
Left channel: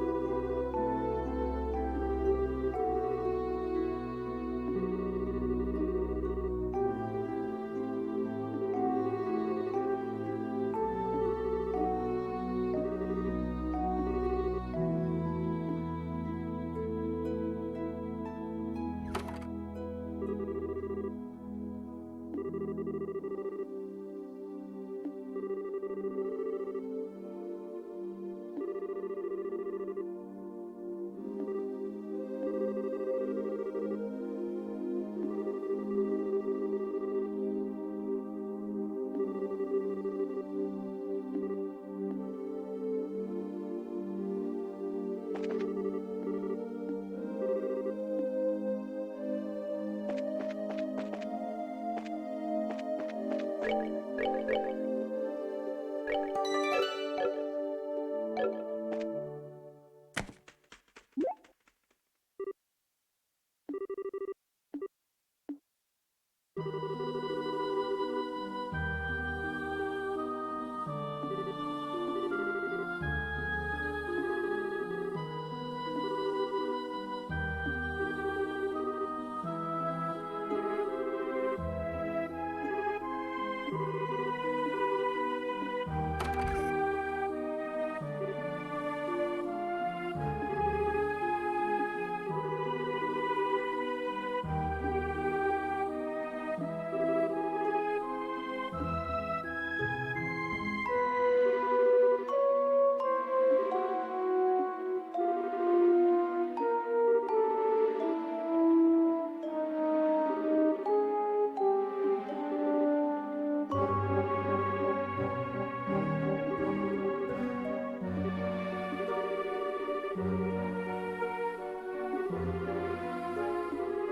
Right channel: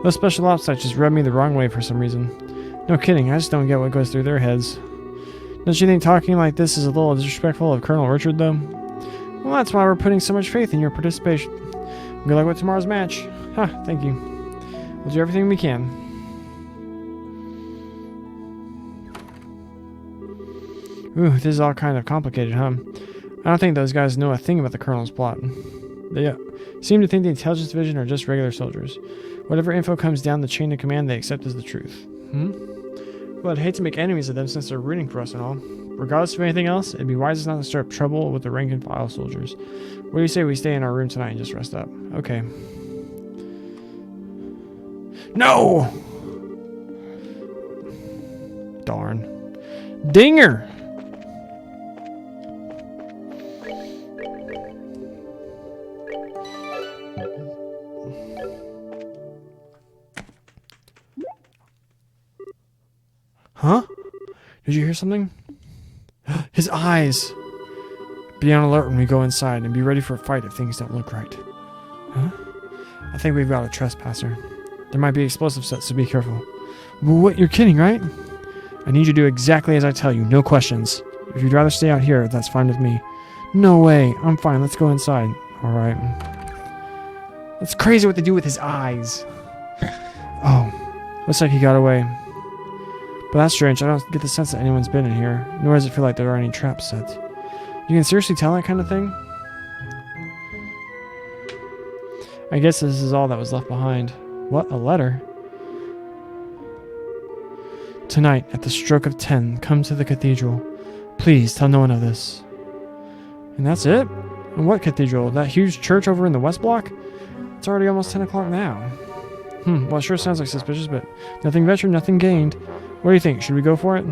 Those special ops types just rubbed me the wrong way for some reason. No kidding, I just don't get what goes through their heads. Don't you think talking like this is a little disrespectful of Colonel Richard, though? Well, that's why we're putting so much faith in your participation. Good luck with tomorrow's match. Thank you. We'll do everything we can. Ooh, this is all kind of complicated, huh? I don't think those guys know a thing about the Colonel's plot. They seem to think the intelligence division are just regular soldiers. Whatever info comes down the chain of command, they accept as the truth. Well, I'd hate to make enemies of them since they're rooting for us and all. Regardless of anything else, it'd be wisest not to stir up trouble with the rank and file soldiers. What do you say we stay in our room tonight and just rest up? Okay. No! Darn. Dinger! Huh? Did you hear something? His eyes! Be on alert when we go inside and be ready for a fight if things don't look right. Huh? I think we've got a trespasser. There might be explosive sets, so be careful. Well, what? You're kidding, right? I need you to do exactly as I tell you, no questions. If you'd rather stay out here, that's fine with me. No way. I'm fine. Let's go inside. Alright. It's crazy what they do with his eyes. Oh. Looks like he got away. But that's strange. I don't get the sense that anyone's been in here. Nor does it feel like there are any traps set. You can seriously tell that kind of thing? I guess this is all that was left behind. What? A letter? Tonight, at the stroke of 10, come to the cathedral. Please tell no one of this. And that's it? And what cathedral? That huge church over in the West Block? It's already almost 10 o'clock now. Well, it sure sounds like suspicious, but nothing ventured, nothing gained. What do you think? Should we go for it?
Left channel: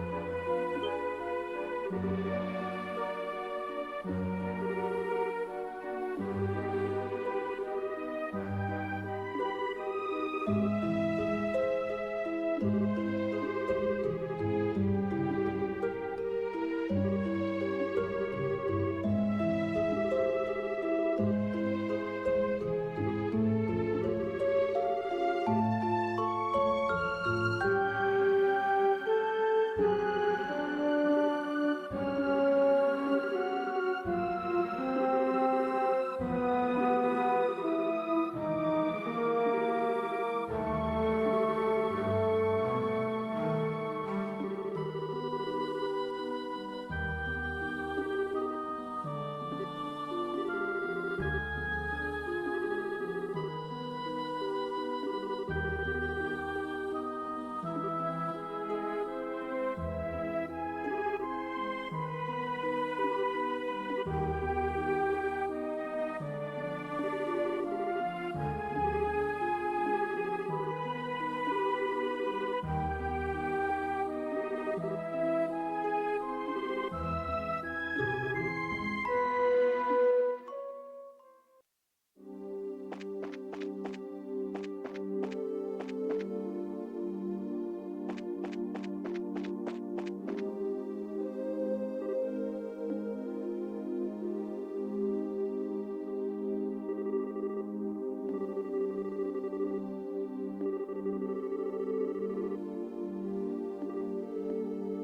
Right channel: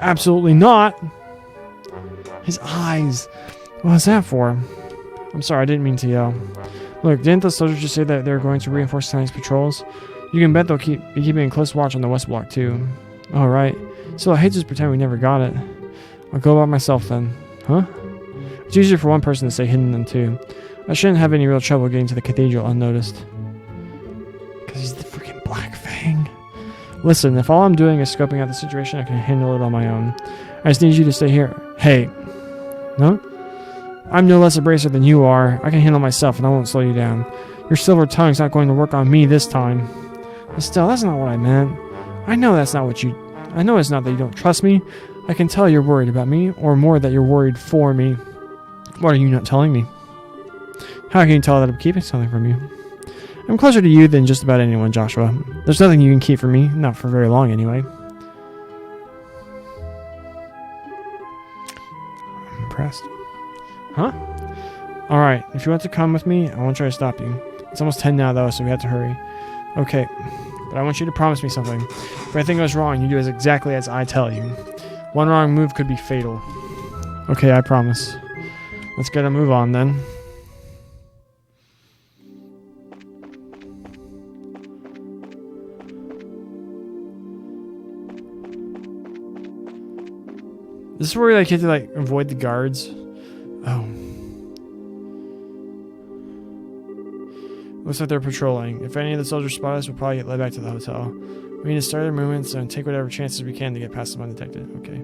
Absolutely not! His eyes! What was that for? I'm sorry, I didn't mean to yell. Look, didn't the soldiers just say that they're going to reinforce tonight's patrols? You can bet they'll be keeping a close watch on the West Block, too. Alright. So I hate to just pretend we never got it. I'll go by myself, then. Huh? It's easier for one person to stay hidden than two. I shouldn't have any real trouble getting to the cathedral unnoticed. Because he's the freaking Black Fang. Listen, if all I'm doing is scoping out the situation, I can handle it on my own. I just need you to stay here. Hey. No? I'm no less a bracer than you are. I can handle myself and I won't slow you down. Your silver tongue's not going to work on me this time. But still, that's not what I meant. I know that's not what you... I know it's not that you don't trust me. I can tell you're worried about me, or more that you're worried for me. What are you not telling me? How can you tell that I'm keeping something from you? I'm closer to you than just about anyone, Joshua. There's nothing you can keep from me, not for very long anyway. I'm impressed. Huh? Alright, if you want to come with me, I won't try to stop you. It's almost 10 now though, so we have to hurry. Okay, but I want you to promise me something. If anything goes wrong, you do exactly as I tell you. One wrong move could be fatal. Okay, I promise. Let's get a move on then. This is where we like have to like avoid the guards. Oh. Looks like they're patrolling. If any of the soldiers spot us, we'll probably get led back to the hotel. We need to start our movements and take whatever chances we can to get past them undetected. Okay.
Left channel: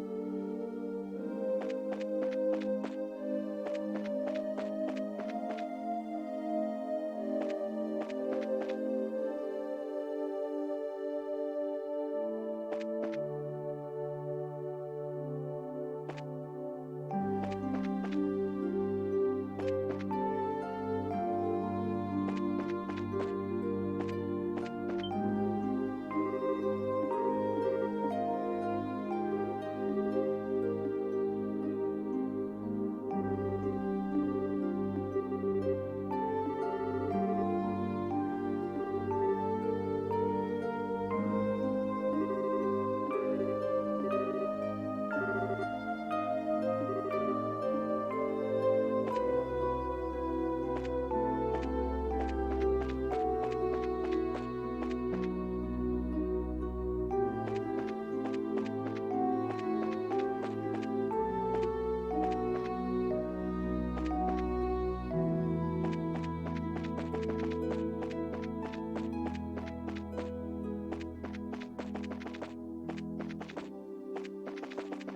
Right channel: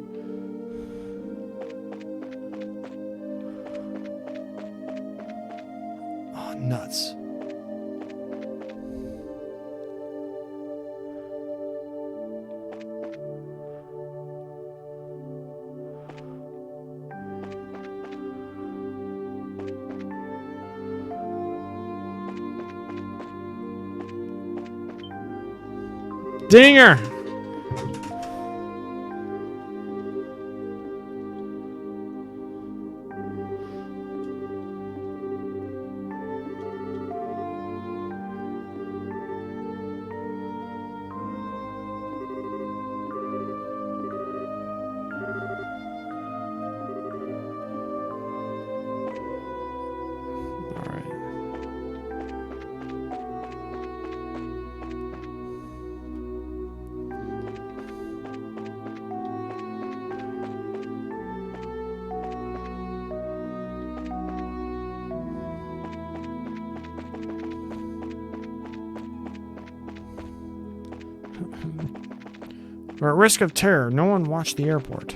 Oh, nuts. Dinger! We're at risk of terror. No one watched the airport.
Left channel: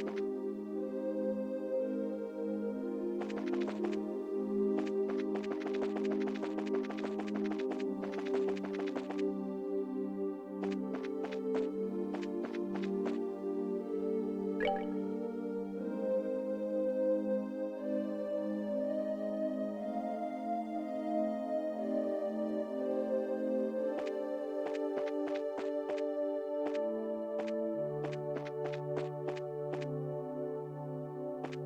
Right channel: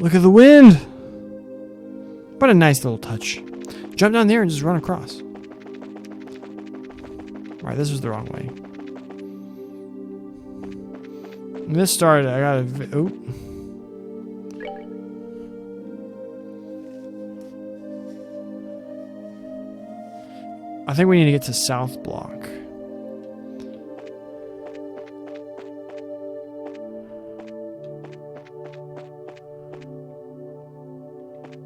Look at the wind! What a nice little touch. Jump down there and just run across. Alright, this was the wrong way. When this started, I gotta... Oop. I think we need to get to South Block.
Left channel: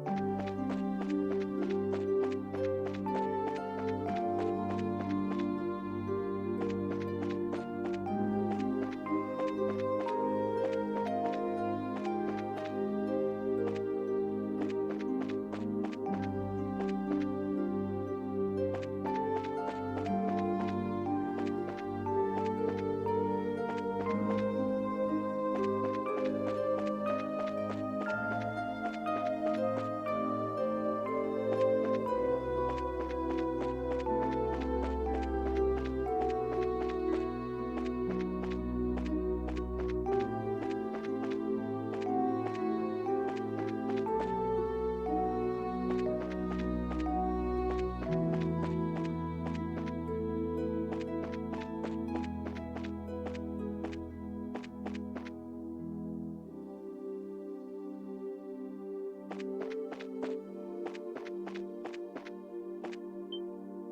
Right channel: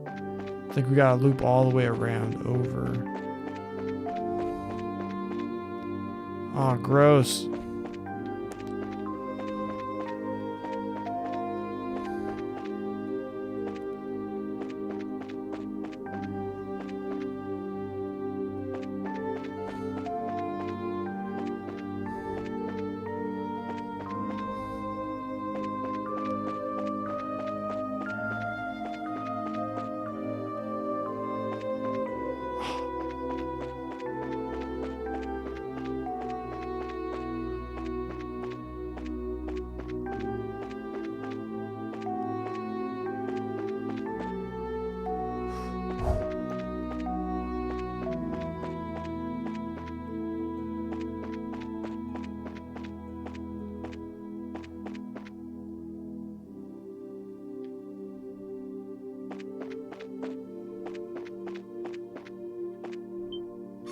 I think we gotta loop all the way around over. Oh, gross.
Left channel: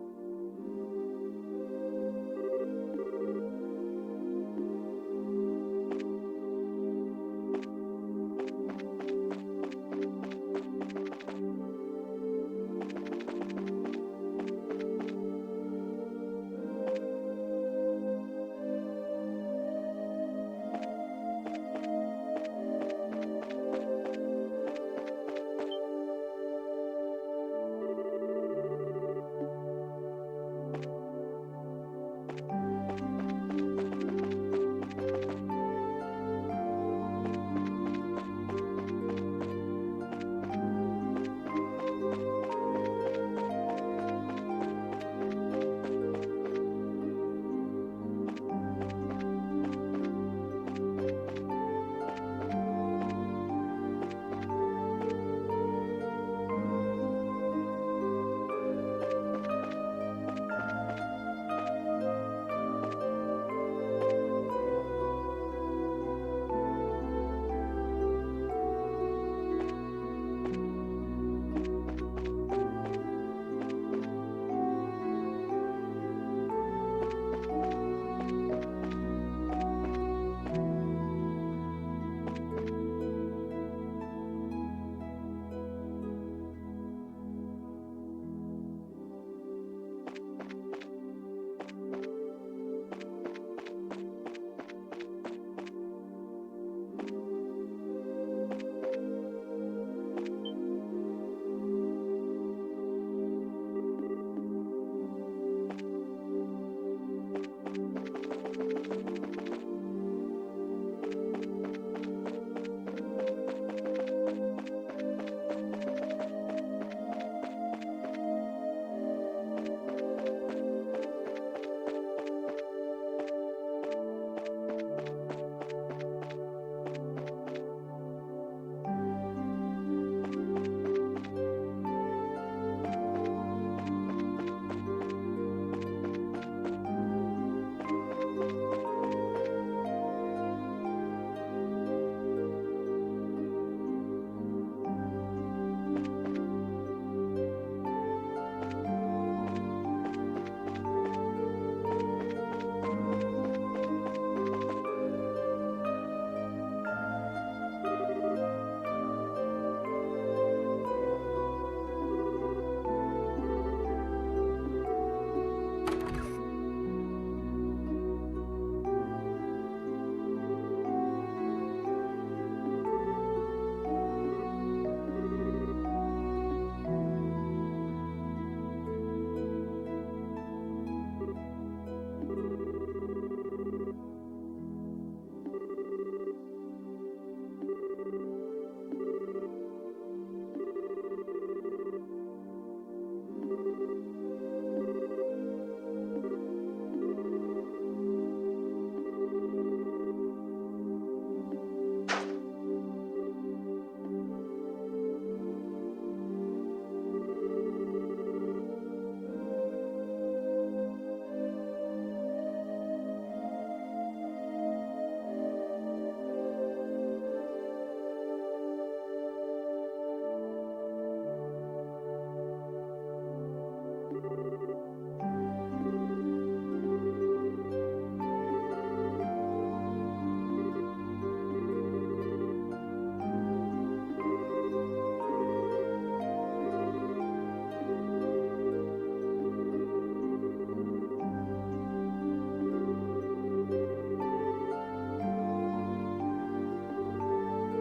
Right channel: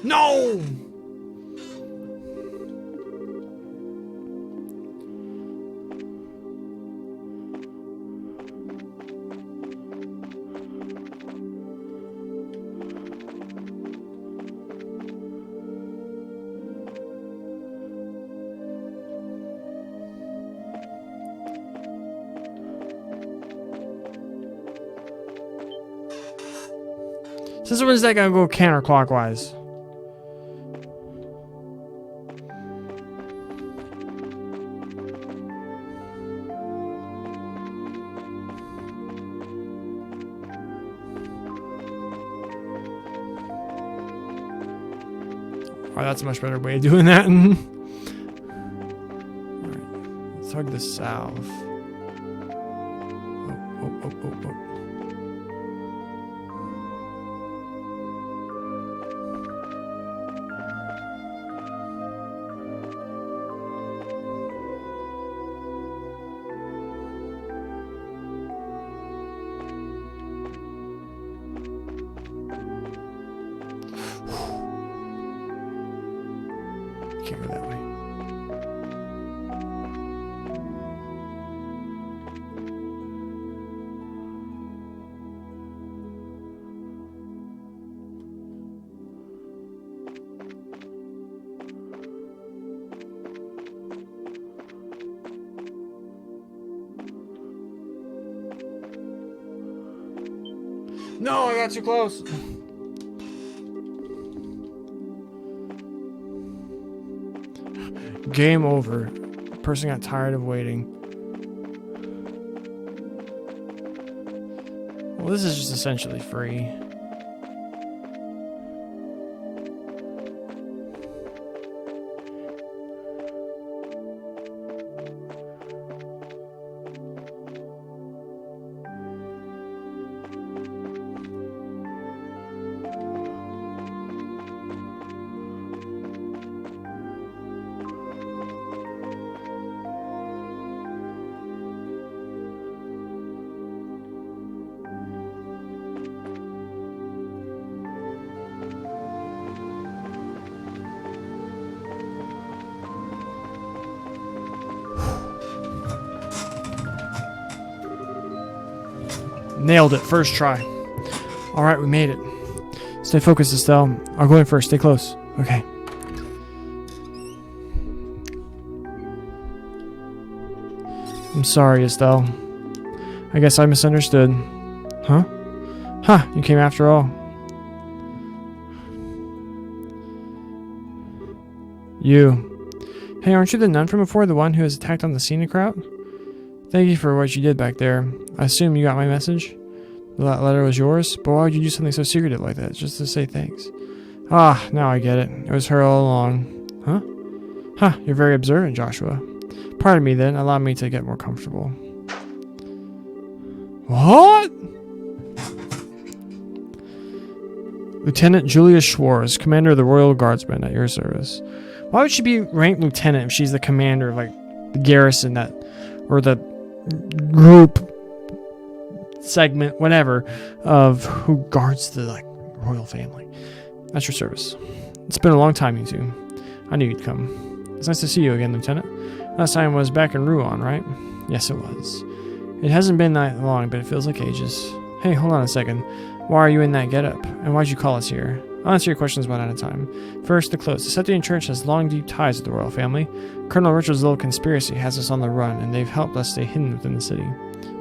No! Since when is that gonna go counterclockwise? Oh, that's a much better way of doing that. Let's hug the south. can't go that way. No, I got too close. Game over. The person got tired of waiting. Well, this is just essentially free. Nailed it, first try. Alright, we made it. Stay focused, Estelle. I'll go in first, stay close. Okay. I'm sorry, Estelle. I guess I misunderstood. Huh? Huh, you came after all. You. Hey, aren't you the nun from before, the one who was attacked on the Scenic-Route? Thank you for what you did back there. I assume you got my message? That letter was yours? But why would you do something so secretive like that, just to say thanks? Ah, now I get it. It was her all along. Huh? Huh, you're very observant, Joshua. Pardon me then, allow me to get more comfortable. What? Lieutenant Julia Schwartz, commander of the Royal Guardsmen, at your service. Why would she be ranked lieutenant if she's the commander of, like, the garrison that, or the group segment, whatever, of who guards the, like, royal family? That's your service. It's been a long time, you two. I knew you'd come. It's nice to see you again, Lieutenant. Last time was back in Rouen, right? Yes, it was. It hasn't been that long, but it feels like ages. Hey, hold on a second. Why are you in that getup? And why'd you call us here? I'll answer your questions one at a time. First, the close. The Sethian Church has long, deep ties with the royal family. Colonel Richard's little conspiracy has us on the run, and they've helped us stay hidden within the city.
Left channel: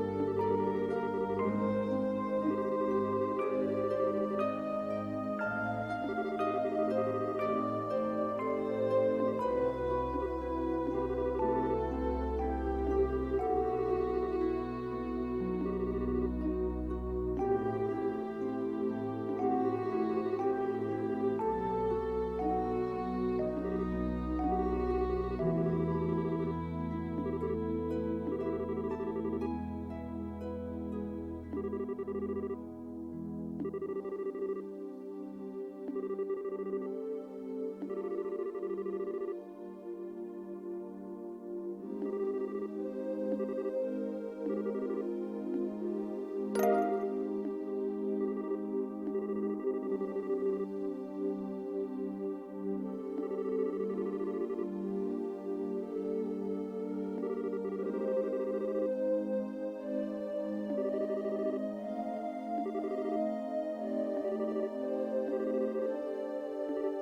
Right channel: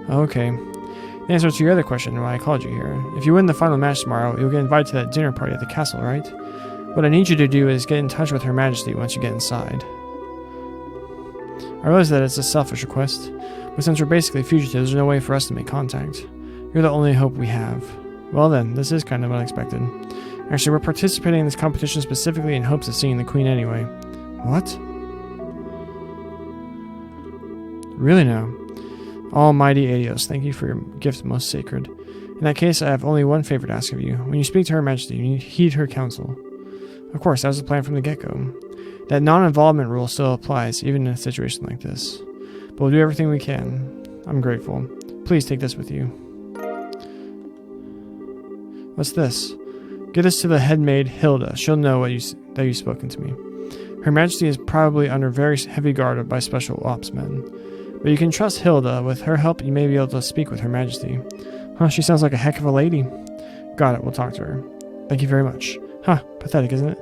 Okay. The answer to your other question, why I called you here. If you win the final match tomorrow, you'll get invited to that dinner party at the castle, right? What I need you to do is get in touch with Her Majesty once you get inside. I realize that it's a selfish request, but since we're basically fugitives, there's no way for us to make contact. You're the only hope we have. Well then, this is kind of unexpected. Actually, we're participating in this competition specifically in hopes of seeing the Queen anyway. What? Really now? Almighty Adios, thank you for your gift most sacred. In that case, I have only one favor to ask of you. When you speak to Her Majesty, you heed her counsel. Of course, that was the plan from the get-go. That non-involvement rule still applies, even in a situation like this. But we'll do everything we can. I'm grateful. Please take this with you. What's this? Get us to the headmaid, Hilda. She'll know that you've spoken to me. Her Majesty is probably under very heavy guard by special ops men. But you can trust Hilda. With her help, you may be able to speak with Her Majesty. Huh, she sounds like a heck of a lady. Got it, we'll talk to her. Thank you very much. Huh, pathetic, isn't it?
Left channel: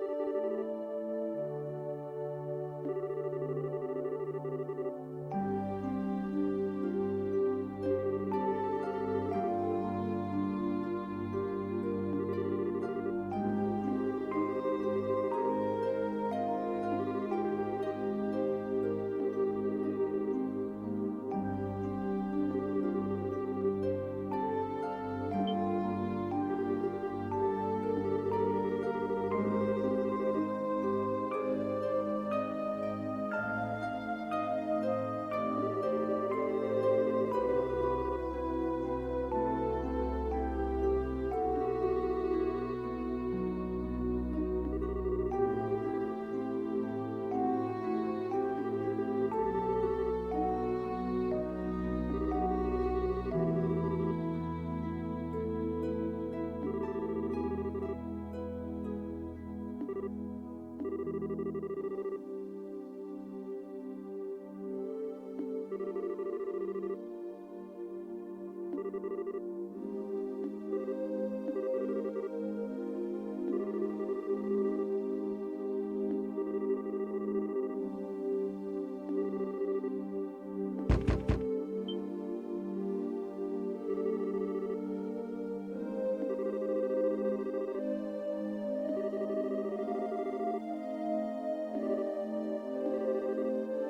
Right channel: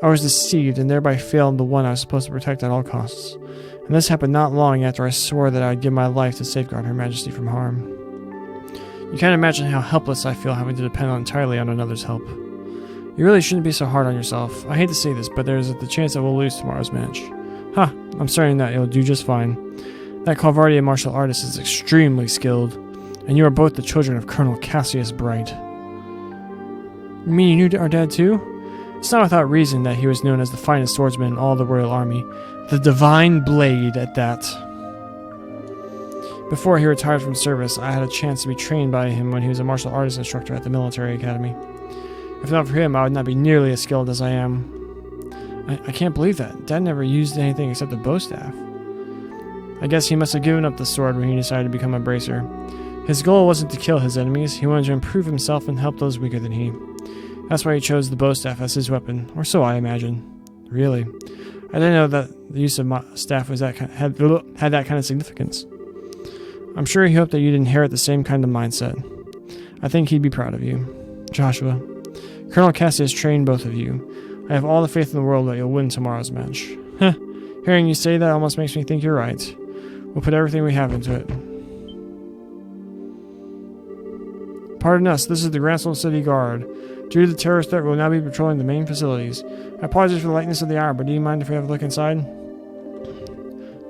I was deceived and thereby failed the one I was supposed to protect at all costs. And this happened not long after I swore that I would give my life to safeguard Her Majesty from harm. You can't imagine how helpless I feel having to depend entirely on another's help. You really shouldn't be so hard on yourself. I hate to say this, but there's the chance that we'll lose tomorrow's match. Huh, I'm certain that you'll do just fine. That Calvardian martial artist is extremely skilled, and you are both the children of Colonel Cassius Bright. You mean you knew our dad too? It's not without reason that he was known as the finest swordsman in all the royal army. The Divine Blade at that. Before he retired from service, I had a chance to be trained by him when he was a martial arts instructor at the military academy. If not for him, I would not be nearly as skilled as I am. I can't believe that. Dad never used anything except a bowstaff. I guess he must have given up the sword when he decided to become a bracer. His goal wasn't to kill his enemies, he wanted to improve himself and help those weaker than he. That's why he chose the bowstaff as his weapon, or so I imagine. Really? I didn't know that the use of my staff was had that kind of significance. I'm sure he hoped that you'd inherit the same kind of mindset. I think he'd be proud of you. Joshua, Colonel Cassie has trained both of you. I have all the faith in the world that you'll win tomorrow's match. Heh, hearing you say that almost makes me think you're right. We'll put everything we have into it. Pardon us, this is the Gransville City Guard. Due to the terrorist threat, we'll now be patrolling the main facilities. I apologize for the lateness of the hour, but do you mind if we have a look inside?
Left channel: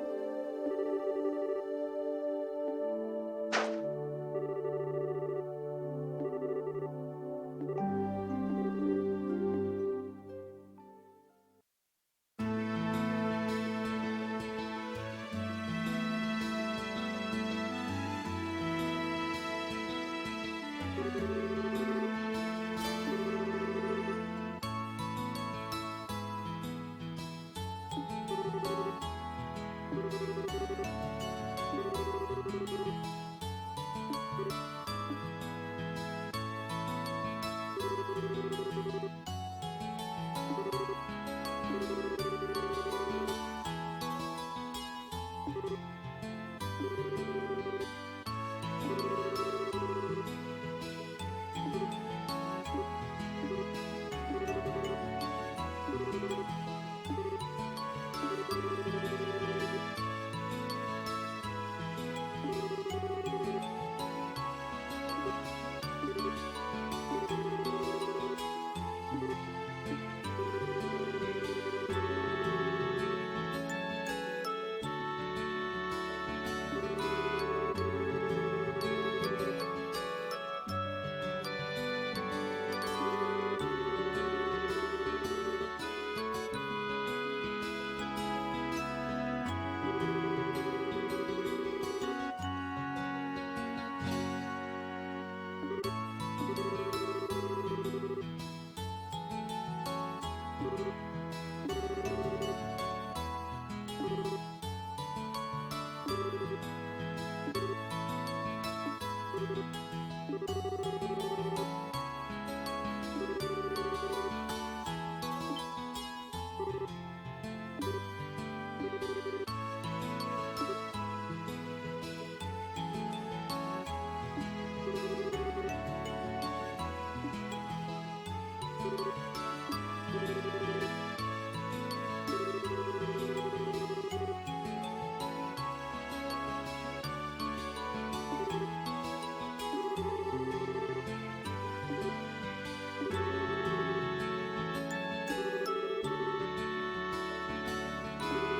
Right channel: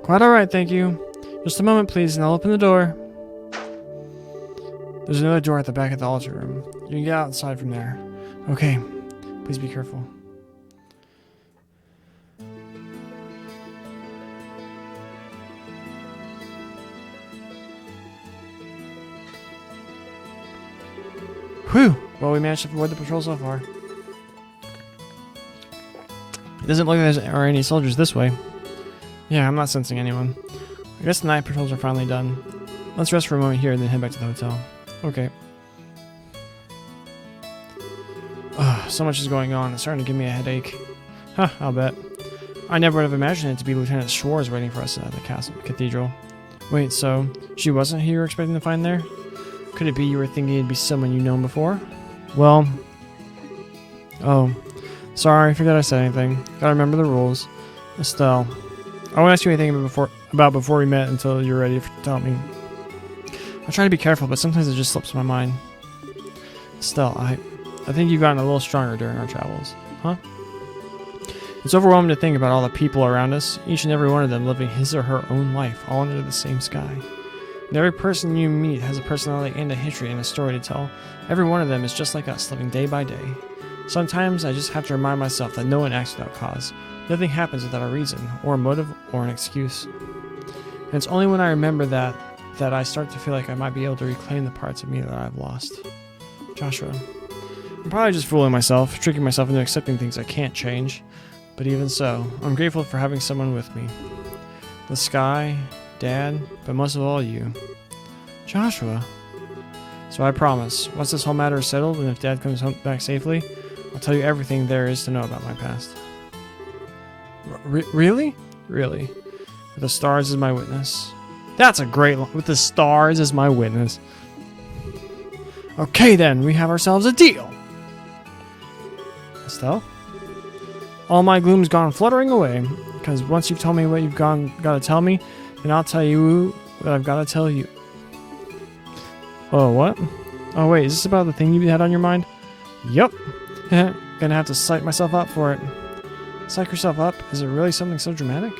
Quite alright, thank you. Just a moment, please, and I'll open the door. There's another door at the back of the altar room. You can get outside from there. Okay, please be careful. Whew! Well, we managed to avoid the patrol so far. Doesn't look like there are any soldiers this way. Yeah, I'm not sensing anyone. I guess the night patrols are finally done. Let's rest for a moment here and then head back to the hotel. Okay. Ugh, so much is going on. It's starting to give me a headache. Huh, I'll bet. I never would have imagined it to be Lieutenant Schwartz waiting for us at the castle cathedral. Wait, so she wasn't who you were expecting to find there? Could it be you were thinking it'd be someone you've known before? Well... Oh. Sorry, forgot I said anything. Gotta remember the rules. Estelle. I won't ask you anything before we met until you're ready to tell me. I try to be careful, but sometimes it just slips my mind. Estelle, I think you've gotten a little stronger during our travels. Huh? It's overwhelming to think about all the people around us, each and every one of them living his or her own life, all under the same sky. And every person you meet has a personality and a history and a story to tell. Every one of them is just like us, living day by day. Sometimes I just have to remind myself that no one acts without cause. Nothing happens without a reason, or a motive, or an excuse. And it's only when I remember that I start to feel like I might be able to reclaim the parts of me that I've lost. Joshua. I'm probably just fooling myself, tricking myself into accepting things I can't change. But even so, I'm grateful for having someone with me. The sky, Dad, but most of all you. Joshua. So I promise, once this whole matter is settled and if Dad comes home back safely, I'll tell you everything there is to know about my past. Really? Really. With the stars as my witness. That's a great line. With the stars as my witness. Okay then, we have ourselves a deal. Estelle? All my gloom's gone fluttering away, because once you've told me what you've got to tell me, then I'll tell you what I've got to tell you. Oh, what? Oh wait, is this about the thing you had on your mind? Yup. Gonna have to psych myself up for it. Psych yourself up? Is it really something so dramatic?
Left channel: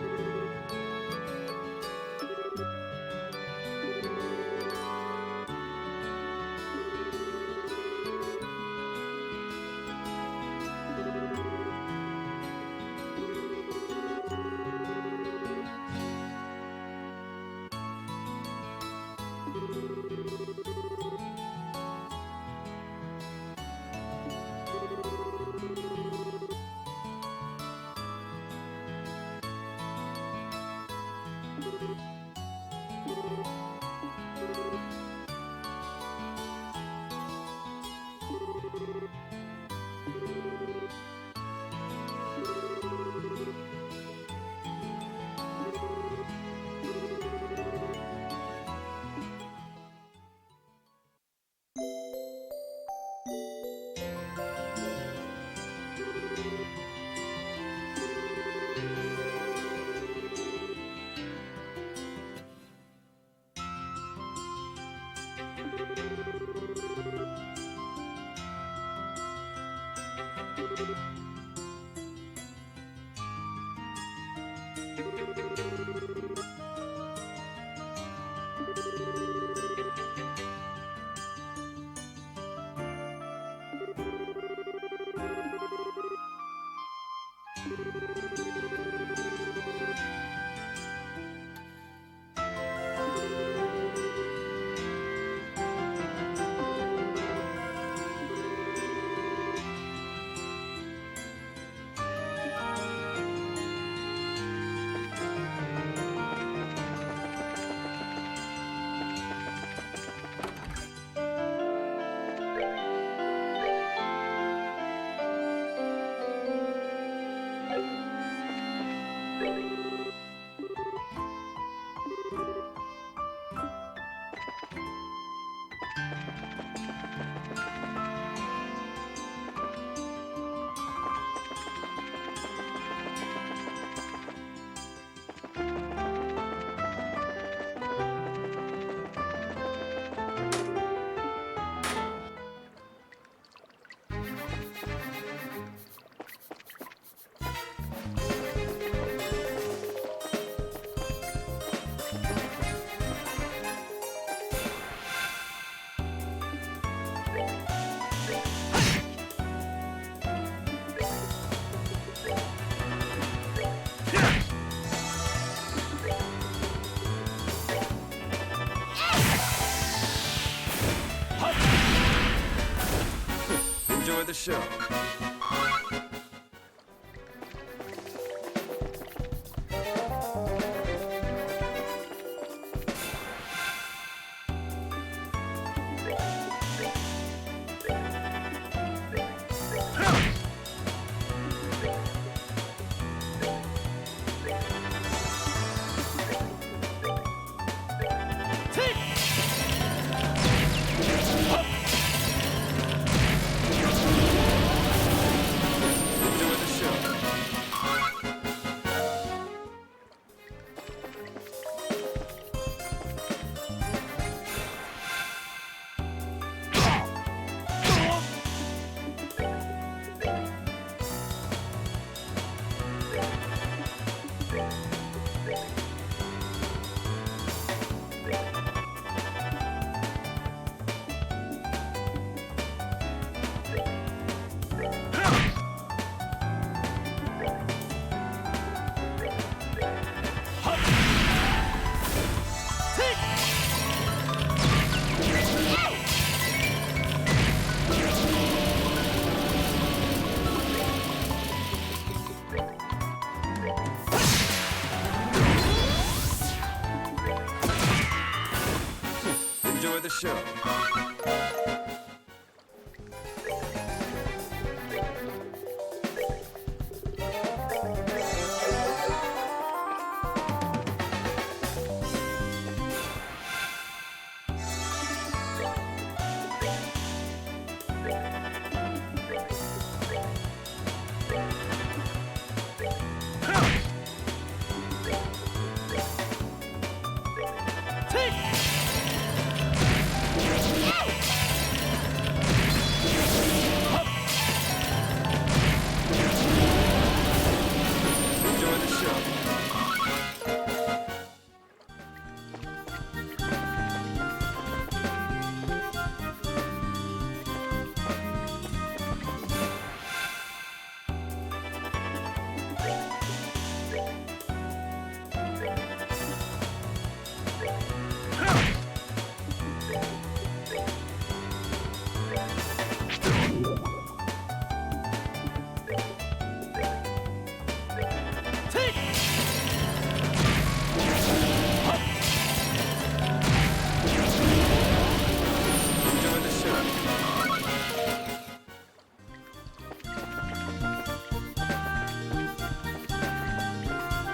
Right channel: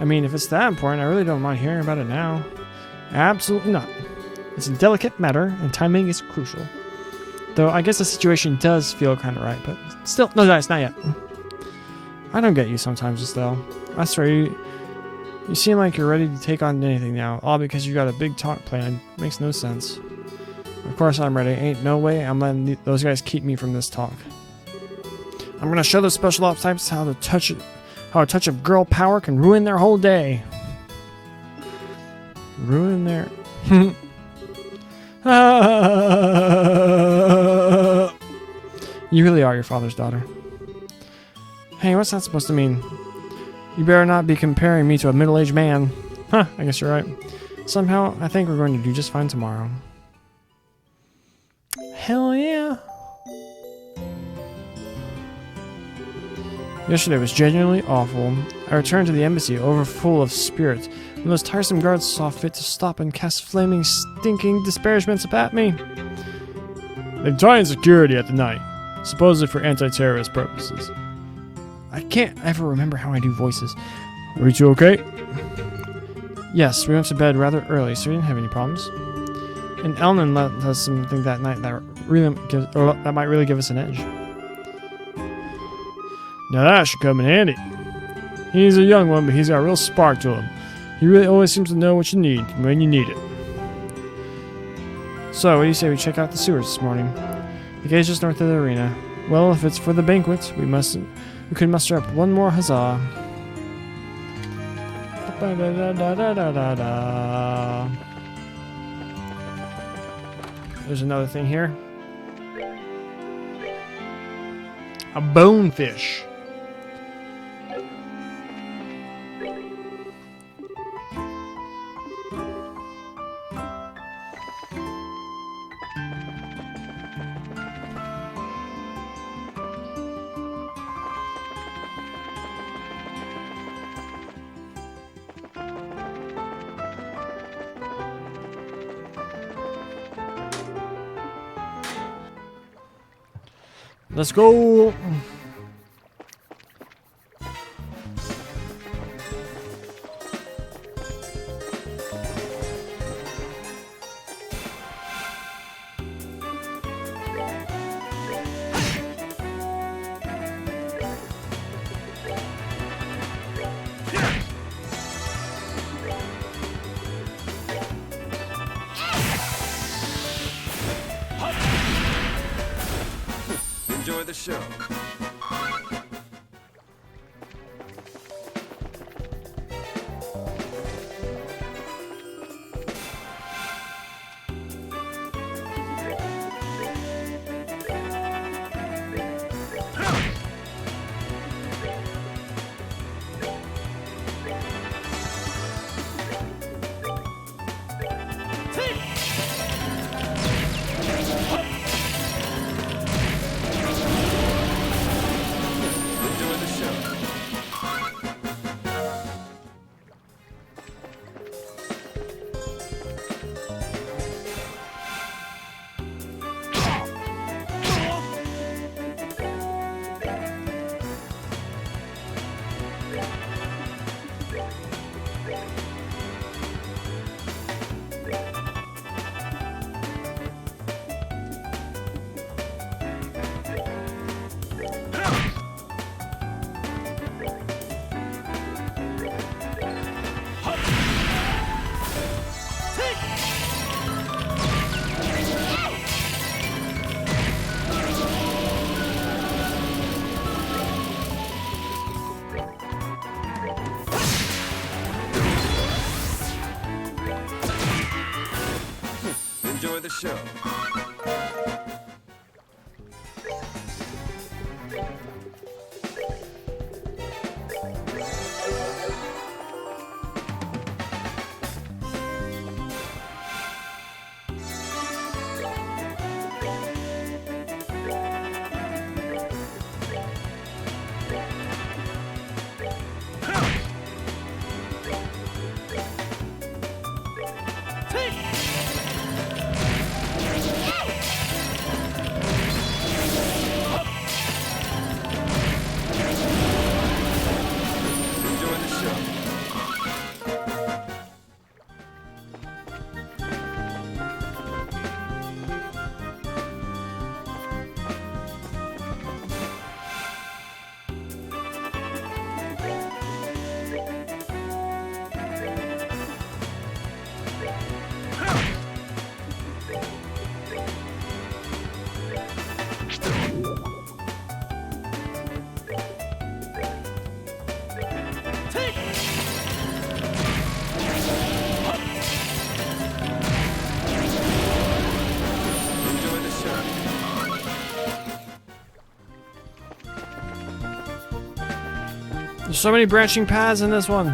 I mean, if it's that important, I really don't mind hearing about it now. Absolutely not. It's a delicate matter, and timing is crucial. Though I guess the situation does feel kind of right, but still, no, it's not yet. I don't get you sometimes, Estelle. I swear, you seem like you're ready to take on anything now, all because you got a big talk planned. Makes no sense. Of course I'm ready. Ain't no way I'm letting those guys keep me from this talk. I'm gonna show those special ops types how a touch of girl power can ruin their whole day. Ruin their... You really are your father's daughter. Hey, what's that supposed to mean? You better not be comparing me to a middle-aged man. Huh, I guess you're right. Somehow, I think we're going to do just fine tomorrow. Hell yeah! Yesterday was genuinely awful. I returned to the embassy overfull of spirit, and those tiresome guards saw fit to stop and cast flaming, stinking disparagements at me. They've tightened security at the night, supposedly for anti-terrorist purposes. I can't ever remember how I do voices. Are you two okay? Yes, we went to bed rather early, so we didn't have any problems. And Elnan let us something that night that might really give us an edge. Now that should come in handy. He's a young one, but he's got a real spark to him. He really always seems to know what you need when you need it. So, what do you say we check out the sewers this morning? The gate's just north of the arena. Well, if it's for the banquet, we could muster up one more huzzah. There's another thing here. A bonefish. Let's go. Enjoy the show. Enjoy the show. Enjoy the show. Enjoy the show. Enjoy the show. There's so many branching paths in this one.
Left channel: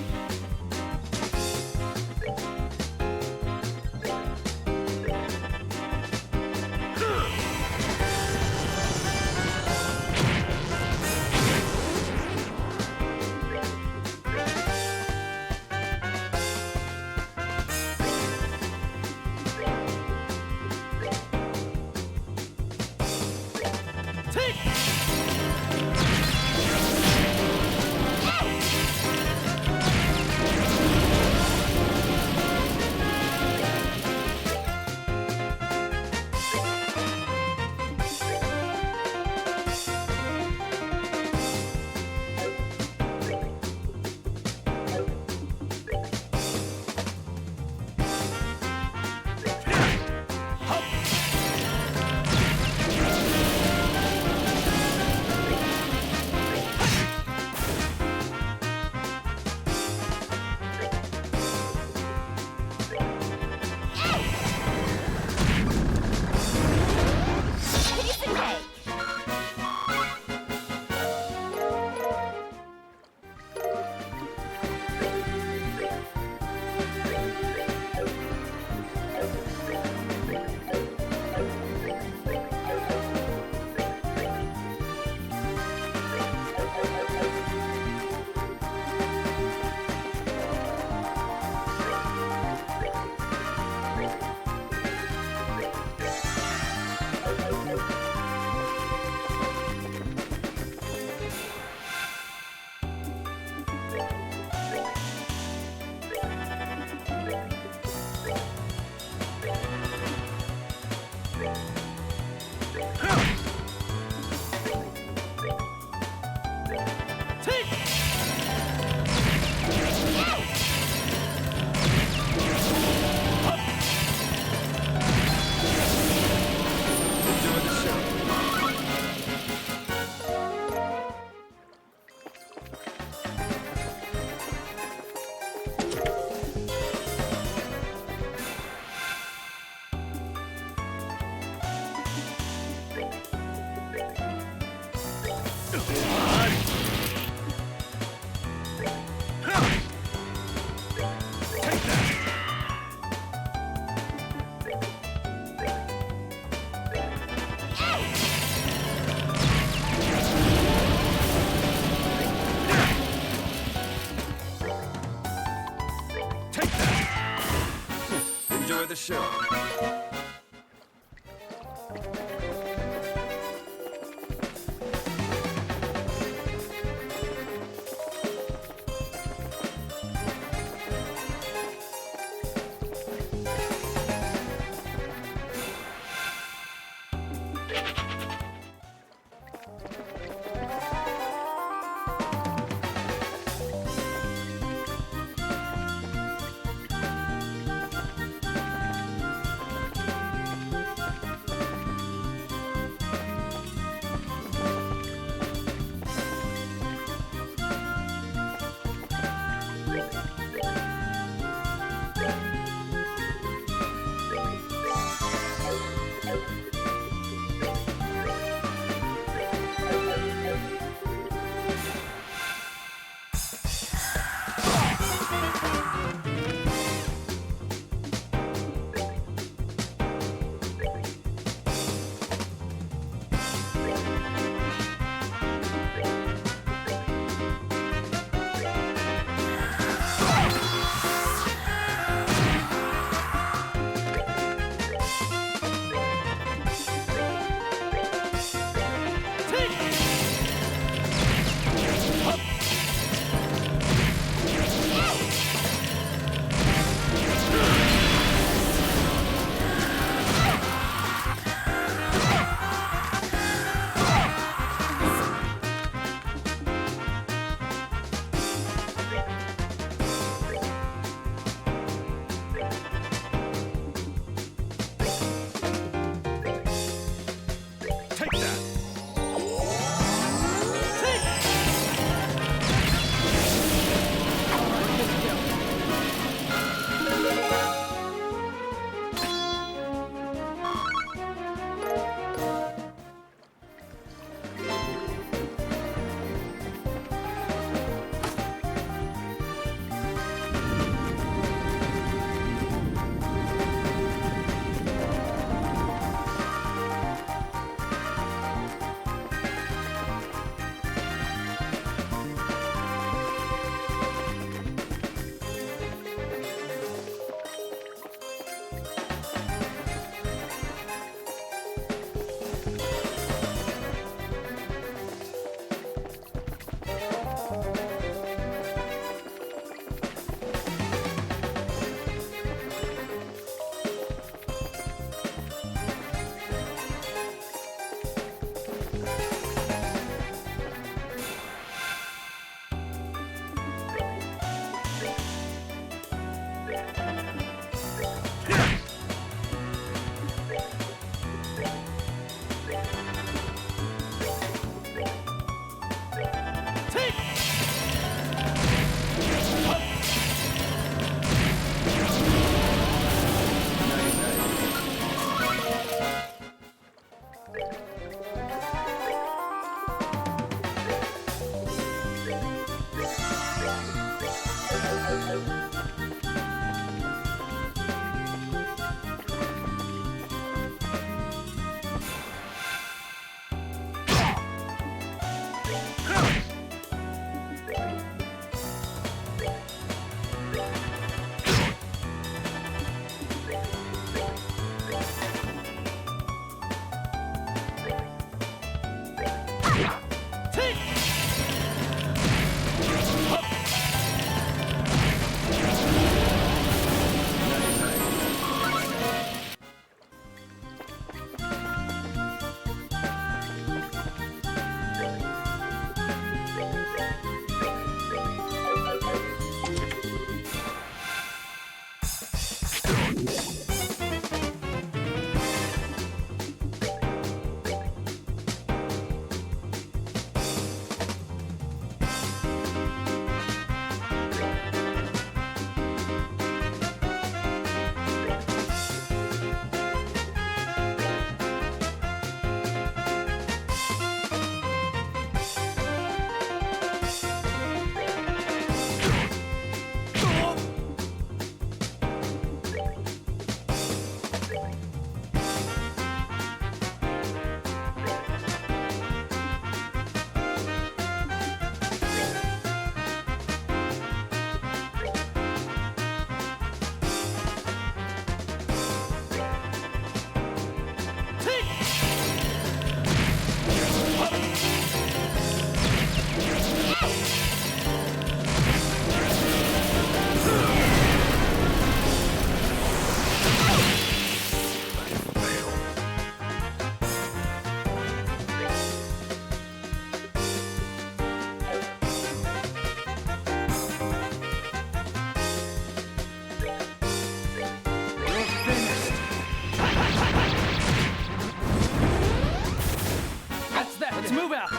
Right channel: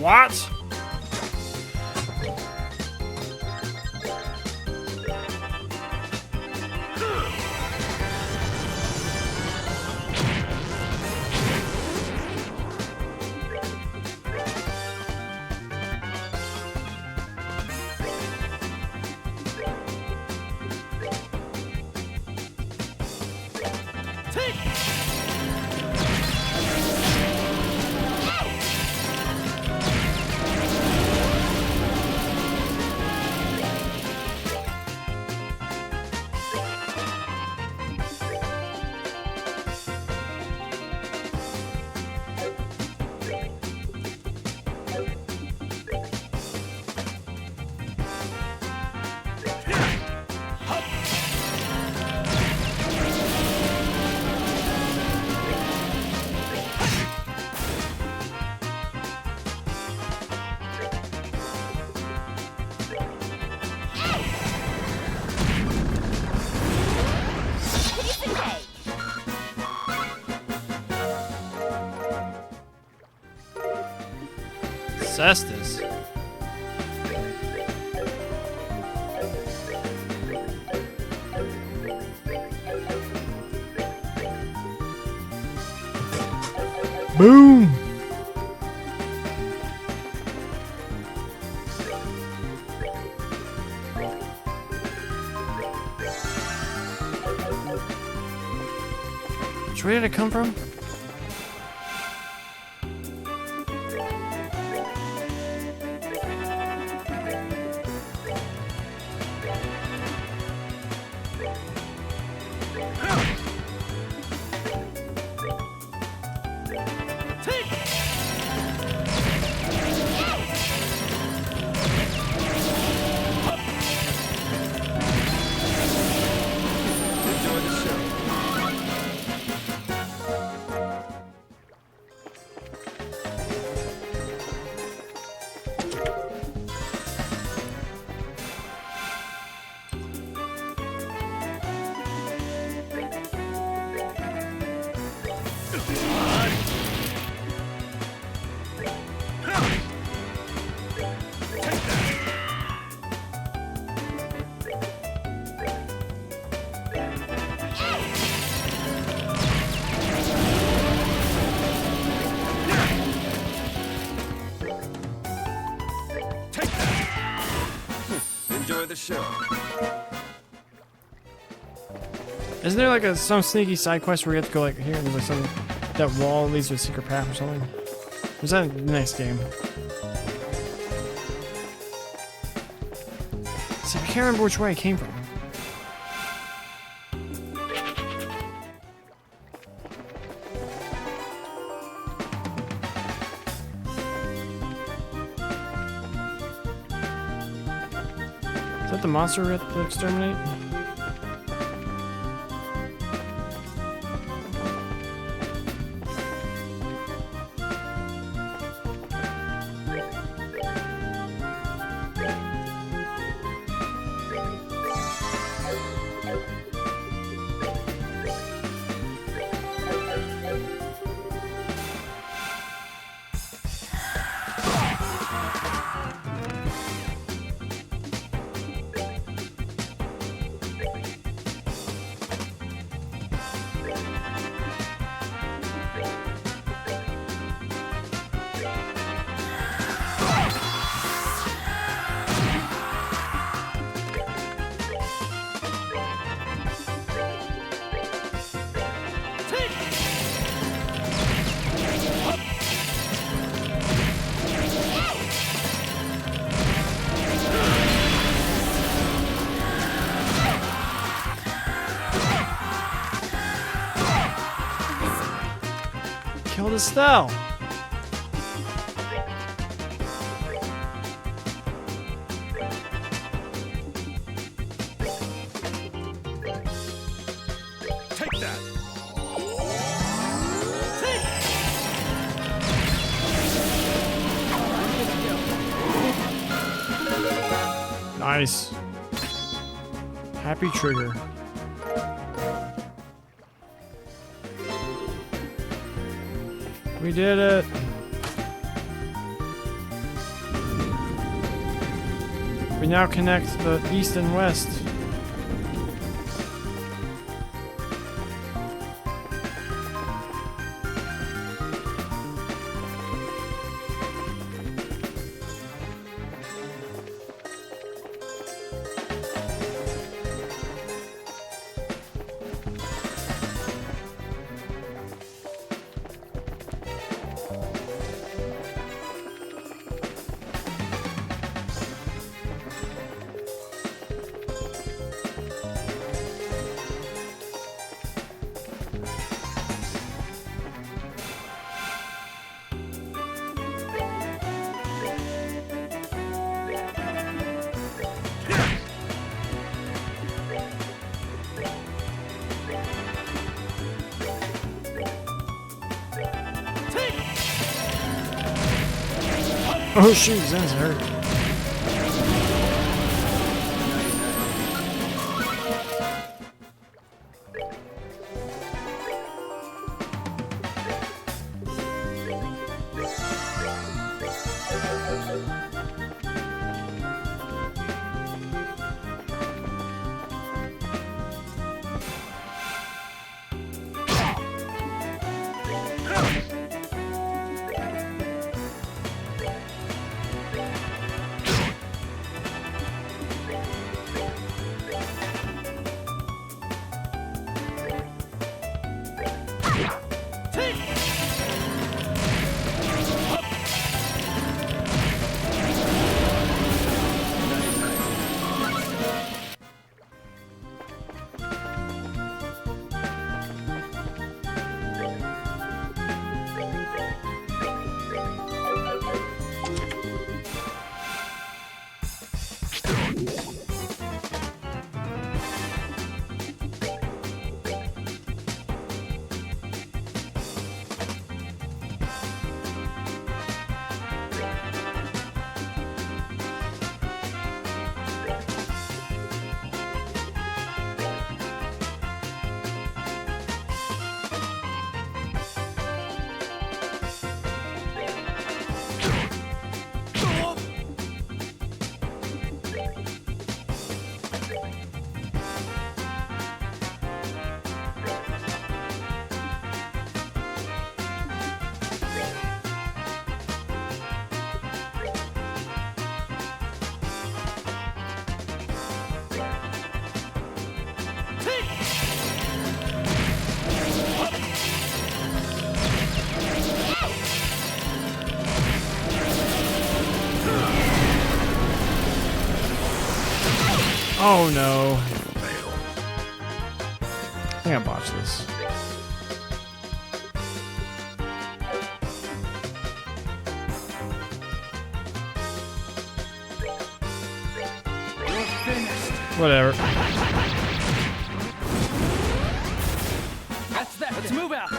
What? Boom! Where did it come from? Enjoy the show. Enjoy the show. Isn't there like some sneaky side quest where you have to go like here and some that wall leads to a secret path or something? Or is that in the next game? See, I can't remember which way I came from. Is that the monster we have to exterminate? Estelle. Take that. Nice. Happy trigger. We did it. We now connect the east and west. Oh shoot, that's hurt. Oh no. I think I botched this. You're finished. Whatever. That's that. Let's move out.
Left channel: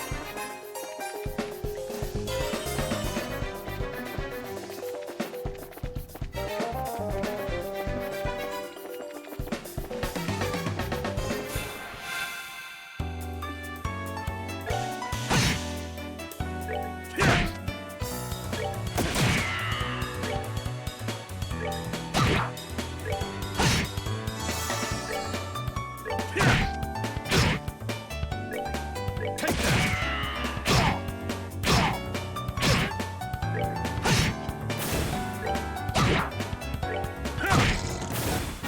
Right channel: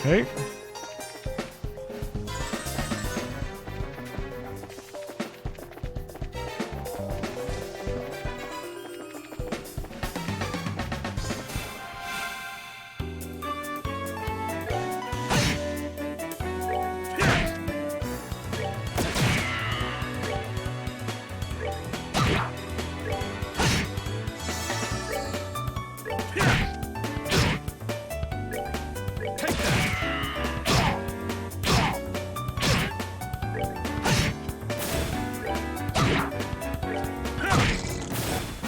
Okay.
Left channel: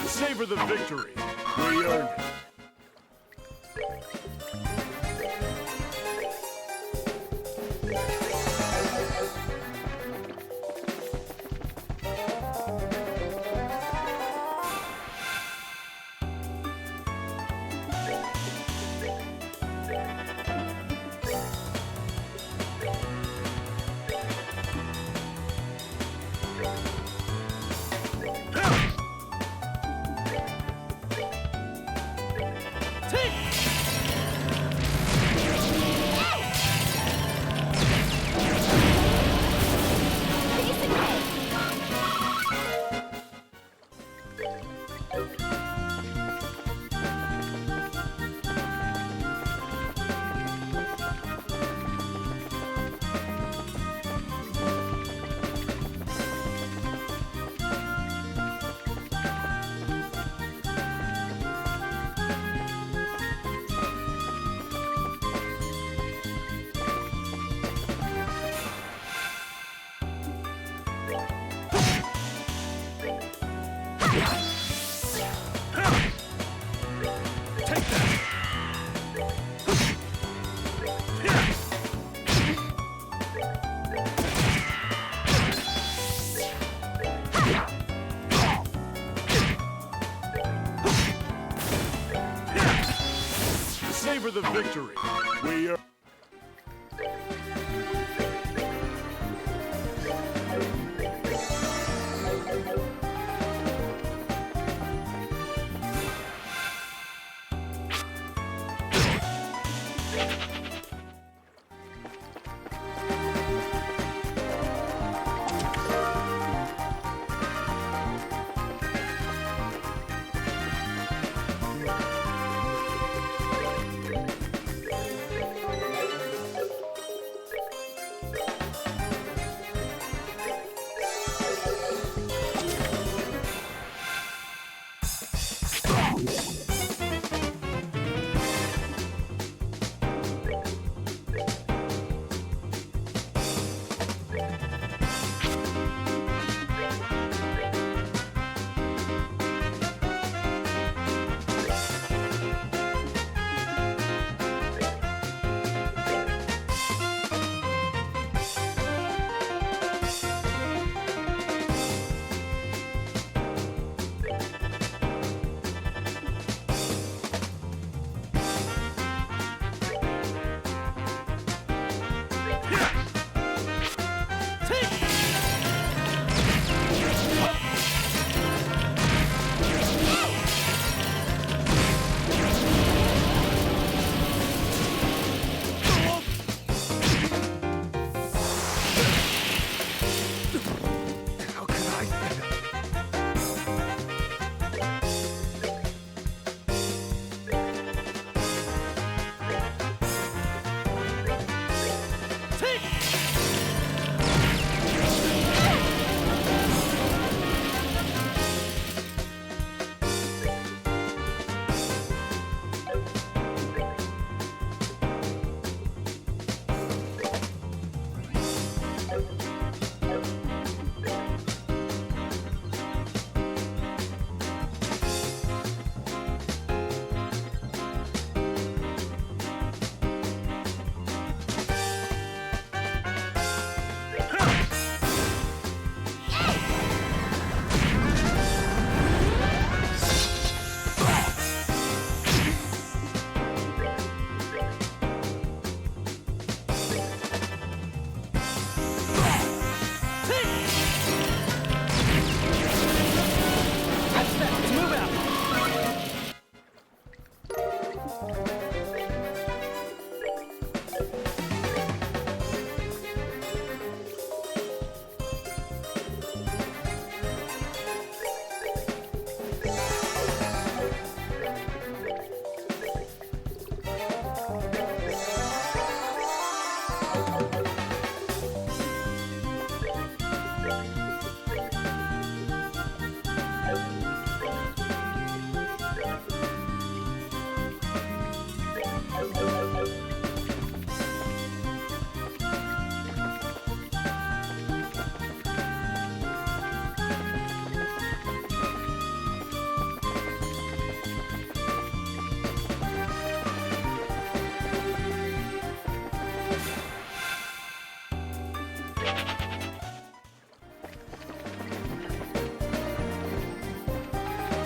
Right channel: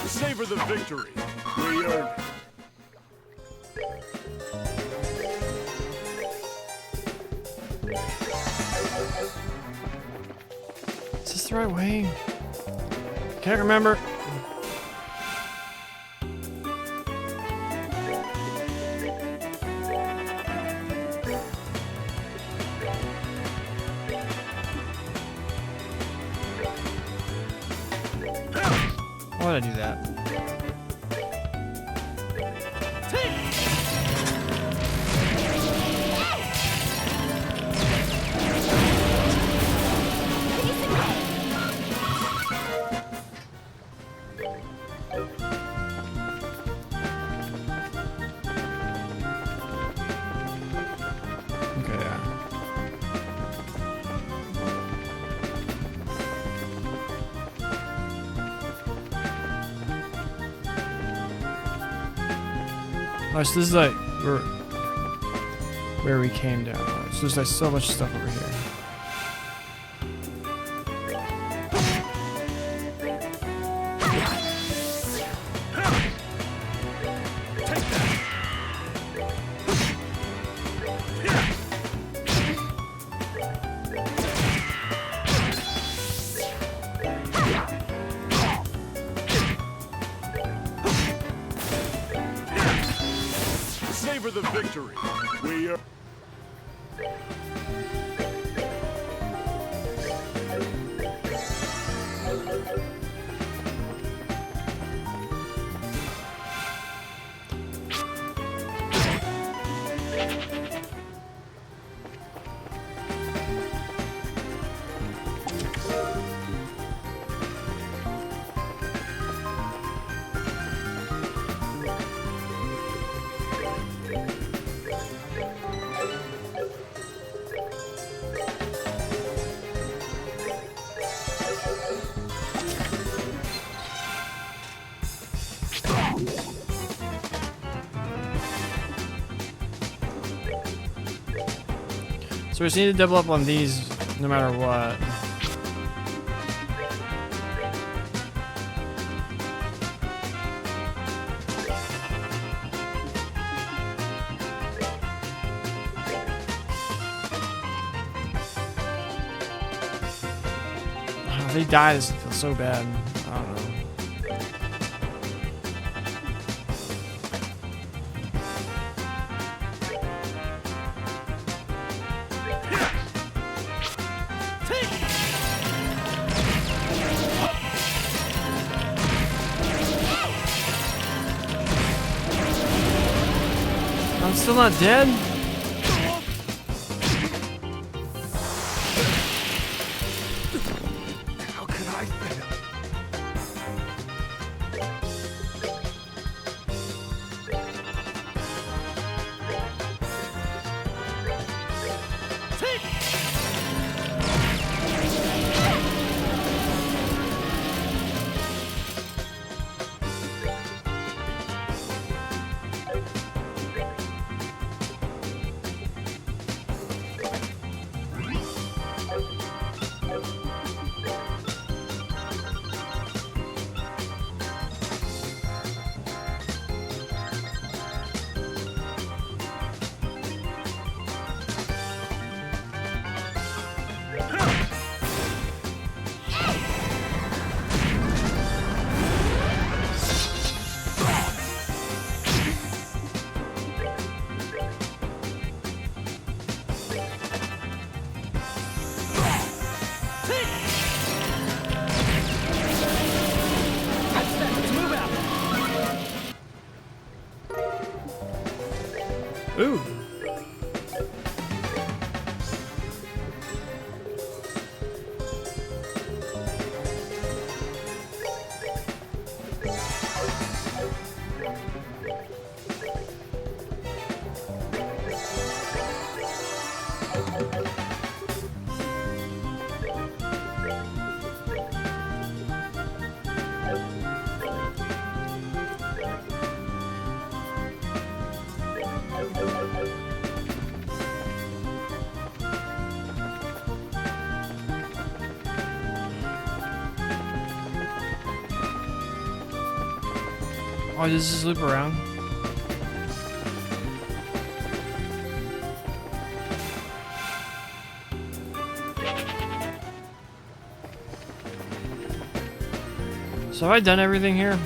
Savor the victory. We earned it. Is this the right way? Can't remember. Why did I do that? Oh, so this is like where we came down. So there's like so much stuff over here. Savor the victory. We are. So we just need to double up on these no matter what. If he dies, it's so bad. I'm still not dead? How could I fail? Let's move out. Ooh. Oh, does this loop around? So have I done everything here?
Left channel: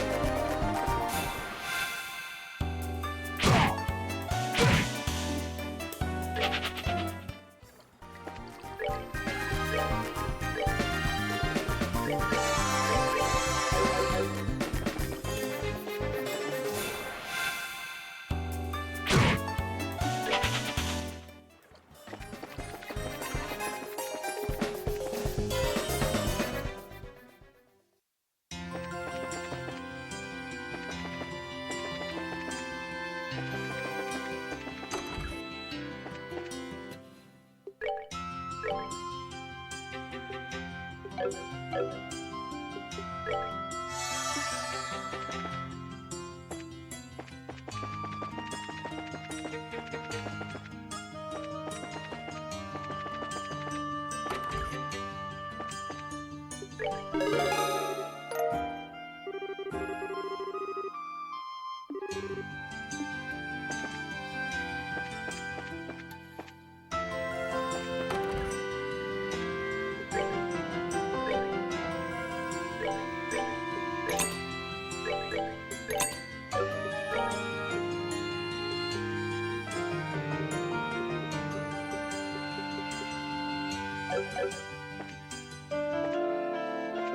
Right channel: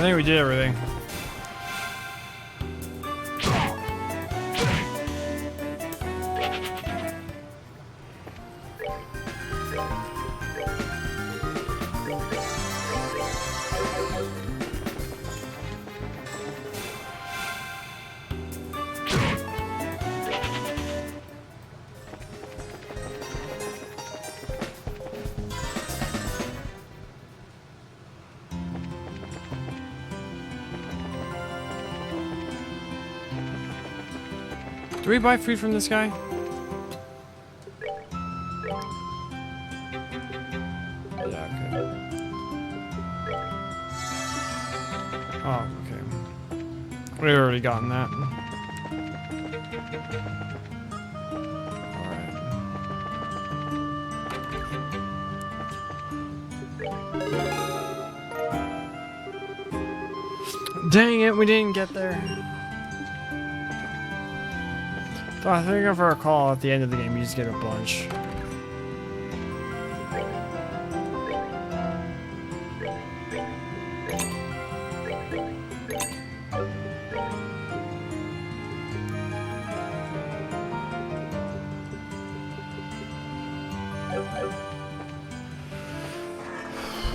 I think we did everything. Do we buy food from this guy? Yeah, okay. Oh, okay. We've already gotten that. Dang it, we didn't get there. Oh, I think if I recall, at the end of the game, you just get a bunch.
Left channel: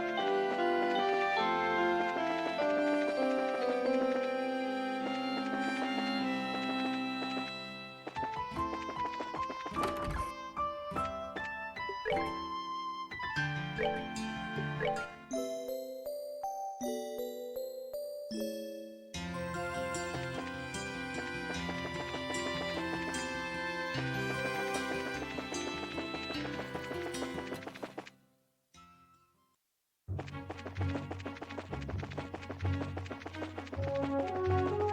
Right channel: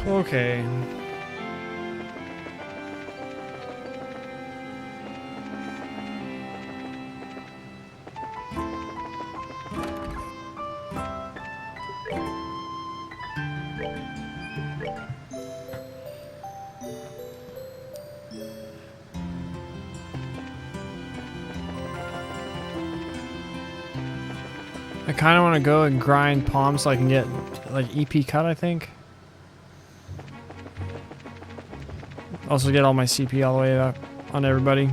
Okay. I kind of want to go and grind palms so I can get like EP cut, I think. Also get all my CP all the way up on everybody.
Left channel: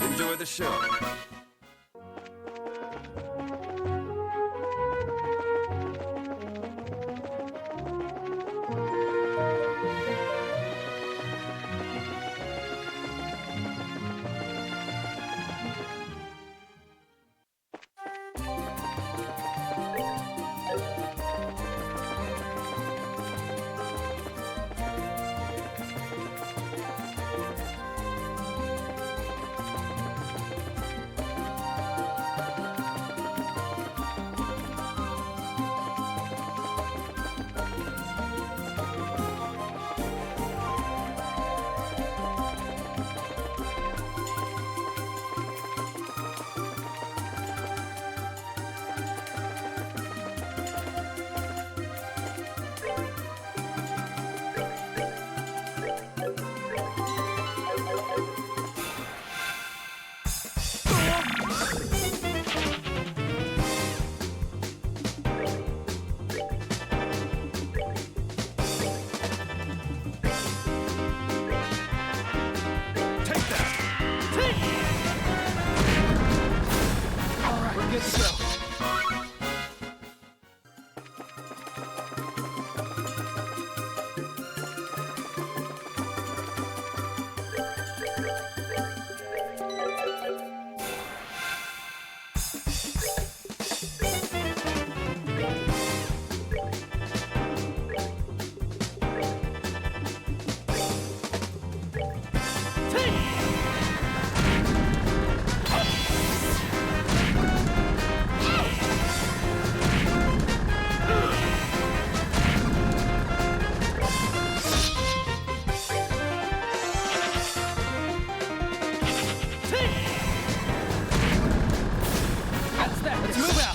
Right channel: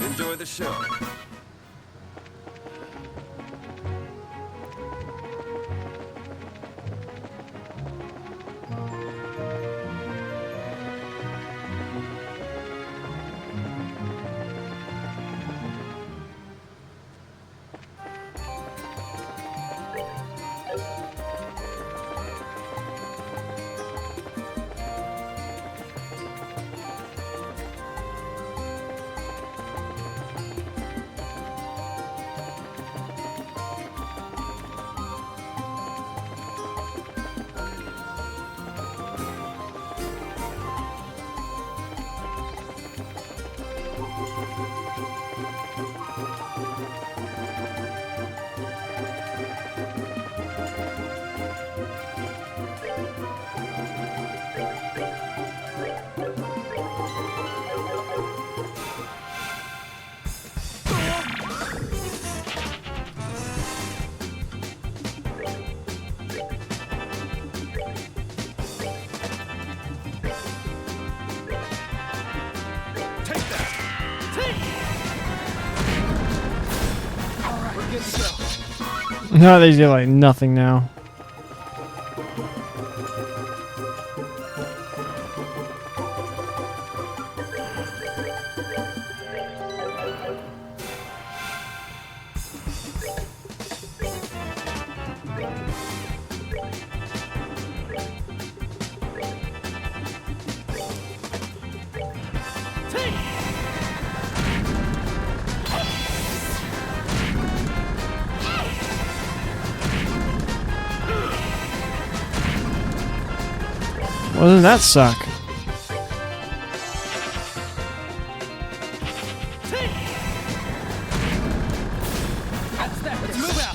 Enjoy the show. No, they do like nothing now. Well, doesn't that suck? That's that. Let's move out.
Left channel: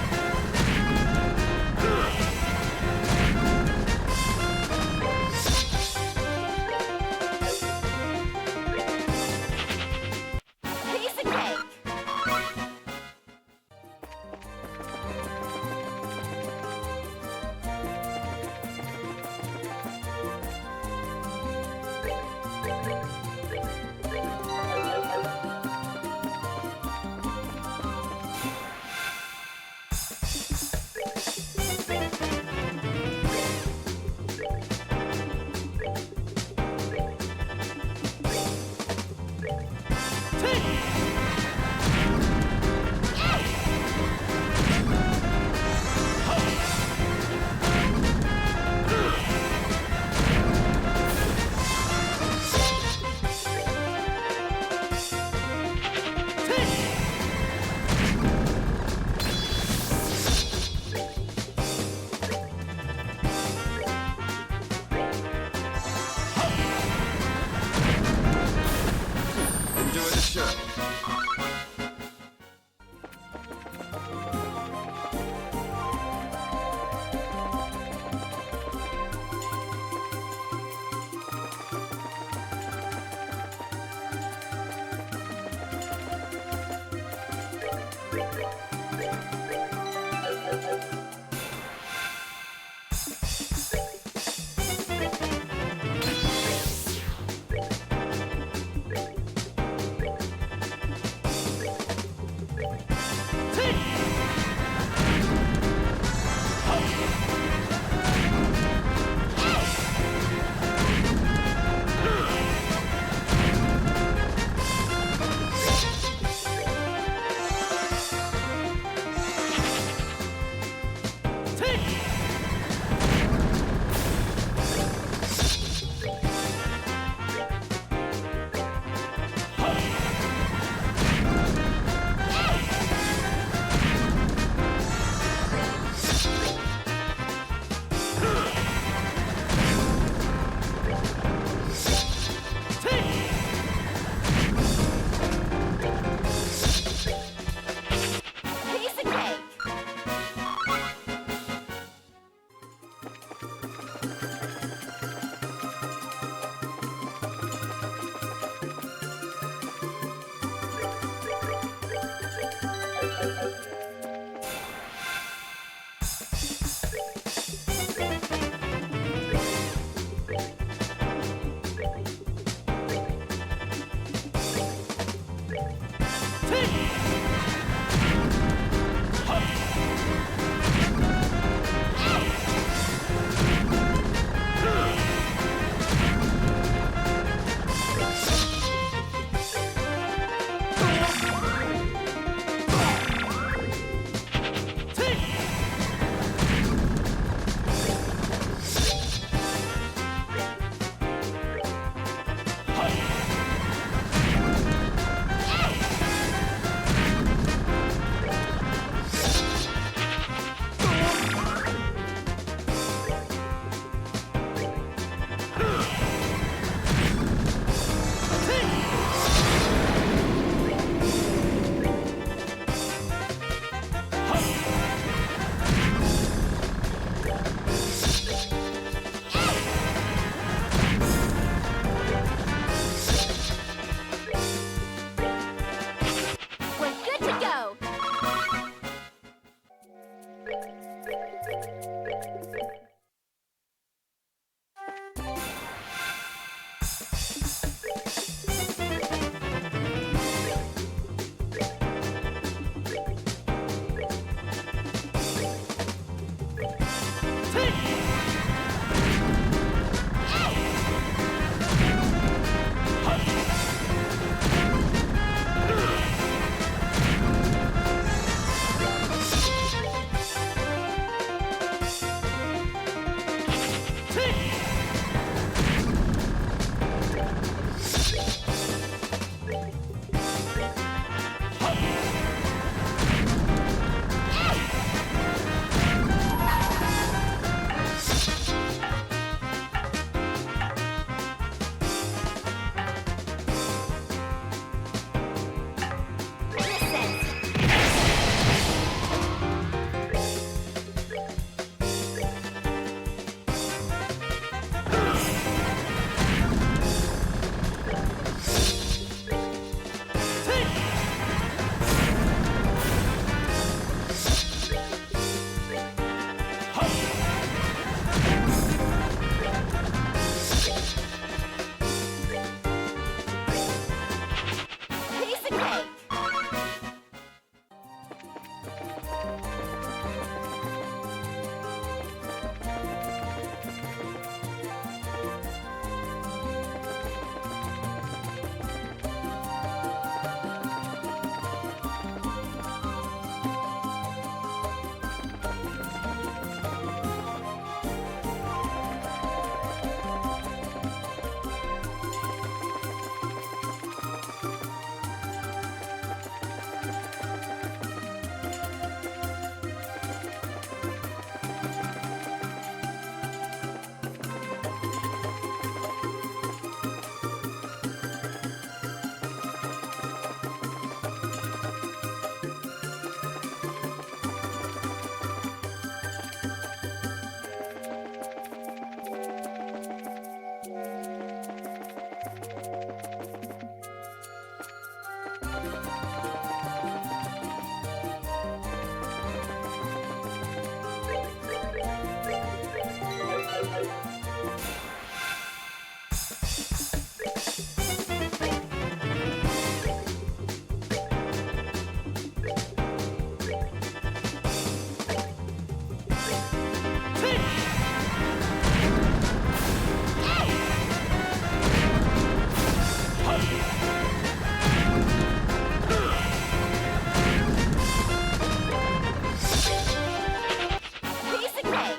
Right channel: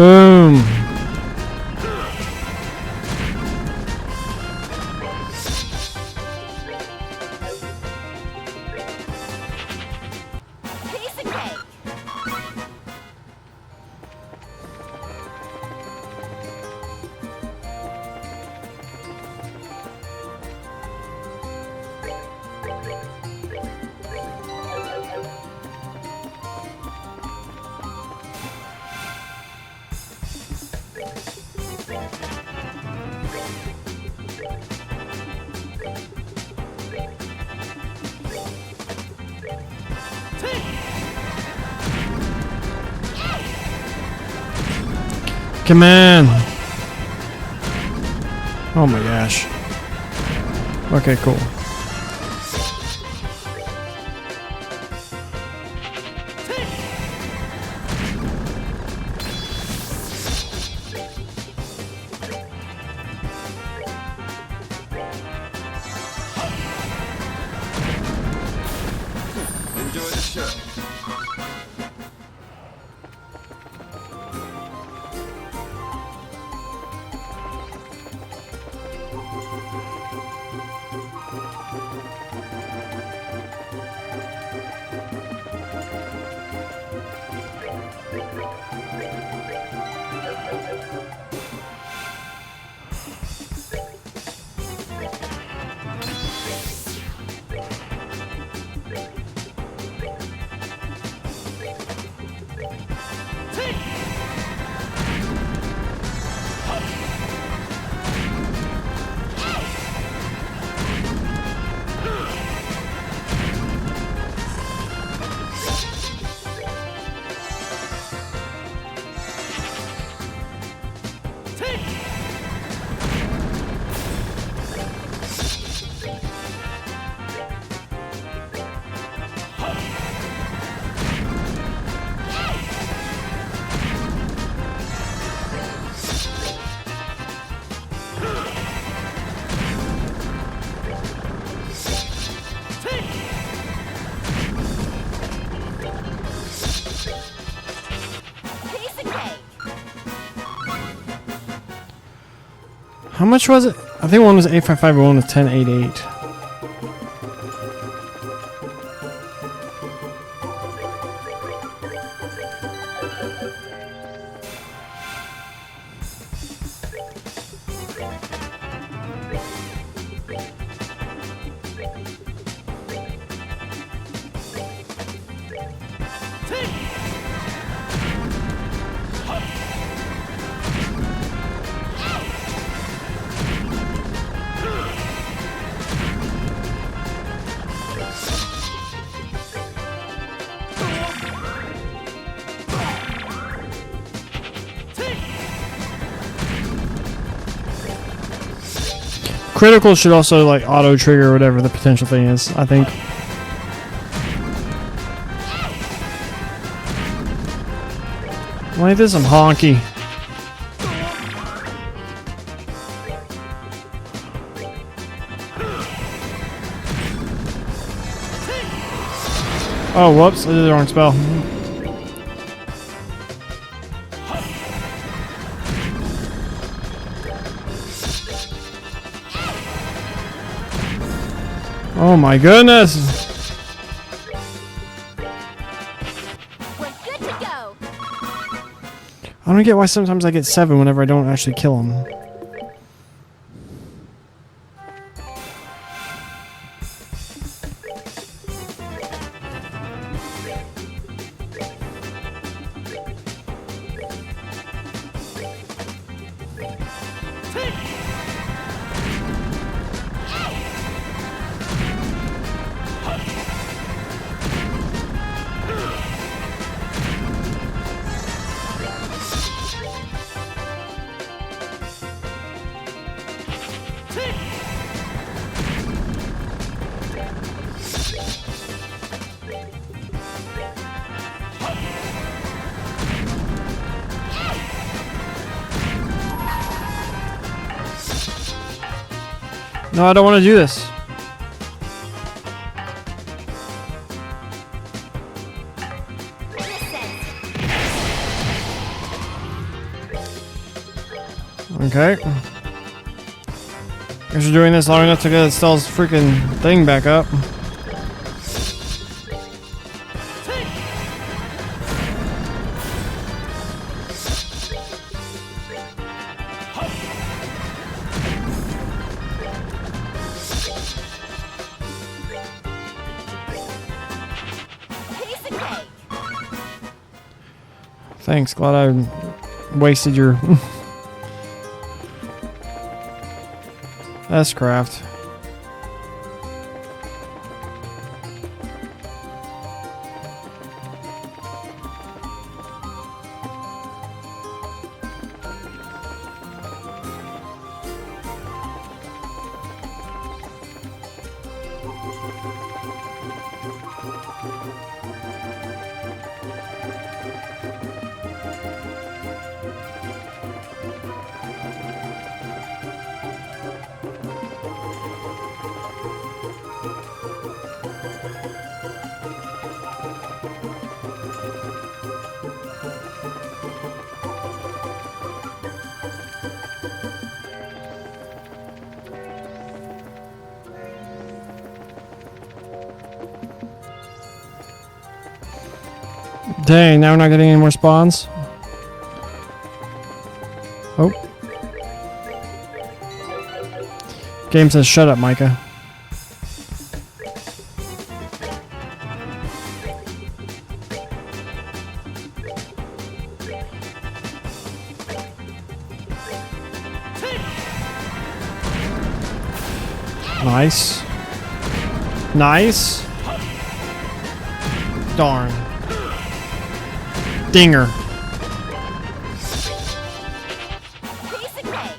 Boom. Piece of cake. Come on. Oh my gosh. Okay, cool. Enjoy the show. Piece of cake. How much was it? I think one was 855 and one was 1088. Critical should also like auto trigger whatever the potential thing is, I think. Why this some honky? Oh, whoops, I did the wrong spell. Oh my goodness! We're good to go. I don't get why sometimes I get 7 whenever I don't actually kill him. No, I don't want to do this. Listen. Okay. Guess you're doing this long enough to get Estelle's freaking thing back up. Piece of cake. Thanks, glad I wasted your... That's craft. Dang, now we're not getting any more spawns. Oh. Game says shut up, Micah. Nice. Nice. Darn. Dinger. Piece of cake.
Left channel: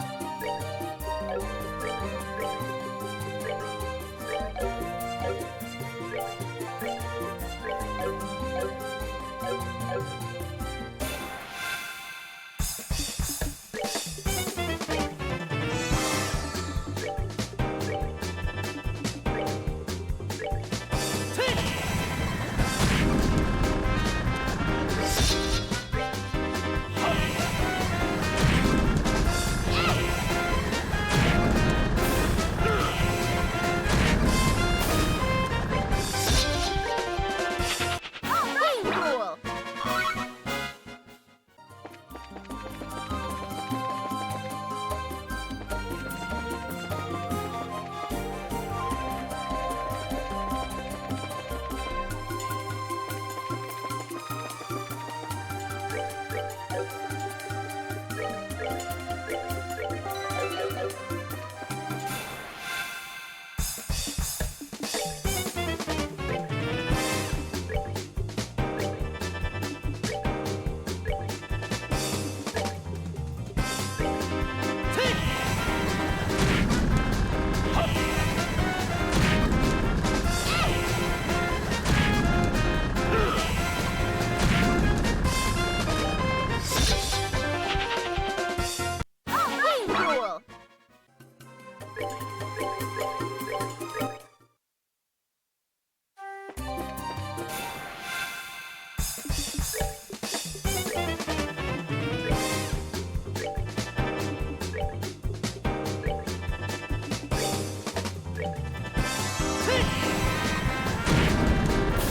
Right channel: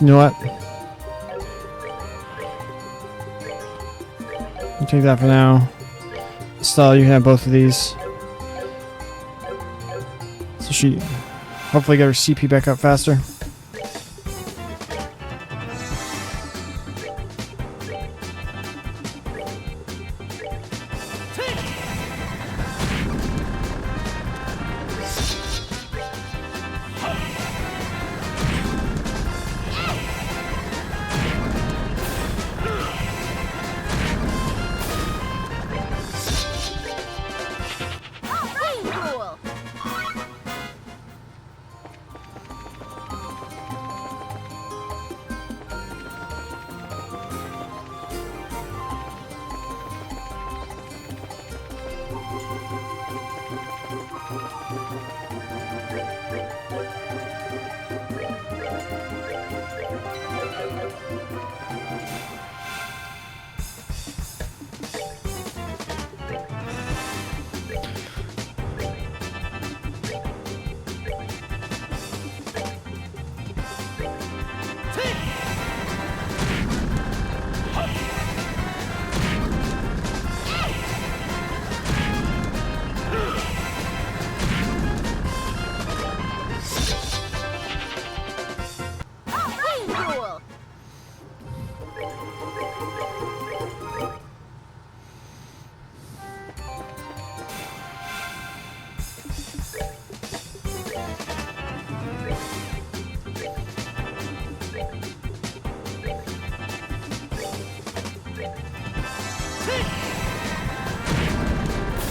You know what? I'll take that for now. Stella, you can have both of these. So she hopefully get her CP back up faster. Way cool. Way cool.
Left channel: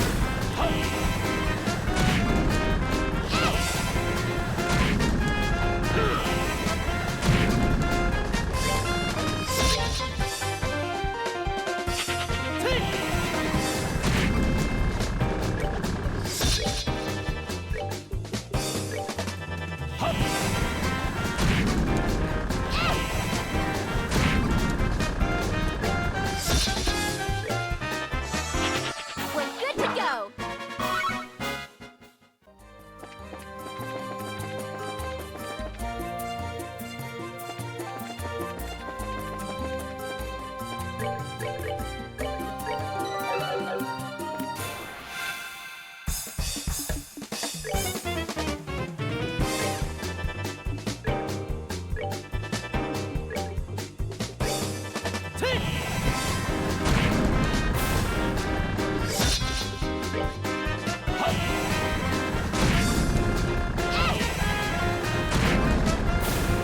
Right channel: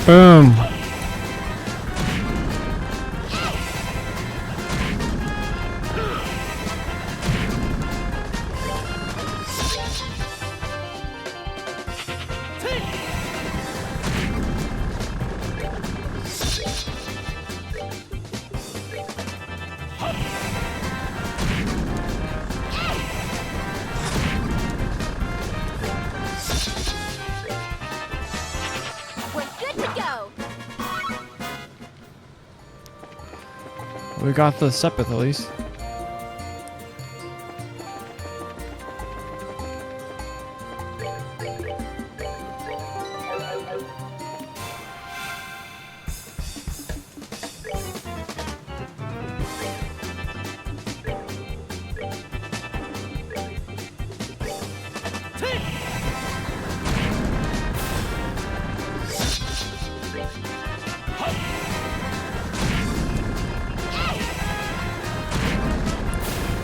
Boom. We got the Sepith at least.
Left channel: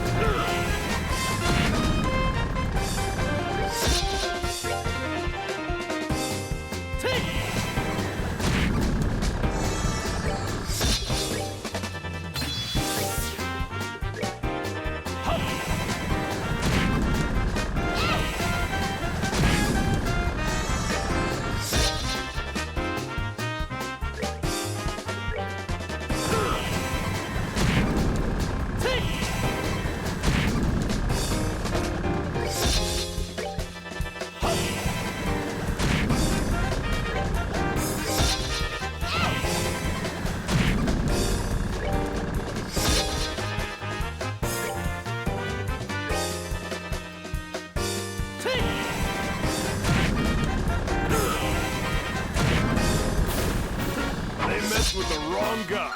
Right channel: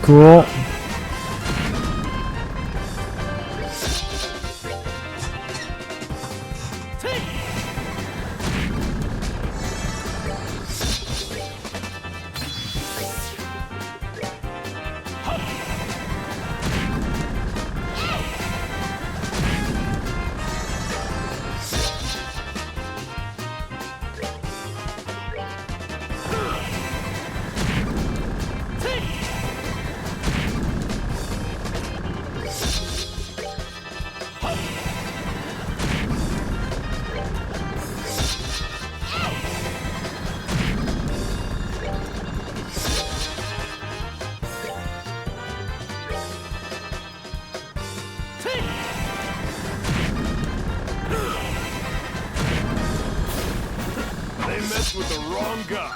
Cool. They messed with the wrong guy.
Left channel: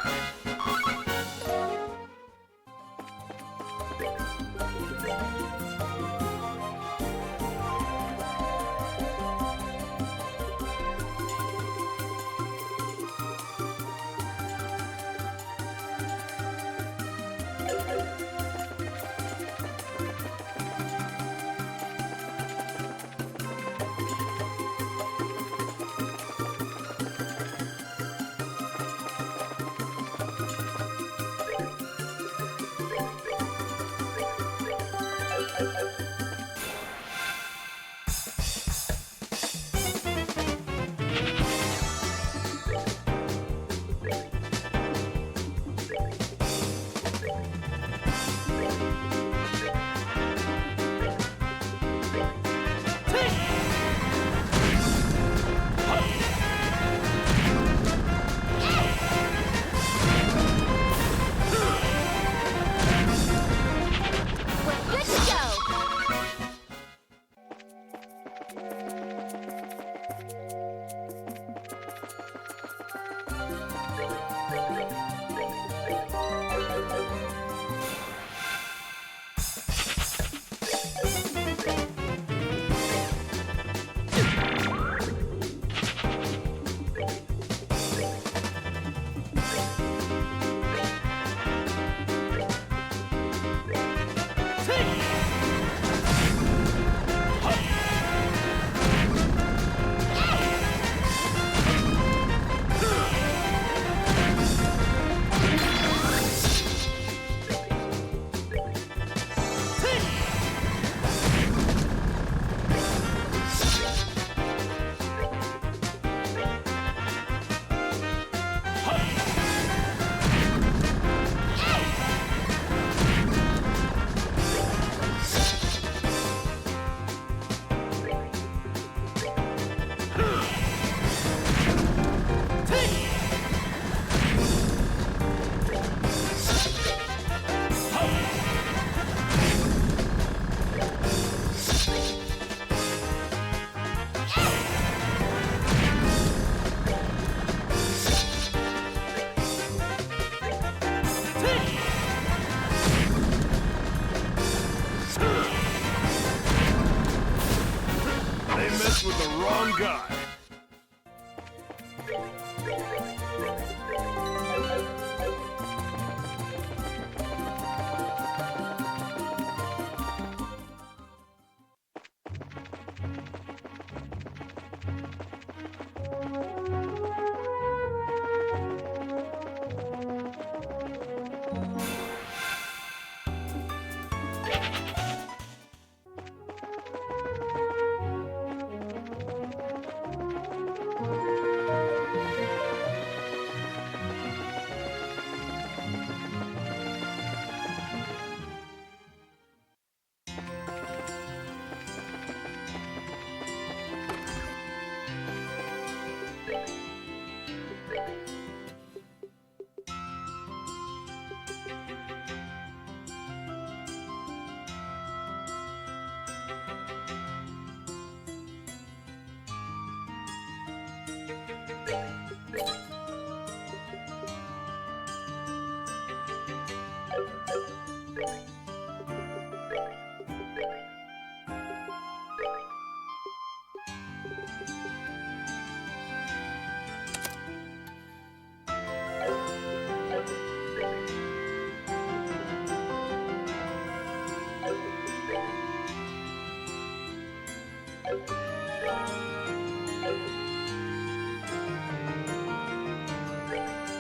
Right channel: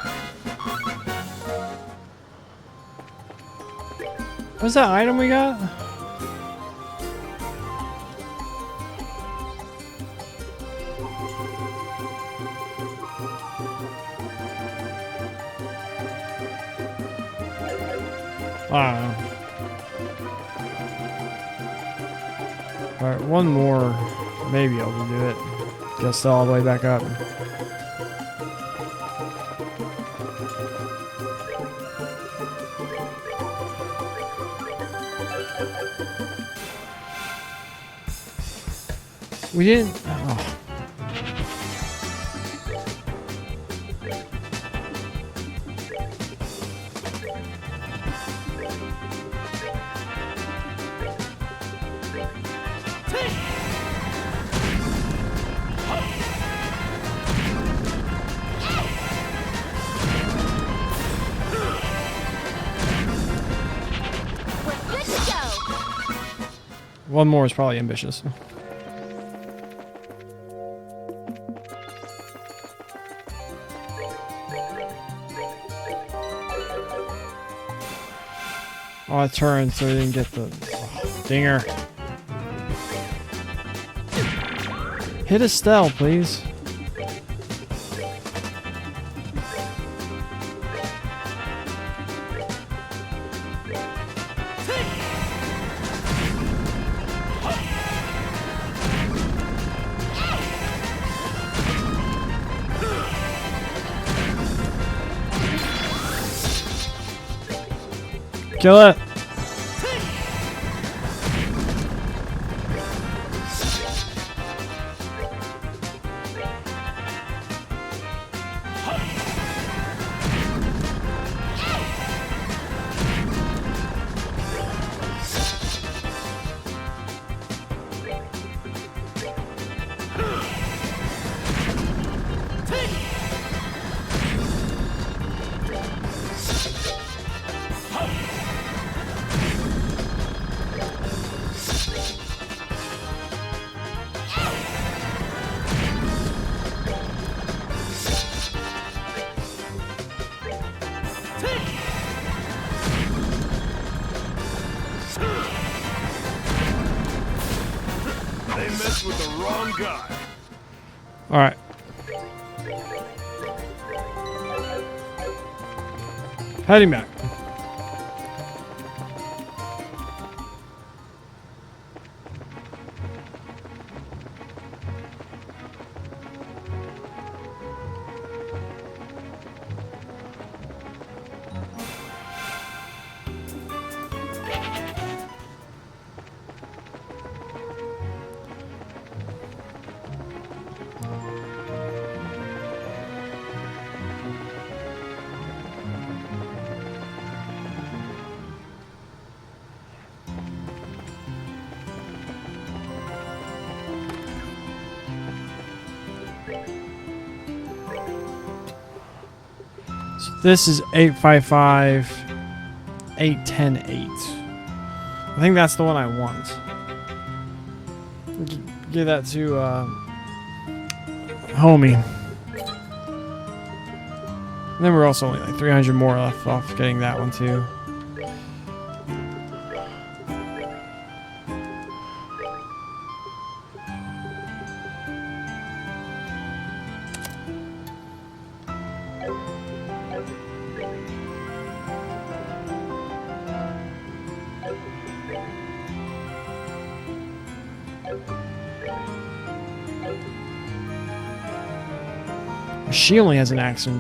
What's that item we got? I don't know. Alright, one more. Maybe I can do it. Just all the way back up. We didn't. Oh. We're good to go. One more is probably ambitious. Oh, I turned so I didn't get the dinger. Hit Estelle, please. Kill it. They messed with the wrong guy. All right. Heading back. This is 855 810 8. I think that's the one I want. Give that to homie. And then we're also only like 300 more left off getting that one too. She only has an accent.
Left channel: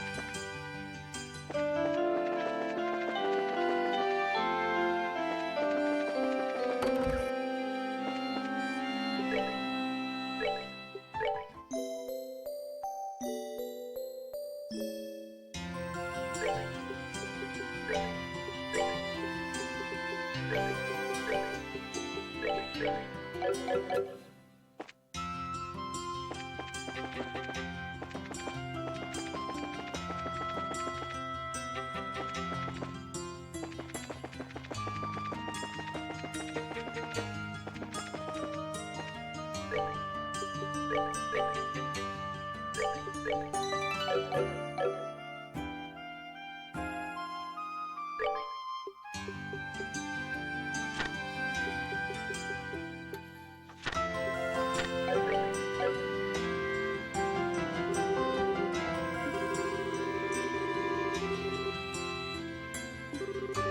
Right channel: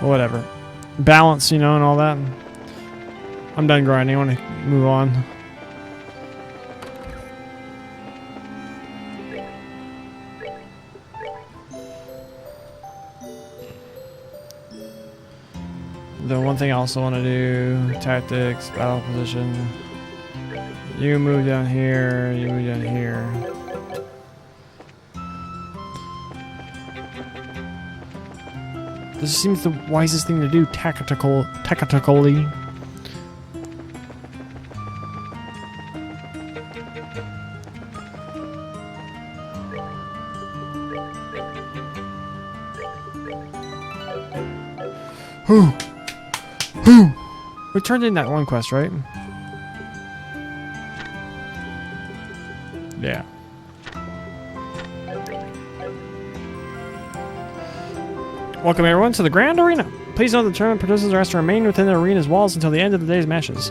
Whatever. Balance, you know, and all that. I'm done grinding. I want to move on. The one thing I also want to do, tactics, battle position. You move down here, you move down here. This seems the wisest thing to do, tactically. We turned in that one quest, right? Yeah. Welcome everyone to the Grand Arena. Please note the tournament participants are asked to remain within the arena's walls until the end of the day's matches.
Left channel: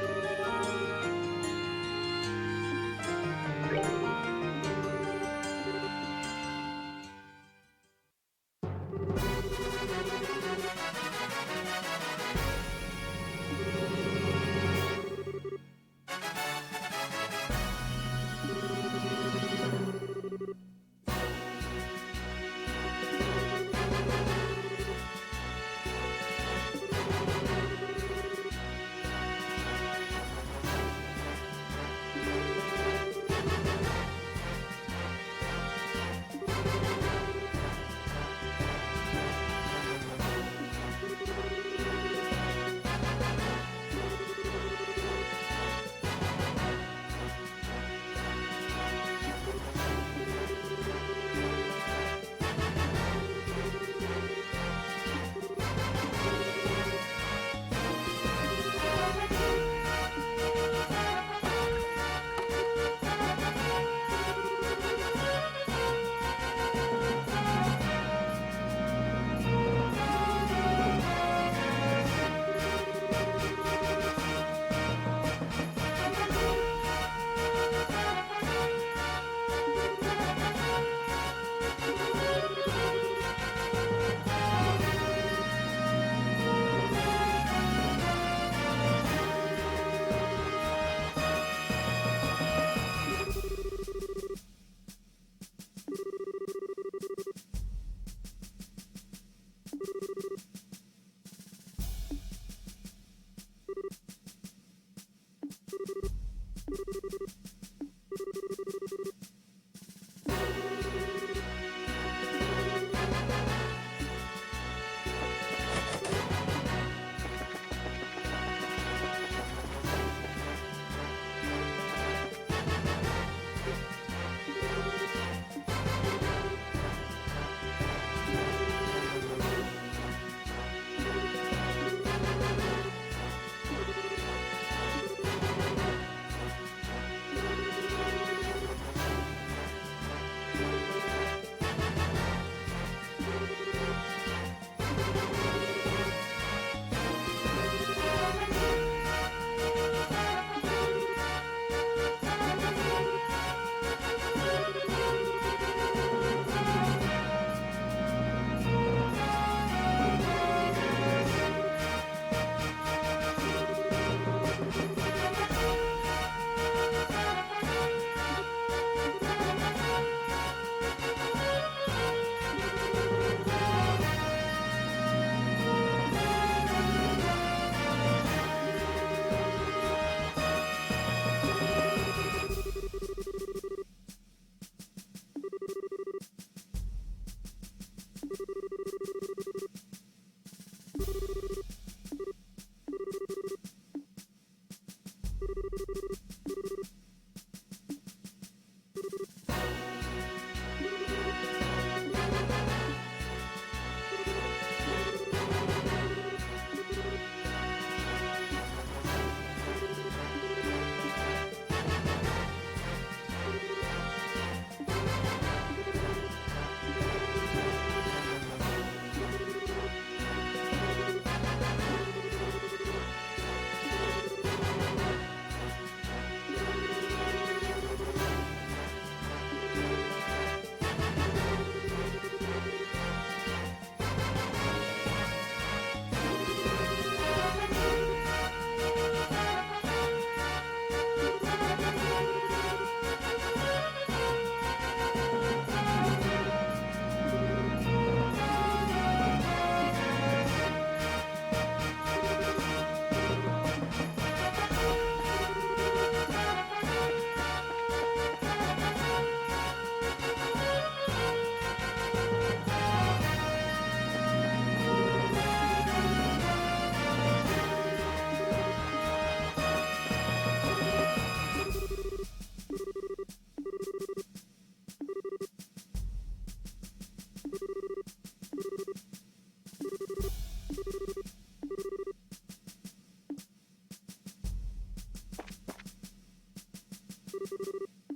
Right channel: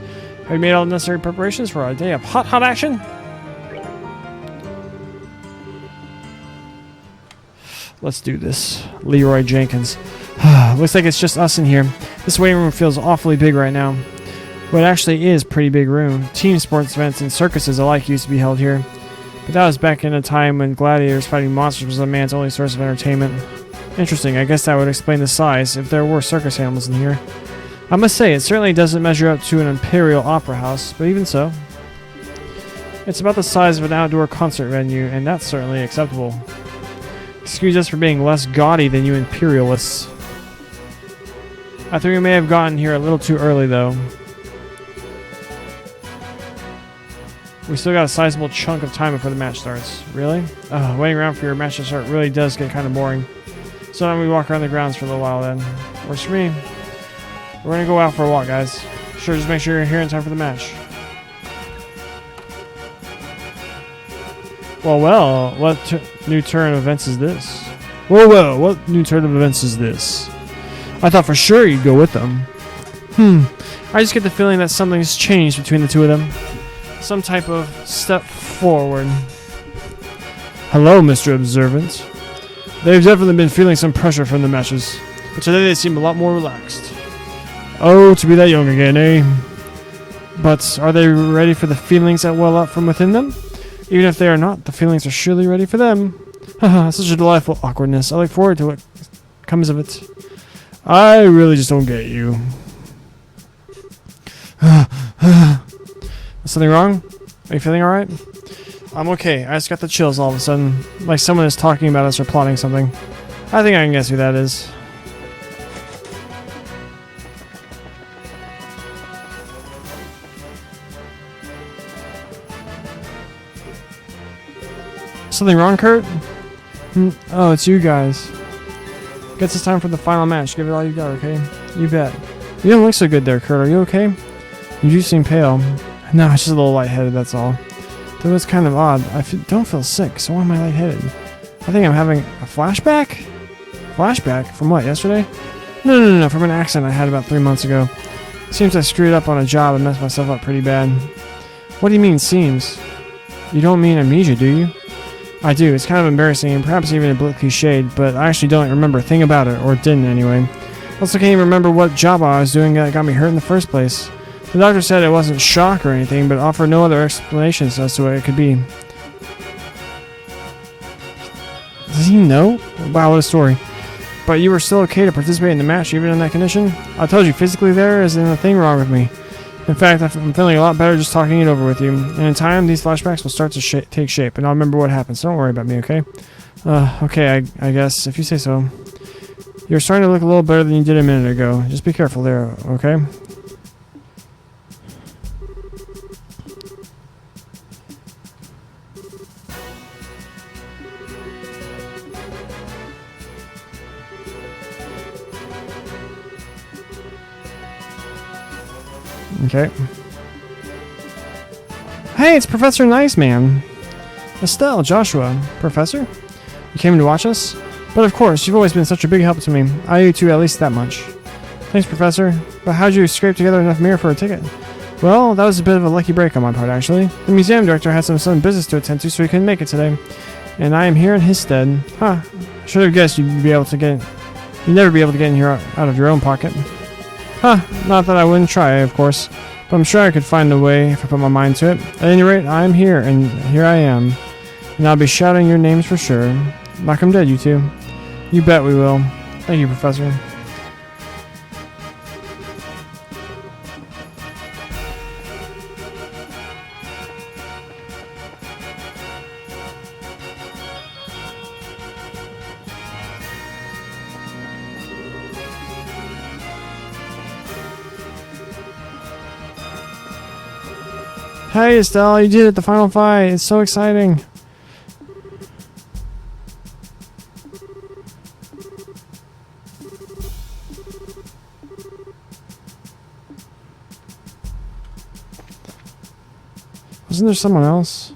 We've made all the necessary preparations for a day of hot action. Let's do this. Leroy Jenkins. Looks like it's just us in here. This waiting room feels awfully big right now. But it actually is a pretty big room. Team sports events and circuses alike used to be held here. But that was back in a time when gladiators fighting monsters was a man's only source of entertainment. Interesting, I guess that would explain the size if there were circus animals in here. I must say, it certainly doesn't measure up to an imperial opera house, but even so. It's about the size of an outdoor concert venue, and that's certainly acceptable. Excuse us for being less gaudy than you imperialists. I think we may have gotten here a little too early, though. We still got a sizable chunk of time before the match starts. Really? Waiting around for your match to start really does get kind of boring. So now we walk around the grounds for a little while then. Works for me. We're gonna go out for a walk, guys. Sure, just make sure you're here in time for the match. Well, what new turn of events is this? Well, what new turn of events is this? I thought for sure you'd go with them. I just get the feeling that something's changed between the two of them. Some type of step forward. Hello, Mr. Observant. They've definitely been feeling some pressure from the matches, but today they seem a lot more relaxed. Oh, to be that young again, eh? But are they ready for the feelings that well up from within them? Even if they are not, the feelings are surely ready for them. Haha, such a delightful awkwardness. I look forward to what comes of it. I really just don't get you. Is something wrong? Are you feeling alright? I'm okay. I just got the chills all of a sudden. Like someone is talking about us or plotting something. I think I can guess who that is. Something wrong, Kurt? Oh, it's you guys. Guess it's time for the final match. Give it all you got, okay? You bet. You don't look so good there, Kurt. Are you okay? You do seem pale. No, it's just a little lightheaded, that's all. Though it's kind of odd. I don't feel sick, so why am I lightheaded? I think I'm having a flashback? Flashback? From what, yesterday? No, from an accident I had about 3 months ago. Seems I screwed up on a job and messed myself up pretty bad. What do you mean, seems? You don't mean amnesia, do you? I do. It's kind of embarrassing and perhaps even a bit cliched, but I actually don't remember a thing about it, or didn't anyway. Also can't even remember what job I was doing that got me hurt in the first place. The doctor said it wasn't shock or anything, but offered no other explanations as to what it could be. Does he know? Wow, what a story. But you were still okay to participate in the match even in that condition? I told you, physically there isn't a thing wrong with me. In fact, I'm feeling a lot better just talking it over with you. And in time, these flashbacks will start to take shape, and I'll remember what happened, so don't worry about me, okay? Okay, I guess, if you say so. You're starting to look a little better than you did a minute ago. Just be careful there, okay? Okay. Hey, it's Professor Nice Man. Estelle, Joshua. Professor? You came to watch us? But of course, you've always been such a big help to me. I owe you two at least that much. Thanks, Professor. But how'd you scrape together enough mirror for a ticket? Well, that was a bit of a lucky break on my part, actually. The museum director had some sudden business to attend to, so he couldn't make it today. And I am here in his stead. Huh. Should have guessed you'd never be able to get in here out of your own pocket. Huh. Not that I wouldn't try, of course. But I'm sure I could find a way if I put my mind to it. At any rate, I'm here, and here I am. And I'll be shouting your names for sure. Knock 'em dead, you two. You bet we will. Thank you, Professor. Hey, Estelle, you did it, the final fight. It's so exciting. Wasn't there someone else?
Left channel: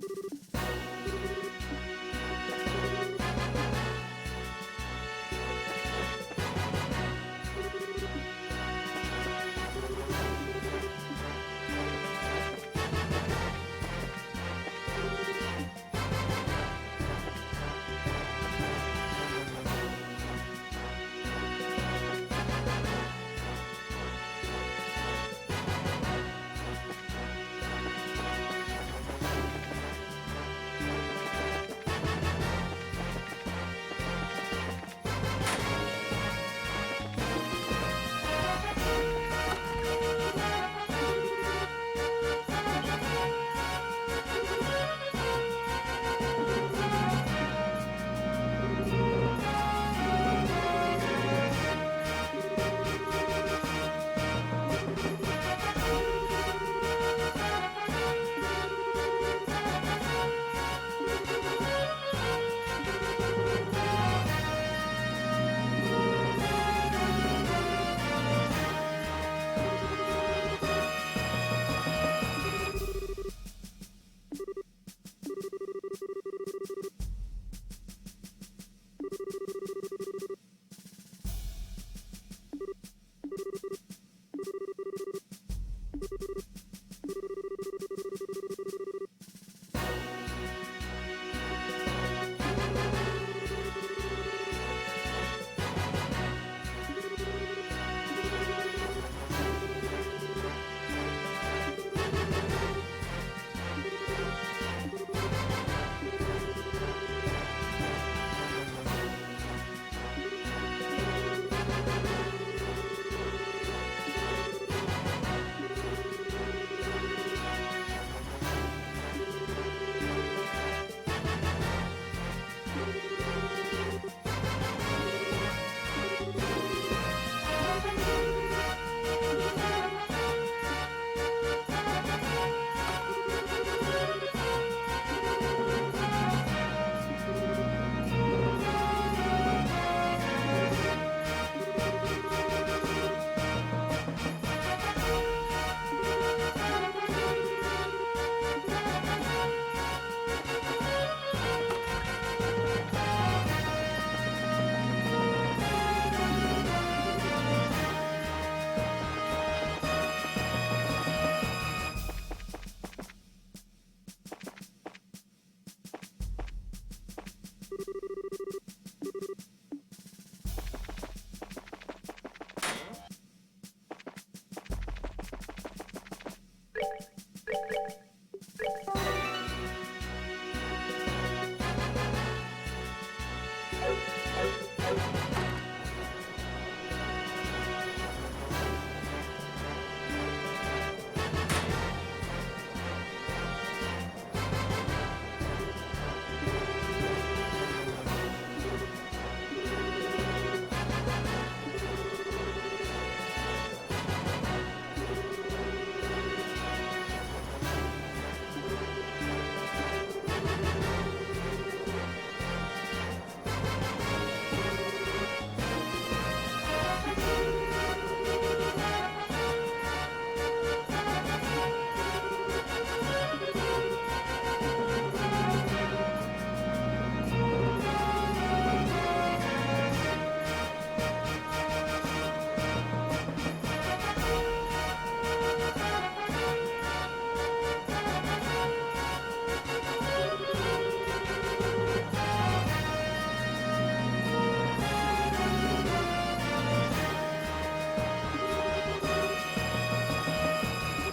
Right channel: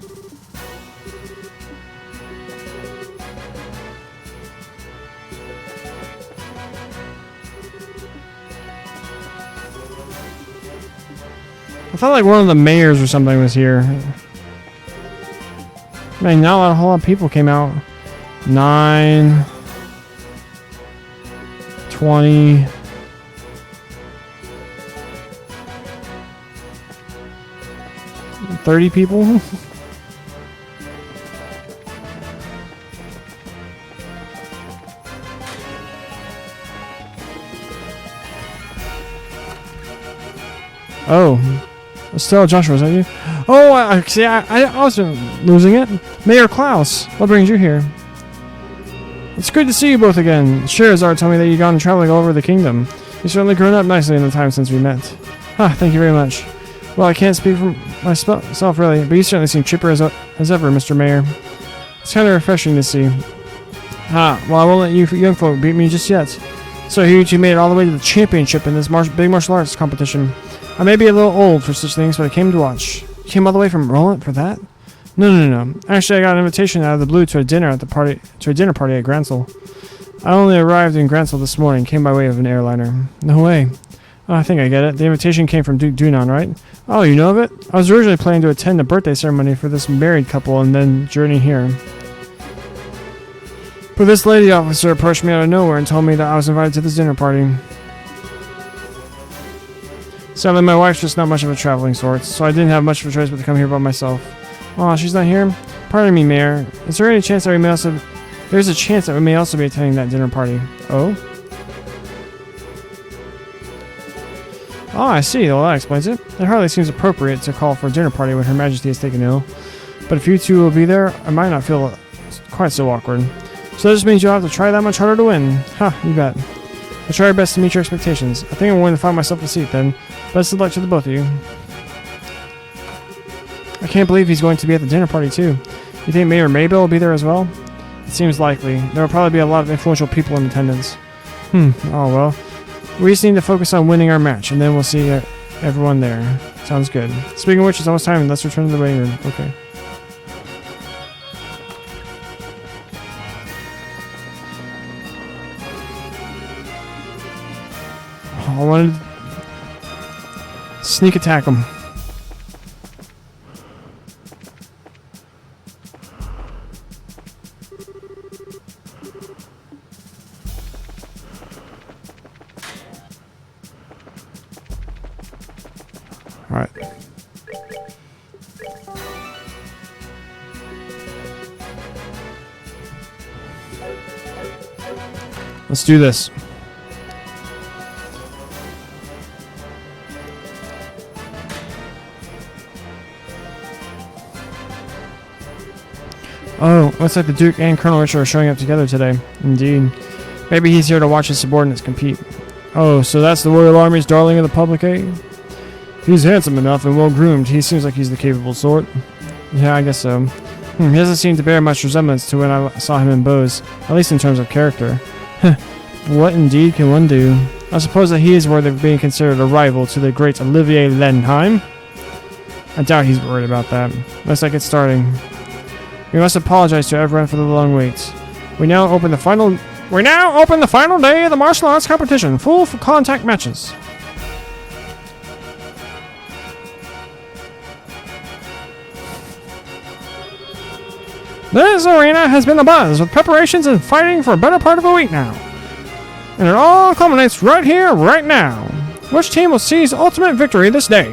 I felt like one of the mayors or something was here. Man, not a whole lot of people came out. 9, 20. $30 people? Oh. Estelle, Joshua, is that you? Oh, I see. I was losing it. Mayor Klaus, what brings you here? It's good to see you both again. Scheherazade told me that you've gone traveling all over the kingdom. You've certainly grown up nicely in the time since we met. Ah, thank you very much. Well, I can't speak for myself really, but you certainly seem chipper as ever, Mr. Mayor. It's kind of refreshing to see. Ah, well, I won't let you young folk beat me just yet. So you two made it all the way to the championship in this big martial arts competition. I may be a little old for such things, but I came to watch. You came all the way from Roland for that? No. Actually, I got an invitation out of the blue to a dinner party at Gransel. I only arrived in Gransel this morning, came by way of an airliner. No way. Oh, I think I get it. The invitation came from Duke Dunon, right? Oh, you know of it? I was originally planning to attend a birthday ceremony for this married couple and then journey here. But this lady officer approached me out of nowhere and told me that I was invited to this dinner party. Sadly, my wife's just not much of a traveling sort, so I didn't have much of a choice but to come here by myself. Aw, she's not here? Pardon me, Mayor. Is there any chance that we may also... There's a chance that we may also be attending that dinner party. Oh? Oh, I see. Well, that explains it. It hardly seems appropriate to call for a dinner party when Her Majesty is taken ill. But if you two will be there, I might not feel quite so awkward. So that just means you'll have to try that much harder to win. Ha, you bet. I'll try our best to meet your expectations. I think I'm going to find myself a seat then. Best of luck to the both of you. I can't believe he's going to be at the dinner party too. You think Mayor Maybell will be there as well? It seems likely. There will probably be a lot of influential people in attendance. Oh well. We just need to focus on winning our match, and then we'll see everyone there. Sounds good. Speaking of which, it's almost time. Let's return to the waiting room. Okay. I wanted to sneak attack him. All right. Let's do this. Oh, looks like the Duke and Colonel Richard are showing up together today. Indeed. Maybe he's here to watch his subordinates compete. Oh, so that's the Royal Army's darling of the public, eh? He's handsome enough and well-groomed. He seems like he's the capable sort. Yeah, I guess so. He doesn't seem to bear much resemblance to when I saw him in Bose, at least in terms of character. What indeed can one do? I suppose that he is worthy of being considered a rival to the great Olivier Lenheim. I doubt he's worried about that. Looks like it's starting. We must apologize to everyone for the long wait. We now open the final day of the martial arts competition. Full contact matches. This arena has been abuzz with preparations and fighting for a better part of a week now. And it all culminates right here, right now. Which team will seize ultimate victory this day?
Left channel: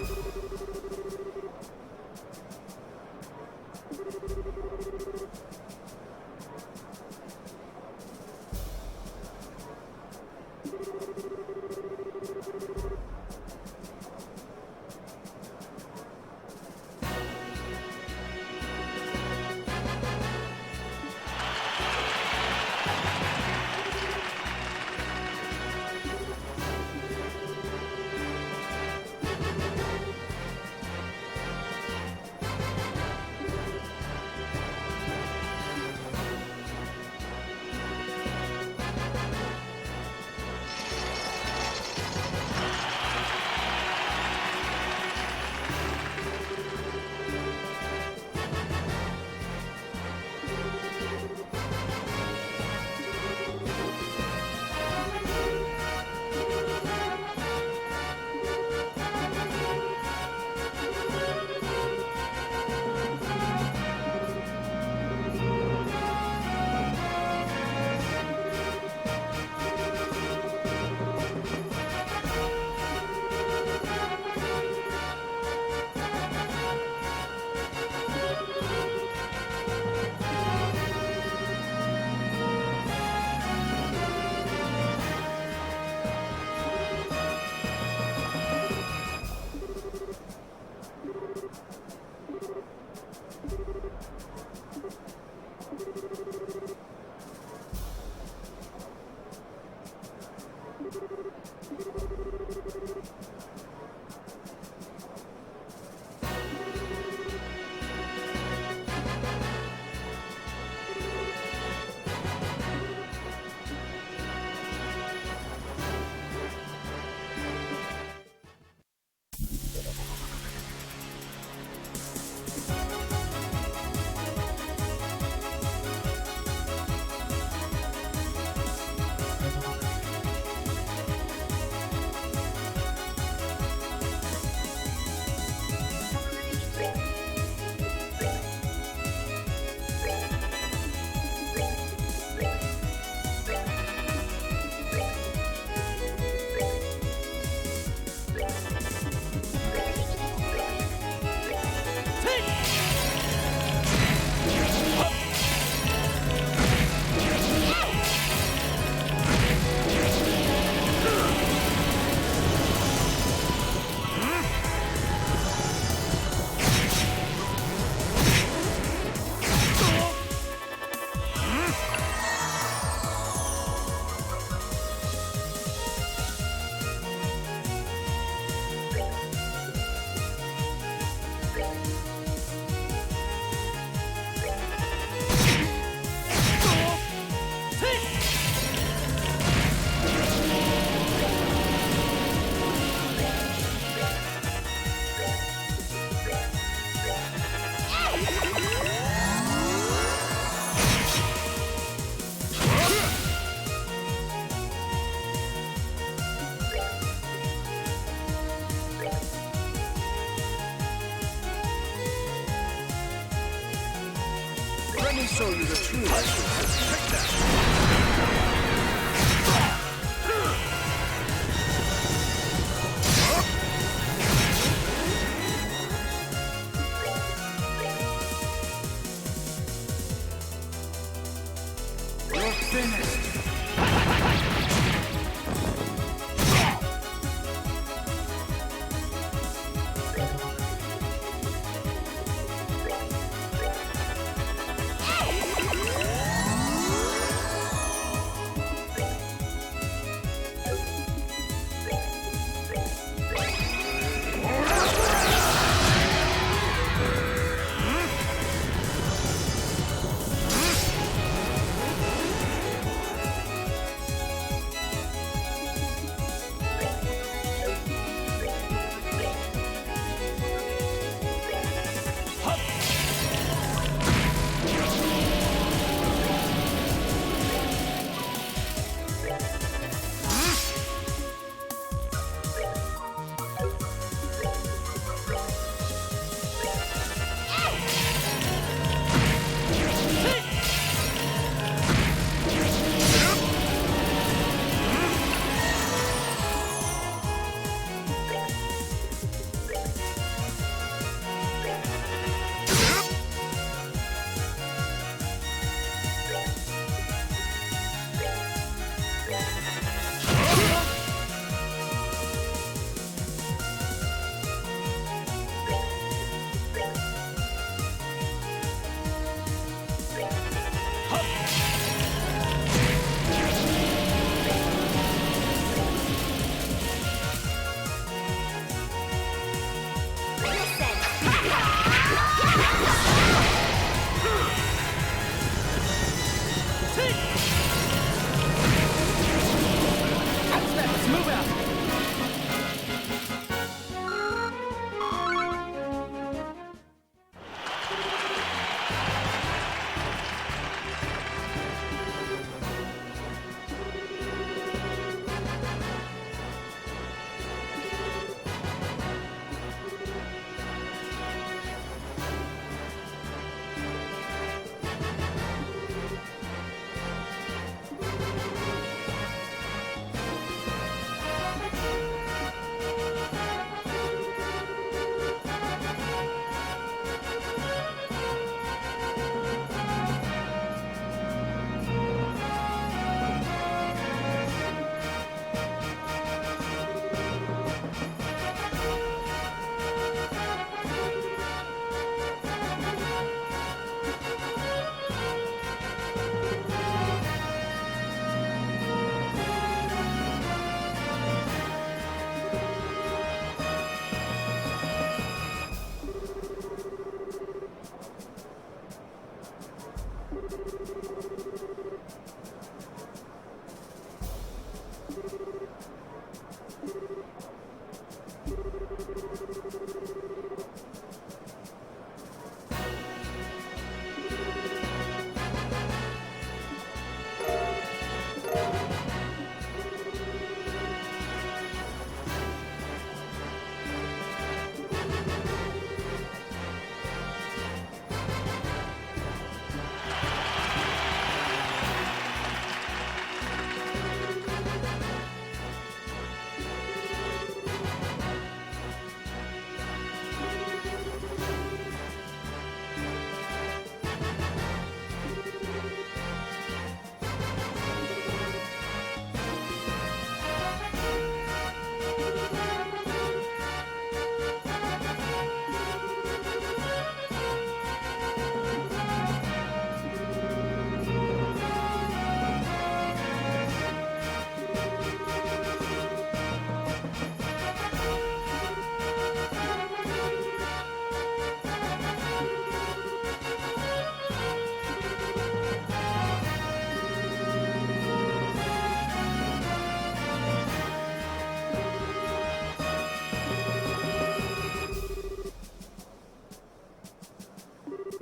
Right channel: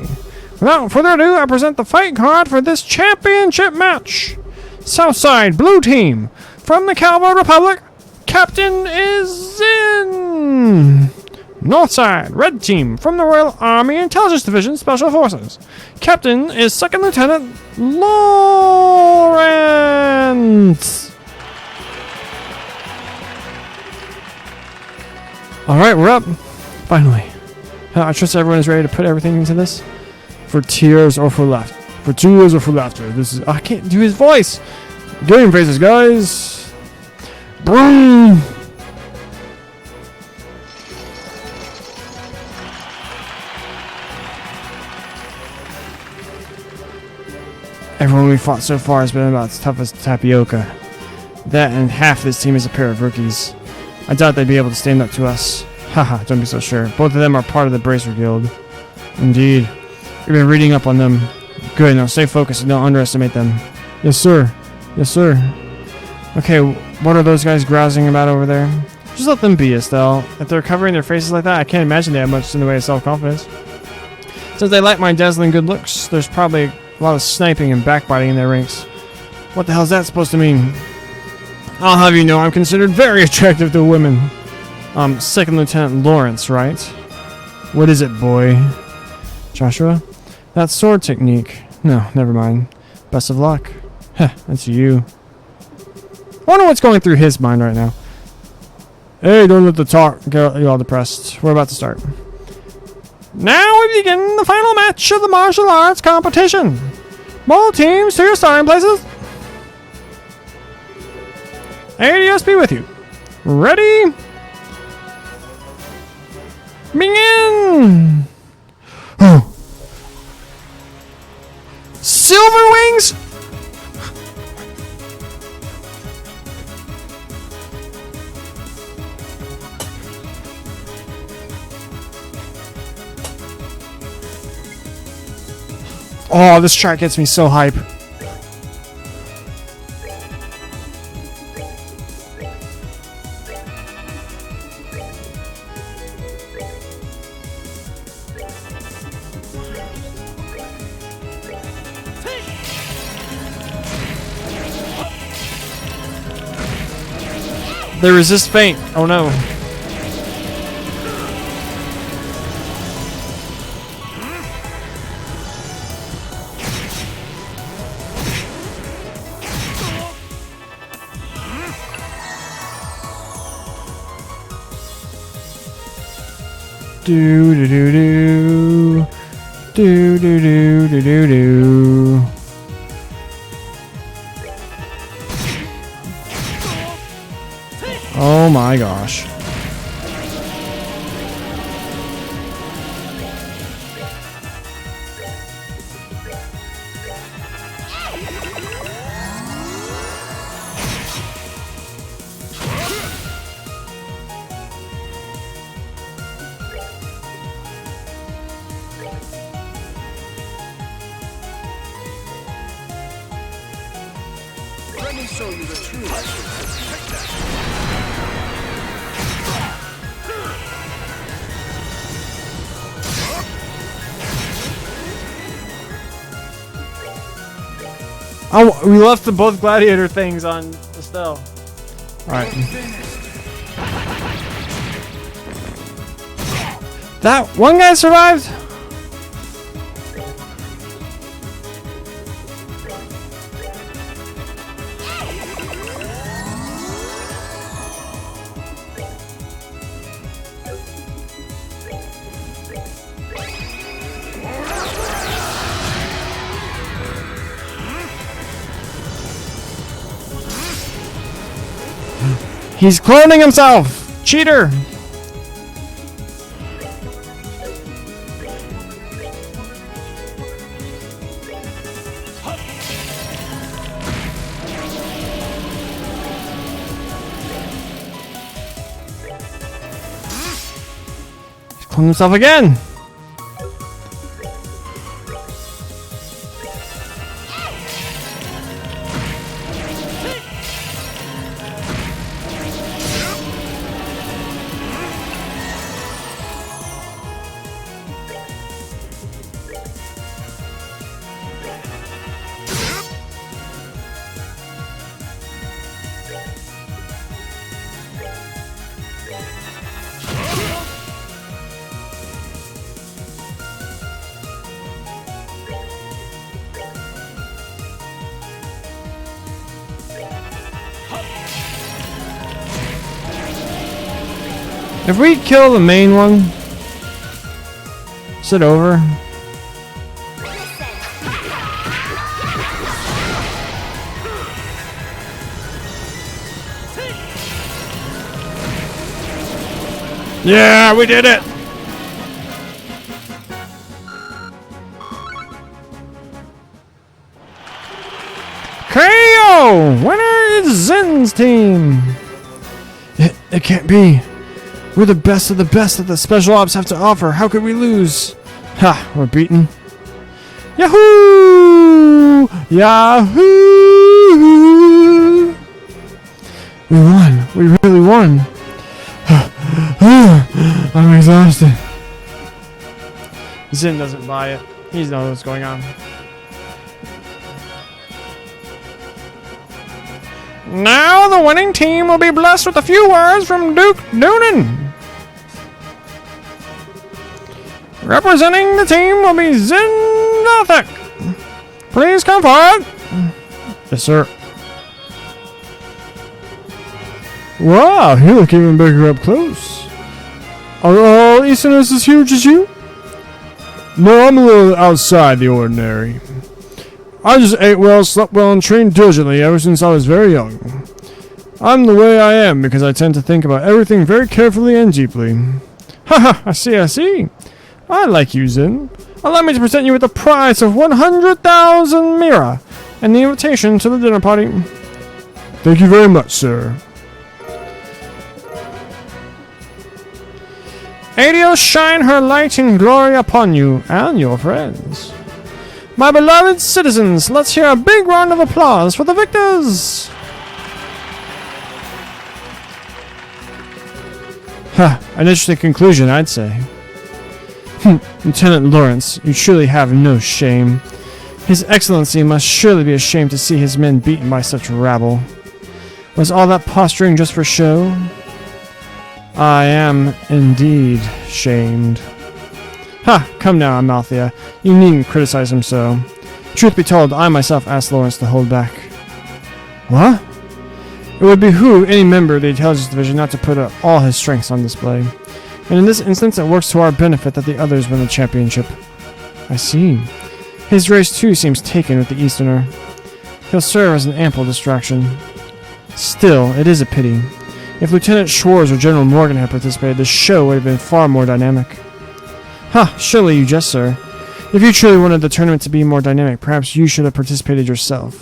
Without further ado, I present the fight card for this championship match. Southside Blue Team from the Calvo Republic. Captain is in. Northside Red Team from the Royal Army Intelligence Division Special Forces. Captain is Second Lieutenant Lawrence. Alright, we're up. Finally. I trust everyone is ready to put everything into this. For tears or for laughter. For tears or for laughter. This is. I can't do his voice. Game faces, guys. Boom. Everyone we fought so far has been about as tough as tapioca. That and half this team is a pair of rookies. I doubt they'd be able to stand up to us. Haha, don't be so sure. Both of them are part of the Bracer Guild. Indeed. We've been reading up on them. Good, now stay focused and don't underestimate them. Yes, sir. Yes, sir. Okay, what are those guys grousing about over there? Just let them be, Estelle. If they're covering their faces like that, I can't imagine they have much in the way of self-confidence. Since they like my dazzling good looks, there's probably a lot of sniping and backbiting in their ranks. What the hell is that supposed to mean? I'll have you know I'm considered very attractive to women. Second Lieutenant Lawrence, right? What is it, boy? Joshua? That sword technique. No, never mind. Best of luck. Heh, that's you. I wonder what's going through his mind right now. Hey, don't let the talk get you all depressed. We're about to start. Now we begin the final match of the martial arts competition. Both teams to your starting places. ADS be with you. Ready? Begin! Silver Wings? Oh, this track gets me so hype. They resist faint. Oh no. Do do do do do do do do do do. Oh my gosh. Let me show you the true Take that. Oh, we left the both gladiator things on Estelle. Alright. That one guy survived? He's cloning himself! Cheater! Clone himself again! If we kill the main one, is it over? Yeah, we did it! KO! Winner is Zen's team! It can't be. We're the best of the best that the special ops have to offer. How could we lose? Ha, we're beaten. Yahoo! Yahoo! We won. We really won. I'm exhausted. Zen doesn't buy it. He knows what's going on. Now the winning team will be blessed with a few words from Duke Noonan. Representing the team will be Zen Gothic. Please come forward. Yes, sir. Wow, you look even bigger up close. Are all Easterners as huge as you? No, I'm a little outside the ordinary. I just ate well, slept well, and trained diligently ever since I was very young. I'm the way I am because I tend to think about everything very carefully and deeply. Haha, I see, I see. I like you, Zen. Allow me to present you with a prize of 100,000 Mira and the invitation to the dinner party. Thank you very much, sir. Adios shine her light and glory upon you and your friends. My beloved citizens, let's hear a big round of applause for the victors! Ha, an interesting conclusion, I'd say. Lieutenant Lawrence, you truly have no shame. His Excellency must surely be ashamed to see his men beaten by such rabble. Was all that posturing just for show? I am indeed shamed. Ha! Come now, Amalthea. You needn't criticize him so. Truth be told, I myself asked Lawrence to hold back. What? It would behoove any member of the Intelligence Division not to put all his strengths on display. And in this instance, it works to our benefit that the others win the championship. I see. His race too seems taken with the Easterner. He'll serve as an ample distraction. Still, it is a pity. If Lieutenant Schwartz or General Morgan had participated, the show would have been far more dynamic. Ha! Surely you jest, sir. If you truly wanted the tournament to be more dynamic, perhaps you should have participated yourself.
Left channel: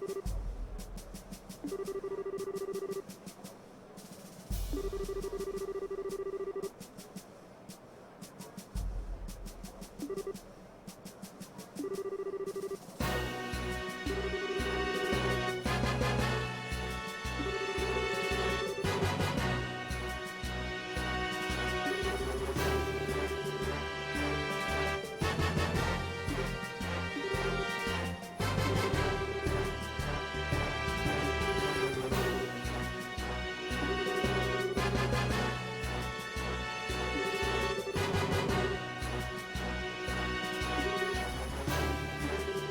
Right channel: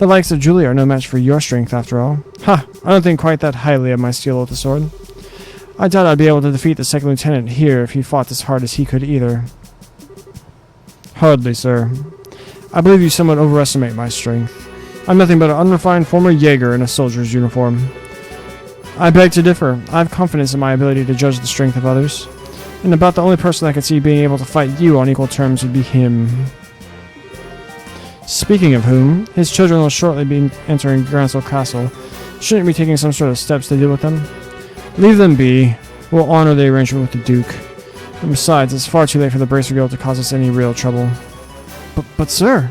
The likes of Julia are no match for your strength, after all. Ha! I don't think quite that highly of my steel with the sword. I doubt I'd be able to defeat the second lieutenant here if he fought as hard as he could either. Hardly, sir. I believe you somewhat overestimate my strength. I'm nothing but an unrefined former Jaeger in a soldier's uniform. I beg to differ. I have confidence in my ability to judge the strength of others. And about the only person I could see being able to fight you on equal terms would be him. Speaking of whom, his children will shortly be entering Gransel Castle. Shouldn't we be taking some sort of steps to deal with them? Leave them be. We'll honor the arrangement with the Duke. And besides, it's far too late for the Bracer Guild to cause us any real trouble. But sir...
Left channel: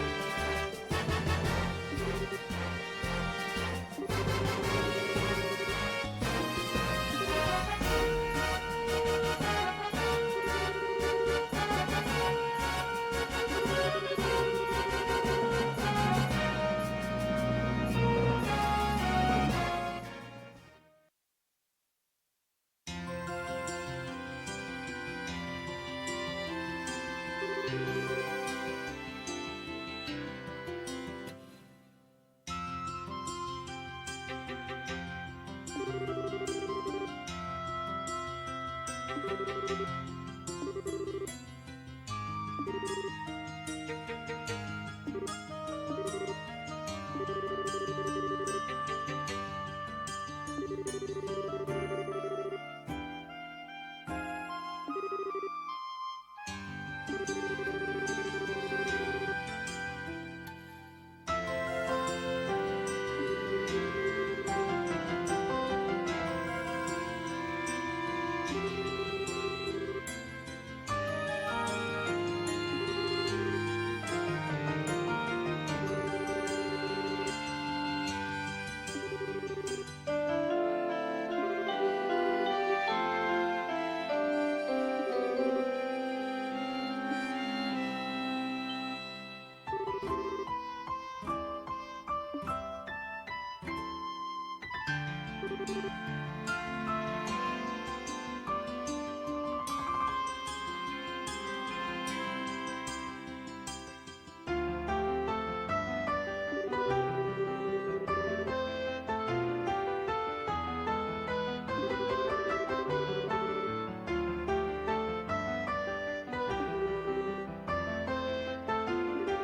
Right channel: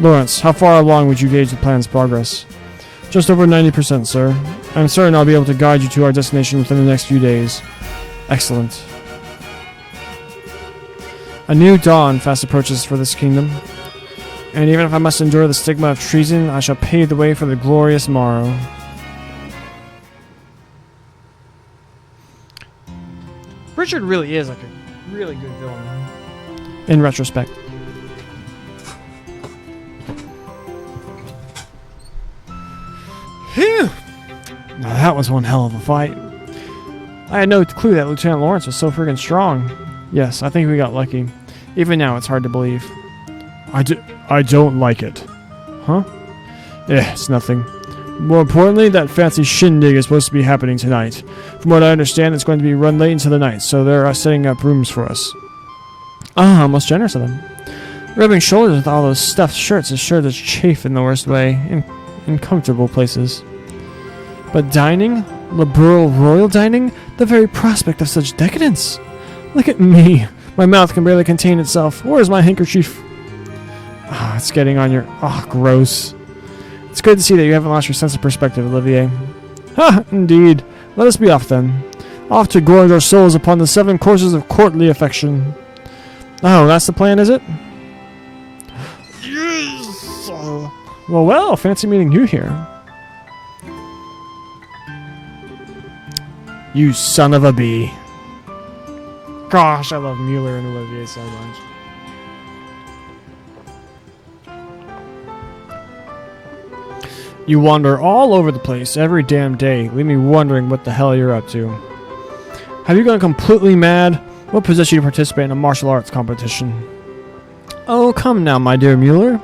Lawrence, how far along would you gauge the plan's progress? Just over 90%, sir. I'm certain I'll be able to guide you to our destination within the next few days. Excellent. A new dawn fast approaches for this kingdom. And even if I must endure the stigma of treason, I shall pave the way for the glorious morrow. Richard really is like a really good villain. In retrospect. Phew! Now that was one hell of a fight. I had no clue that Lieutenant Lawrence was so freaking strong. Yes, I think we got lucky. Even now, it's hard to believe. I don't like it. Huh? It's nothing. More importantly, that fancy shindig is supposed to be happening tonight. From what I understand, it's going to be run late into the night, so they're setting up rooms for us. Ah, most generous of them. Rubbing shoulders with all those stuffed shirts is sure to chafe in the worst way, in comfortable places. But dining? Liberal royal dining? The very prospect of such decadence! Look at me! My mouth can barely contain itself. Where's my handkerchief? Ah, it's getting on your... Ah, gross. It's good to see that you haven't lost your sense of perspective, Olivier. Ha! Indeed. Let us be off then. Off to gorge our souls upon the 7 courses of courtly affection. Oh, that's the plan, is it? Yes! Well, fancy meeting you here. You son of a bee. Gosh, I love Mueller and Olivier so much. You wander all over the place every damn day, leave me wondering what the hell you're up to. Have you gone completely mad? What possessed you to participate in a martial arts competition? Oh, come now, my dear Mueller.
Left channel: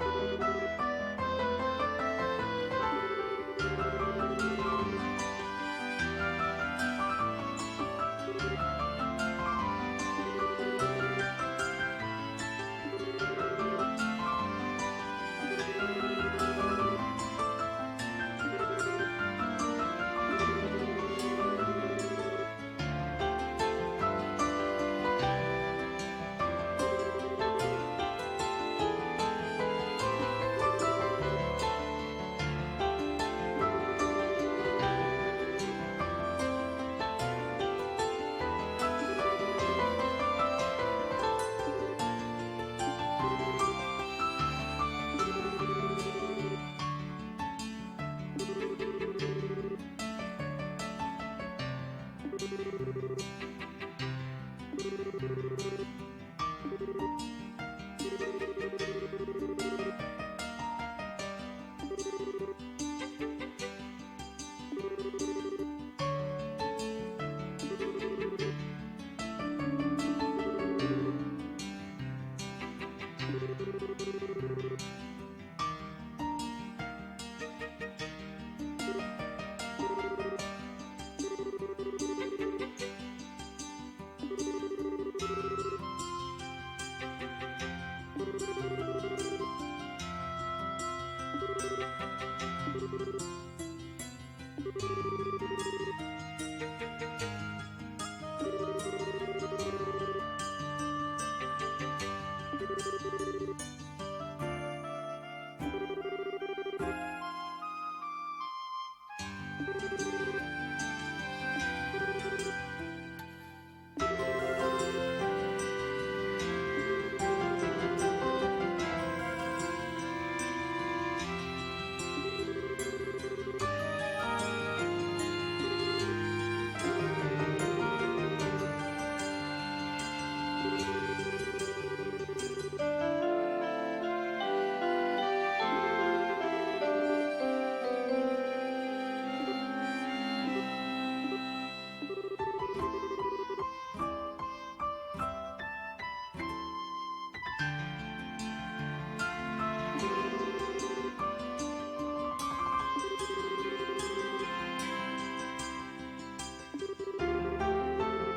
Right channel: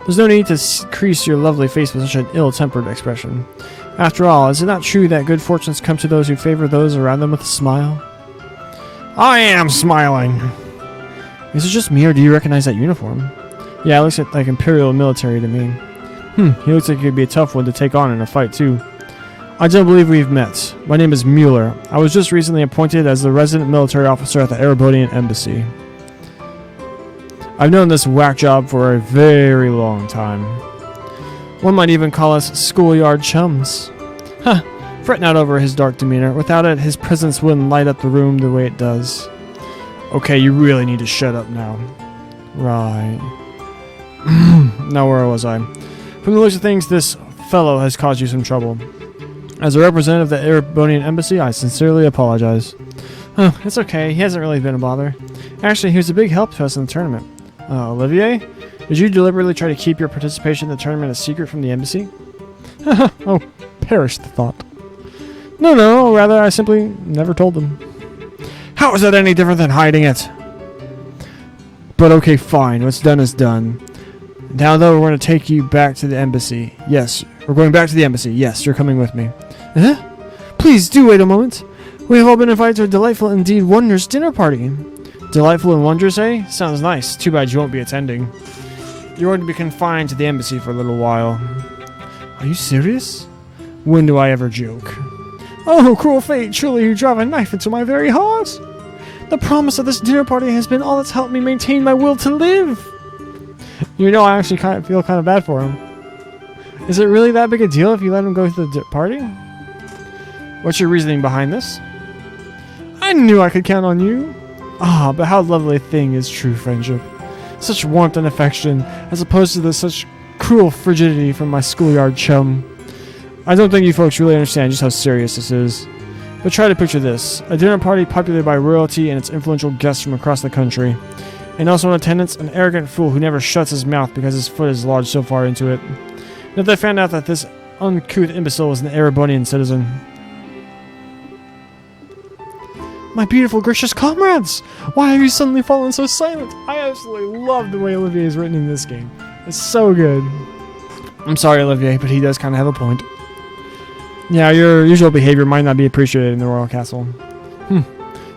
There's no need to crease your lovely face with such an ill-tempered expression. After all, is it not true that good fortunes come to those who favor those around them with a smile? I am smiling! Is it just me, or do you recognize that uniform? Yeah, it looks like Imperial military to me. He looks like he could be a tough one to take on in a fight, too. I don't believe we've met. My name is Mueller. I was just recently appointed as the resident military officer at the Erebonian Embassy. I've known this whack job for a very long time. One might even call us schoolyard chums. Huh, fret not over his dark demeanor. Without it, his presence wouldn't light up the room the way it does. Okay, you really need to shut up now. Right. Now where was I? From the looks of things, this fellow has caused you some trouble. As a representative of the Erebonian Embassy, I sincerely apologize. It's okay, he hasn't really been a bother. Actually, he was a big help to us in the tournament. Olivier? Did you deliberately try to keep your participation in the tournament a secret from the embassy? Oh, perish the thought. No, rather I simply never told them. How is that any different than hiding it? But okay, fine, what's done is done. Now though, we're going to take you back to the embassy. Yes, we're going back to the embassy. Yes, you're coming with me. Huh? Please do wait a moment. We have all been invited to a delightful, indeed wondrous dinner party. Delightful and wondrous, eh? Sounds nice. Too bad you won't be attending. You're going to be confined to the embassy for a little while. Are you serious? When do I ever joke? Oh, cruel fate, surely you drive a knife into my very heart. The promise of this dinner party has been all that's helped me maintain my will to live. You know, I actually feel kind of bad for him. Is it really that big a deal if you let him go to the party? What's your reasoning behind this? I knew I could count on you. Ah, but how lovely a thing is true friendship. Such warmth and affection, as opposed to such cruel frigidity from my schoolyard chum. I don't think you folks really understand just how serious this is. But try to picture this. A dinner party populated by royalty and its influential guests from across the country. And also in attendance, an arrogant fool who never shuts his mouth because his foot is lodged so far into it. And if they found out that this uncouth imbecile was an Erebonian citizen. My beautiful, gracious comrades! Why have you suddenly fallen so silent? I absolutely love the way Olivier is written in this game. It's so good. I'm sorry, Olivier, but he does kind of have a point. Yeah, your usual behavior might not be appreciated in the royal castle.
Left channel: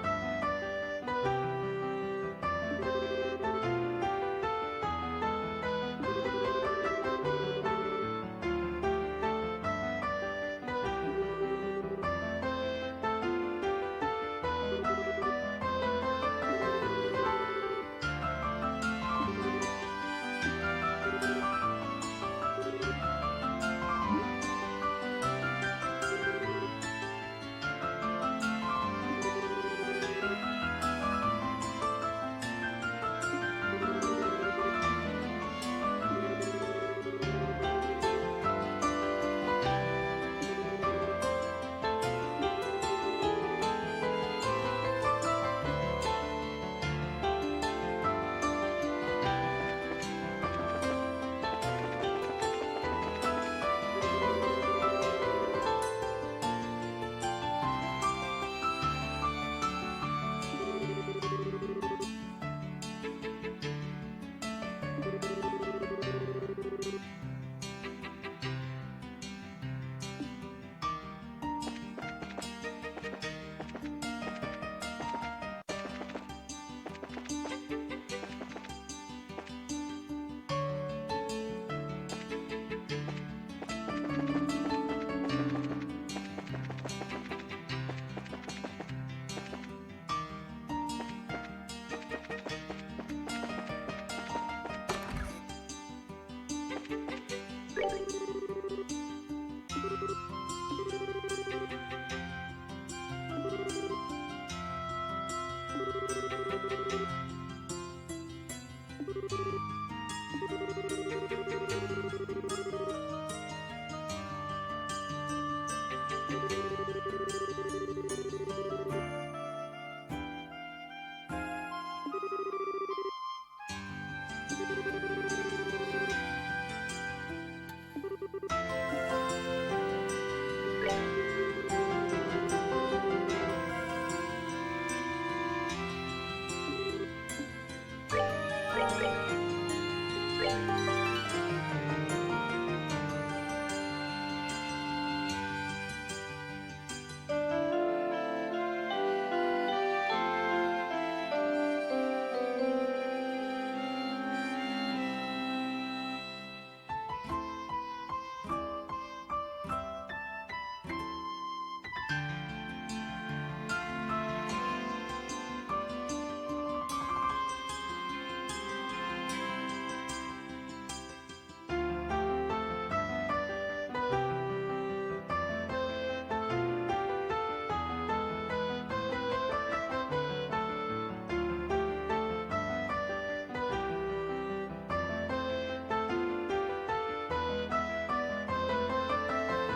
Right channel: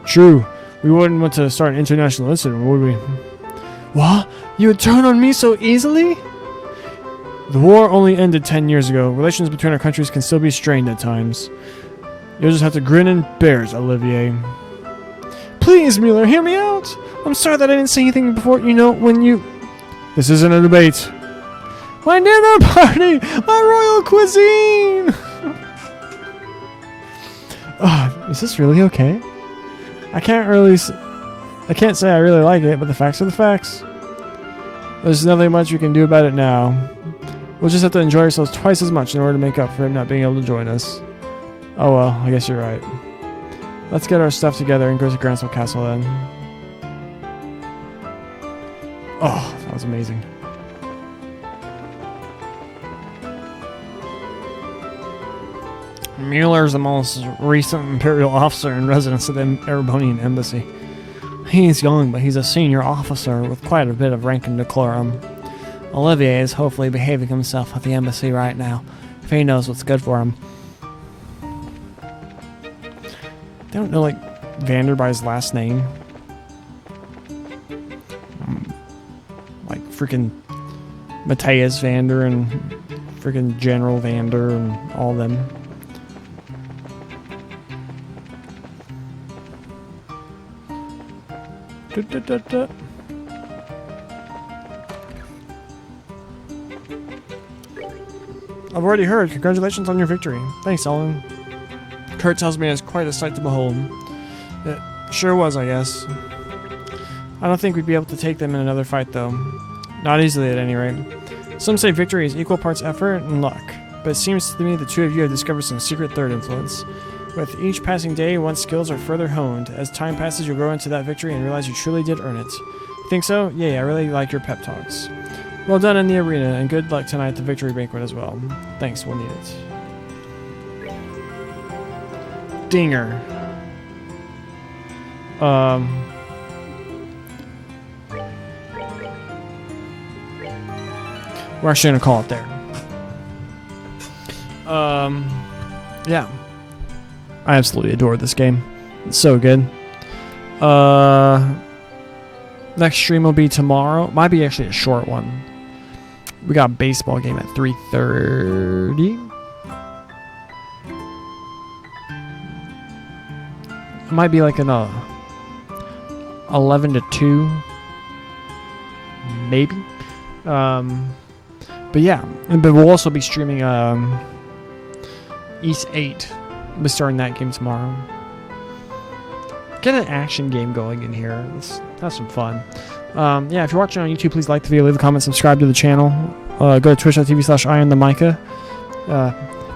True. We wouldn't want to start an international incident, would we? What? You would turn on me so easily? The war only ended 10 years ago. Relations between our countries can still be strained at times. You'll just have to grin and bear it, Olivier. Please, Mueller, hear me out. I'm sorry that I didn't say anything before, when you... This isn't a debate. My dinner party! My royal cuisine! Is this really okay? I can't say I really like it, but the facts are the facts. There's nothing much we can do about it now. We'll just have to enjoy ourselves twice as much in order to make up for it not being able to join us. Oh well, I guess you're right. Let's get our stuff together and go to Gransel Castle then. Oh, that was amazing. Mueller is the most recent Imperial officer in residence of the Erebonian embassy. He's young, but he's a senior officer with quite a bit of rank and decorum. Olivier is hopefully behaving himself at the embassy right now, if he knows what's good for him. They don't know, like, Vander by his last name. Like, freaking Matthias Vander and freaking General Vander and all them. I've already heard. Congratulations on your victory. Thanks, Ellen. Kurt tells me it's quite a sight to behold. It sure was, I guess. I don't think we'd be able to take them in another fight, though. Not easily, at any rate. Some say victory is equal parts effort and luck, but it seems to me the two of you have discovered some secret third influence. With each passing day, one's skills are further honed. As time passes, you'll grow into that victory and realize you truly did earn it. Think so? Yeah, I really like your pep talks. Well done in the arena, and good luck tonight at the victory banquet as well. Thanks, we'll need it. Dinger. We're actually gonna call it there. Yeah. I absolutely adore this game. It's so good. Next stream will be tomorrow. Might be actually a short one. We got a baseball game at 3:30. It might be like an 11 to 2. Maybe. But yeah. But we'll also be streaming East 8. We'll be starting that game tomorrow. Get an action game going in here. Let's have some fun. Yeah, if you're watching on YouTube, please like the video, leave a comment, subscribe to the channel. Go to twitch.tv/IronTheMicah.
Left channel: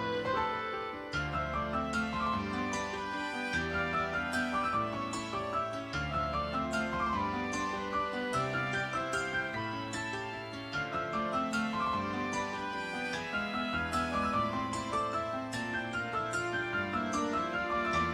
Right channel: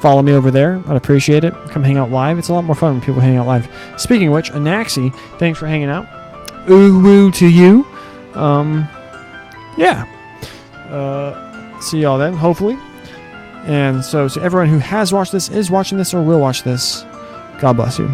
Follow me over there. I'd appreciate it. Come hang out live. It's a lot more fun when people hang out live. Speaking of which, Anaxi, thanks for hanging out. Ooh to you. Yeah. See y'all then, hopefully. And so to everyone who has watched this, is watching this, or will watch this, God bless you.